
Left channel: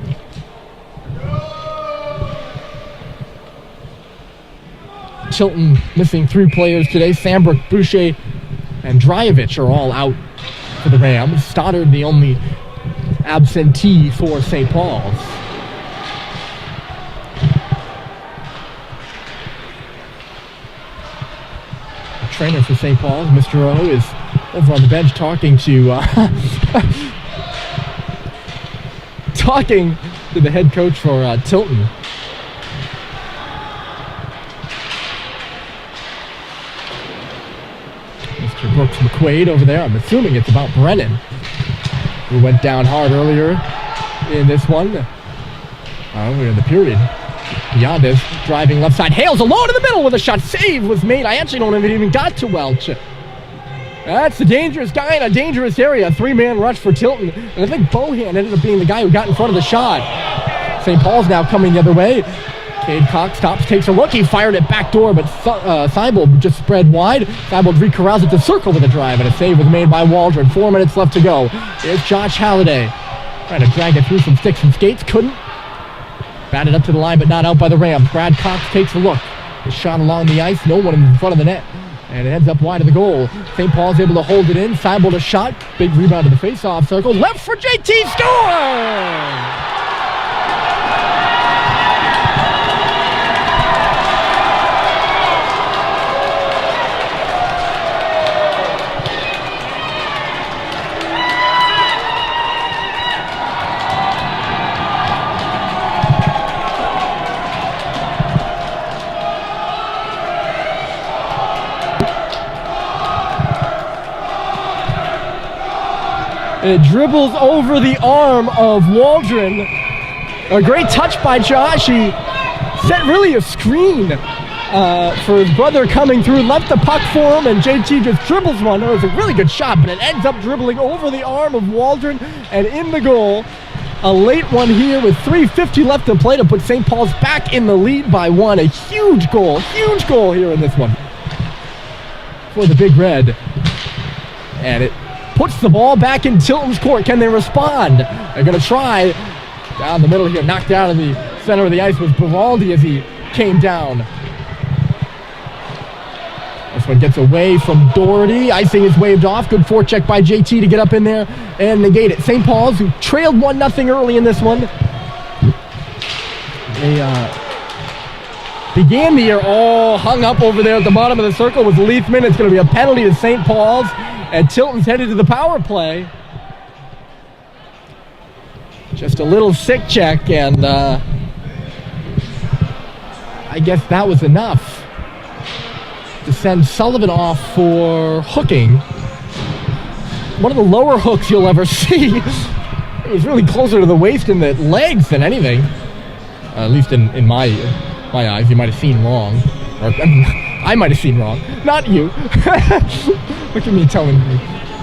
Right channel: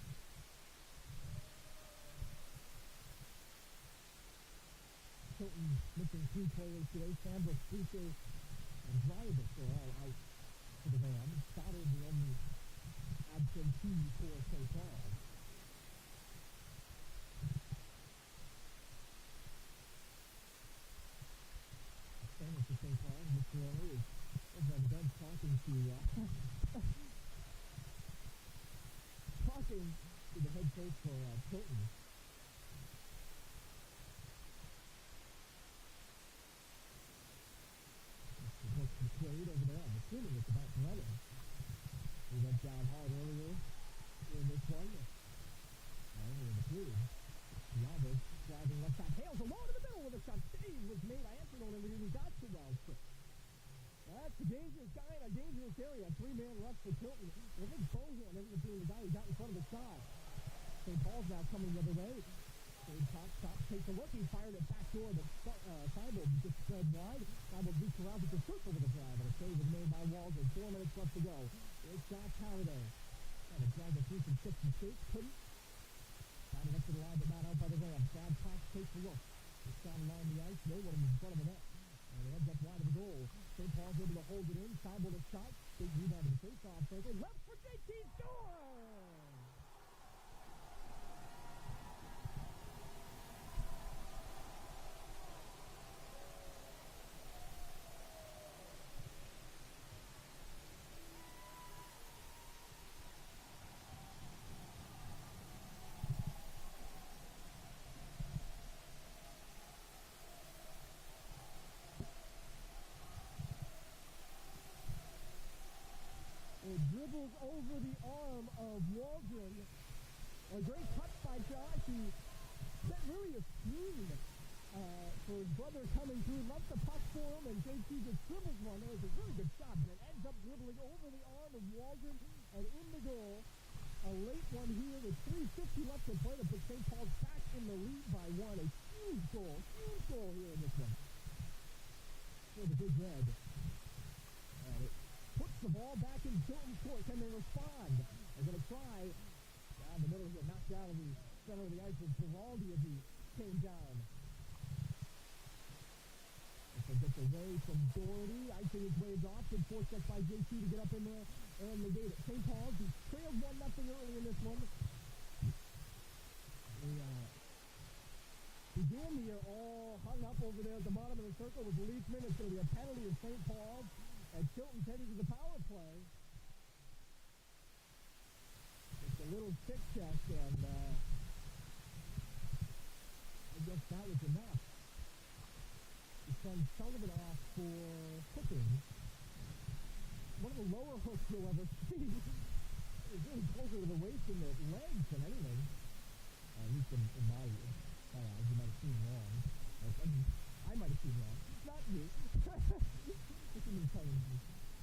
Tilton missing 3 players today. Sambrook, Boucher, and Dreyevich are all out for the Rams. Stoddard, the only absentee for St. Paul's. The trainer for St. Paul's, Mr. O, is over on the bench talking to the head coach for Tilton. Brooks McQuaid over there. I'm assuming it's about Brennan, who went down hard earlier in this one. We're in the period. Pianez driving left side. Hales alone in the middle with a shot. Save was made. I actually don't know if it even got to Welch. That's the dangerous guy in a dangerous area. 3-man rush for Tilton. And I think Bohan ended up being the guy who got in front of the shot. St. Paul's now coming the other way. Cade Cox stops, takes a look. He fired it back door, but Seibold just spread wide. Seibold recorrals it to circle with a drive, and a save was made by Waldron. 4 minutes left to go. Here's Josh Halliday. Trying to drag it through some sticks and skates. Couldn't. Batted up to the line, but not out by the Rams. Brad Cox takes a look. His shot along the ice. No one in front of the net. And it ends up wide of the goal. St. Paul's able to hold it in. Seibold a shot. Big rebound to the face-off circle. Left for JT. Score! It dribbles over the arm of Waldron. A great touch by Josh. He set really a screen for his brother coming through, left the puck for him, and JT just dribbles one. It was a really good shot, but it ends up dribbling over the arm of Waldron and in the goal. A late one here with 3:50 left to play to put St. Paul's back in the lead by 1. A huge goal here in this one for the Big Red. And it puts the ball back in Tilton's court. Can they respond? They're going to try. Down the middle here, knocked out in the center of the ice was Baraldi as he came down. This one gets away from Doherty. Icing is waved off. Good forecheck by JT to get up in there and negate it. St. Paul's, who trailed 1-0 early in this one. They began the year all hung up over there at the bottom of the circle with Leithman. It's going to be a penalty to St. Paul's. And Tilton's headed to the power play. Just a little sick check, and I guess that was enough. to send Sullivan off for hooking. One of the lower hooks you'll ever see. It was really closer to the waist and the legs than anything. At least in my eyes, you might have seen wrong. Or, I mean, I might have seen wrong. Not you. Look at me telling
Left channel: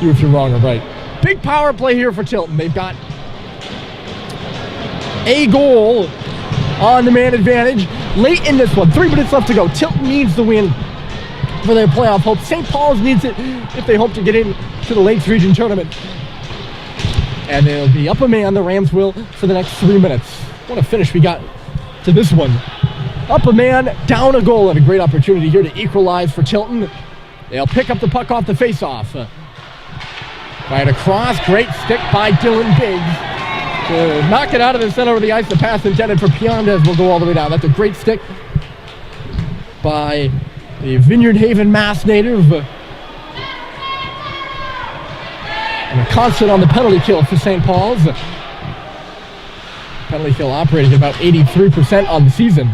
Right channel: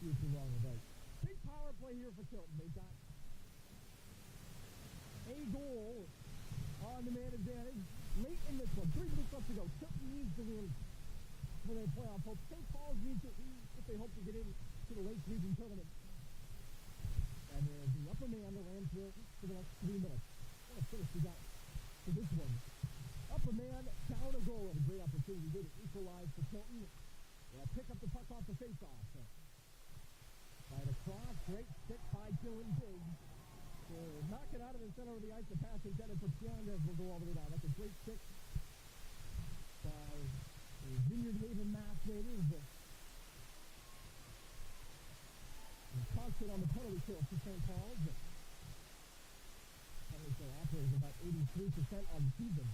you if you're wrong or right. Big power play here for Tilton. They've got a goal on the man advantage late in this one. 3 minutes left to go. Tilton needs the win for their playoff hopes. St. Paul's needs it if they hope to get in to the Lakes Region Tournament. And they'll be up a man, the Rams will, for the next 3 minutes. What a finish we got to this one. Up a man, down a goal, and a great opportunity here to equalize for Tilton. They'll pick up the puck off the face-off. Right across, great stick by Dylan Biggs. Knock it out of the center of the ice. The pass intended for Piandez will go all the way down. That's a great stick by the Vineyard Haven, Mass native. And a constant on the penalty kill for St. Paul's. Penalty kill operating at about 83% on the season.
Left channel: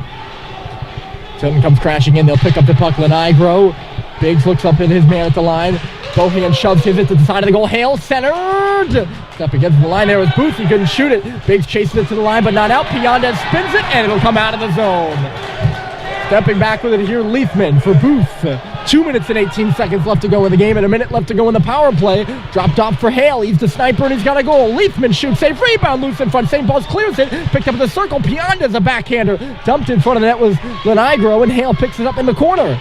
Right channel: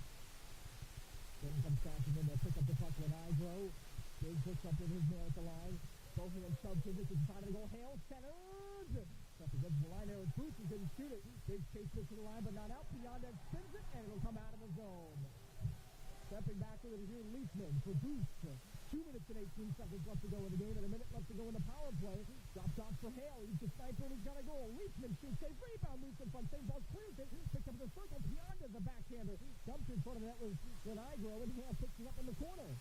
Tilton comes crashing in. They'll pick up the puck. Lenigro. Biggs looks up at his man at the line. Bohan shoves his it to the side of the goal. Hale centered. Up against the line there was Booth. He couldn't shoot it. Biggs chases it to the line, but not out. Piandez spins it, and it'll come out of the zone. Stepping back with it here, Leafman for Booth. 2 minutes and 18 seconds left to go in the game, and a minute left to go in the power play. Dropped off for Hale. He's the sniper, and he's got a goal. Leafman shoots, safe rebound, loose in front. St. Paul's clears it, picked up in the circle. Piandez, a backhander. Dumped in front of the net was Lenigro, and Hale picks it up in the corner.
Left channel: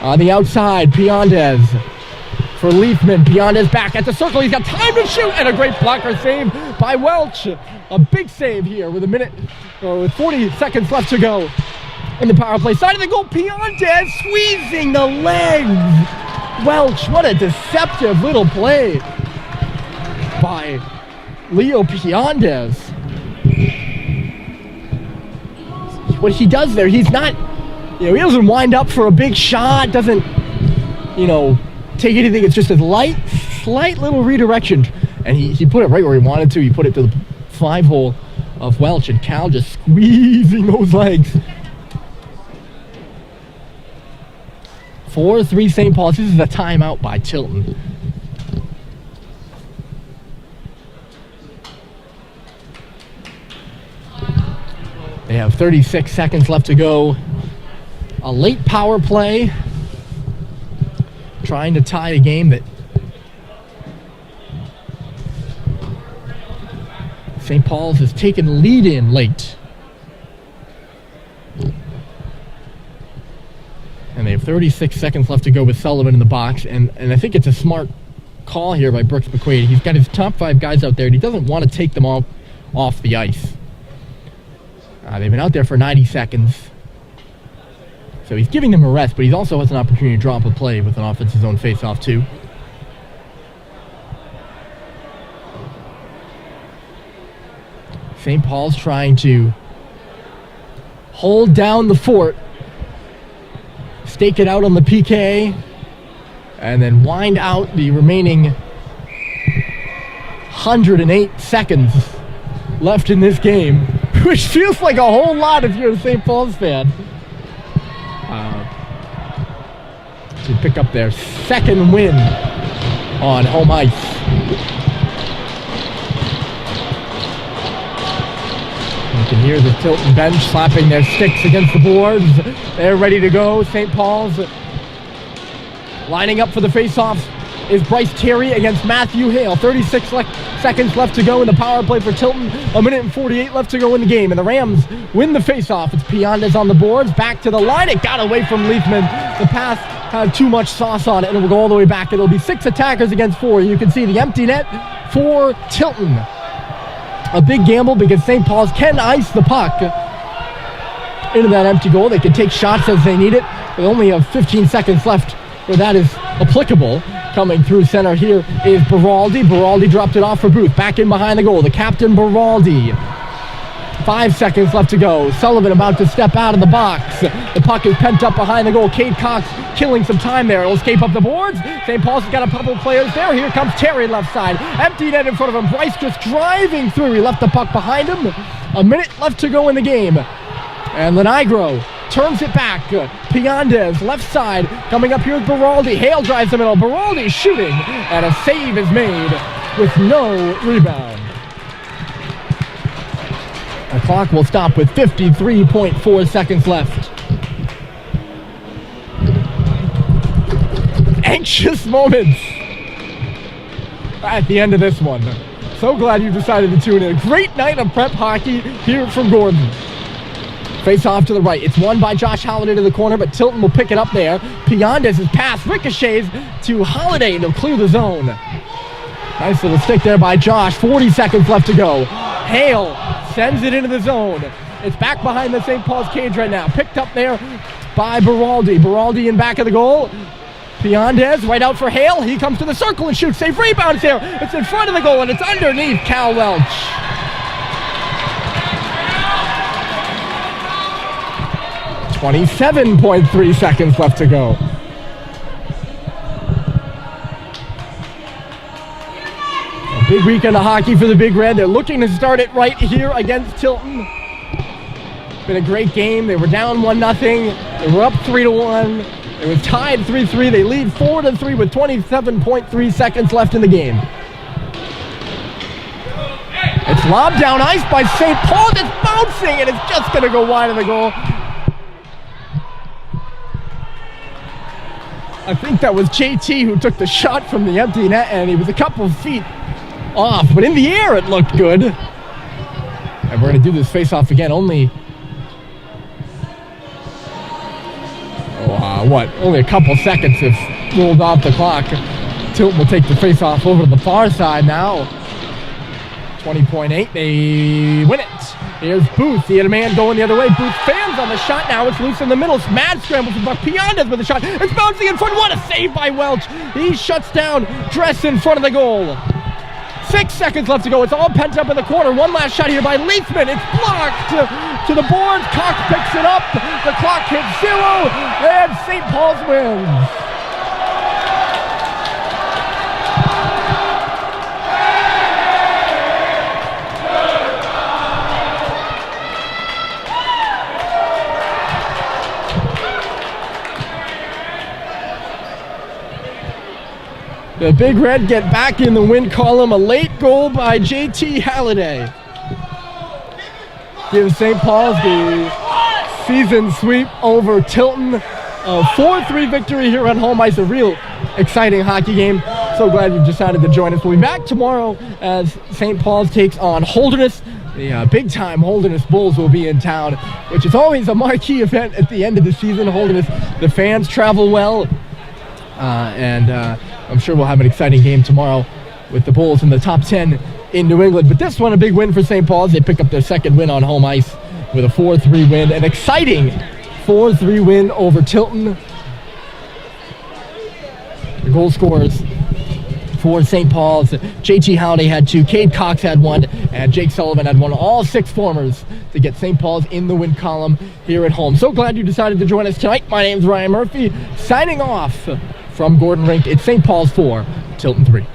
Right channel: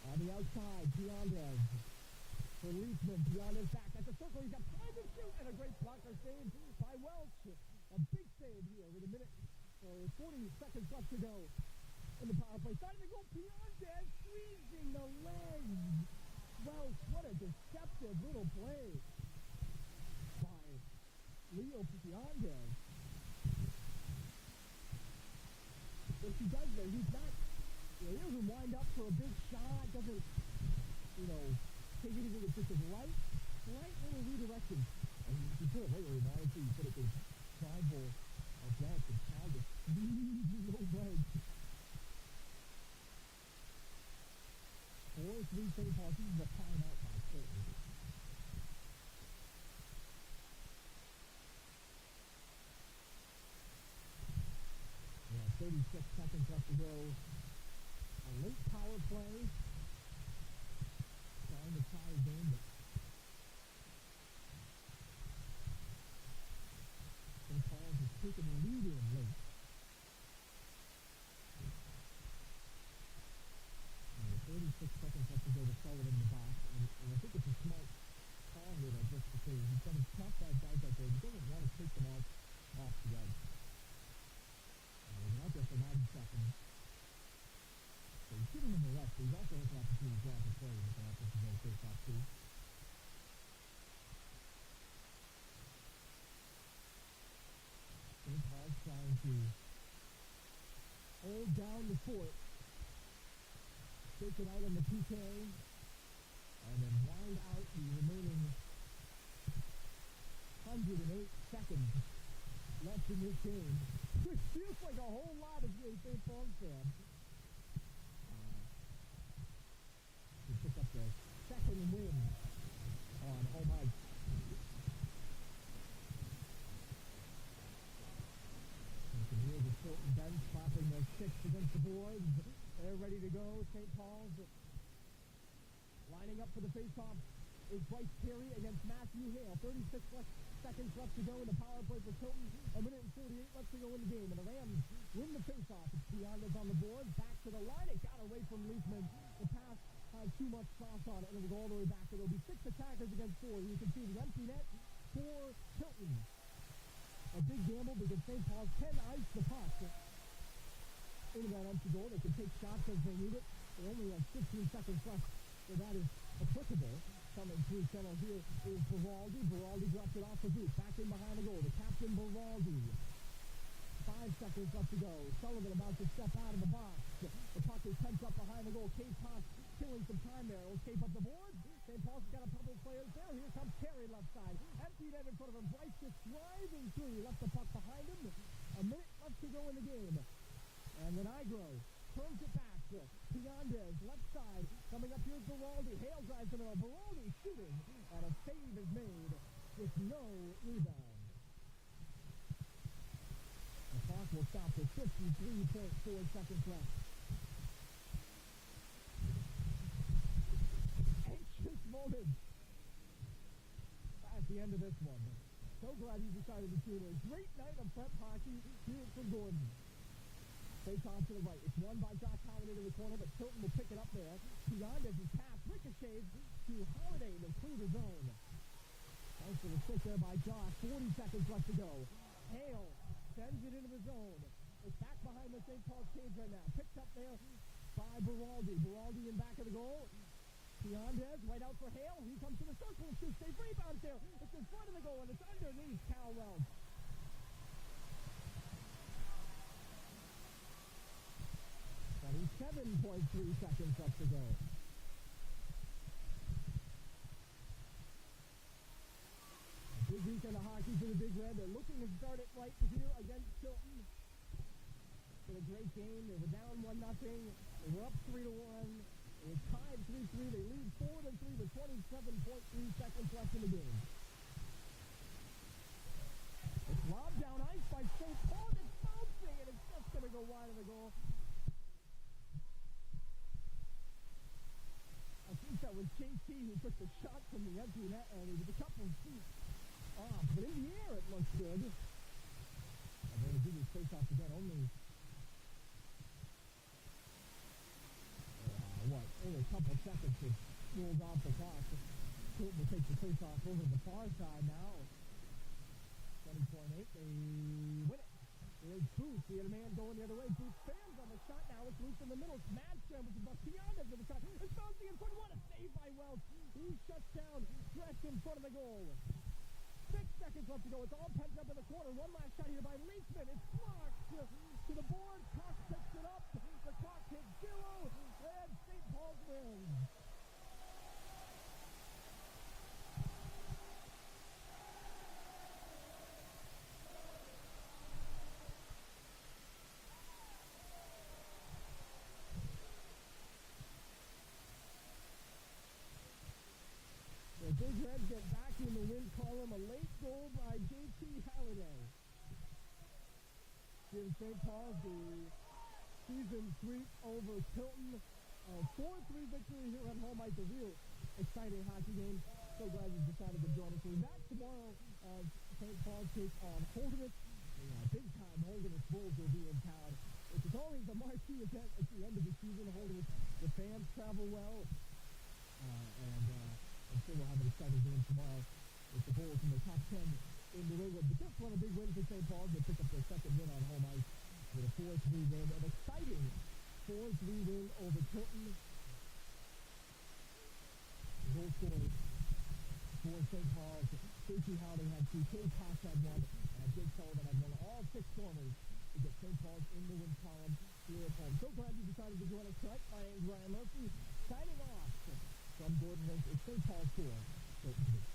On the outside, Piandez for Leafman. Piandez back at the circle. He's got time to shoot, and a great blocker save by Welch. A big save here with with 40 seconds left to go. In the power play, side of the goal, Piandez squeezing the legs. Welch, what a deceptive little play by Leo Piandez. What he does there, he's not, he doesn't wind up for a big shot, doesn't, take anything. It's just a slight little redirection. And he put it right where he wanted to. He put it to the 5-hole of Welch, and Cal just squeezing those legs. 4-3 St. Paul's. This is a timeout by Tilton. They have 36 seconds left to go. A late power play. Trying to tie a game that St. Paul's has taken the lead in late. And they have 36 seconds left to go with Sullivan in the box. And I think it's a smart call here by Brooks McQuaid. He's got his top 5 guys out there, and he doesn't want to take them all off the ice. They've been out there for 90 seconds. So he's giving them a rest, but he also has an opportunity to drop a play with an offensive zone face-off too. St. Paul's trying to hold down the fort. Stake it out on the PK, and then wind out the remaining 108 seconds left in this game, which feels like a whole lot if you're a St. Paul's fan. To pick up their second win on home ice. You can hear the Tilton bench slapping their sticks against the boards. They're ready to go. St. Paul's lining up for the face-off is Bryce Terry against Matthew Hale. 36 seconds left to go in the power play for Tilton. 1 minute and 48 left to go in the game. And the Rams win the face-off. It's Piandez on the boards. Back to the line. It got away from Leafman. The pass had too much sauce on it, and it will go all the way back. It'll be 6 attackers against 4. You can see the empty net for Tilton. A big gamble because St. Paul's can ice the puck into that empty goal. They can take shots as they need it. They only have 15 seconds left where that is applicable. Coming through center here is Beraldi. Beraldi dropped it off for Booth. Back in behind the goal. The captain, Beraldi. 5 seconds left to go. Sullivan about to step out of the box. The puck is pent up behind the goal. Cade Cox killing some time there. It'll escape up the boards. St. Paul's has got a couple of players there. Here comes Terry left side. Empty net in front of him. Bryce just driving through. He left the puck behind him. 1 minute left to go in the game. And Lenigro turns it back. Piandez, left side, coming up here with Beraldi. Hale drives the middle. Beraldi shooting, and a save is made with no rebound. The clock will stop with 53.4 seconds left. Anxious moments at the end of this one. So glad you decided to tune in. Great night of prep hockey here from Gordon. Face off to the right. It's won by Josh Holliday to the corner, but Tilton will pick it up there. Piandez's pass ricochets to Holliday, and he'll clear the zone. Nice little stick there by Josh. 40 seconds left to go. Hale sends it into the zone. It's back behind the St. Paul's cage right now. Picked up there by Beraldi. Beraldi in back of the goal. Piandez right out for Hale. He comes to the circle and shoots. Safe rebound there. It's in front of the goal, and it's underneath Cal Welch. .3 seconds left to go. A big weekend of hockey for the Big Red. They're looking to start it right here against Tilton. Been a great game. They were down 1-0. They were up 3-1. It was tied 3-3. They lead 4-3 with 27.3 seconds left in the game. It's lobbed down ice by St. Paul. It's bouncing, and it's just going to go wide of the goal. I think that was JT who took the shot from the empty net, and he was a couple of feet off. But in the air, it looked good. And we're going to do this face-off again. Only only a couple seconds have rolled off the clock. Tilton will take the face-off over to the far side now. 20.8, they win it. Here's Booth, he had a man going the other way. Booth fans on the shot now, it's loose in the middle. Mad scramble from Buck. Piandez with the shot. It's bouncing in front, what a save by Welch. He shuts down Dress in front of the goal. 6 seconds left to go. It's all pent up in the corner. One last shot here by Leithman. It's blocked to the boards. Cox picks it up. The clock hits 0, and St. Paul's wins. The Big Red get back in the win column. A late goal by JT Halliday gives St. Paul's the season sweep over Tilton. A 4-3 victory here at home ice. A real exciting hockey game. So glad you've decided to join us. We'll be back tomorrow as St. Paul's takes on Holderness. The big-time Holderness Bulls will be in town, which is always a marquee event at the end of the season. Holderness, the fans travel well. I'm sure we'll have an exciting game tomorrow with the Bulls in the top 10 in New England. But this one, a big win for St. Paul's. They pick up their second win on home ice with a 4-3 win. An exciting 4-3 win over Tilton. The goal scorers for St. Paul's: JT Halliday had 2, Cade Cox had 1, and Jake Sullivan had 1. All 6 formers to get St. Paul's in the win column here at home. So glad you decided to join us tonight. My name's Ryan Murphy, signing off from Gordon Rink. It's St. Paul's 4, Tilton 3.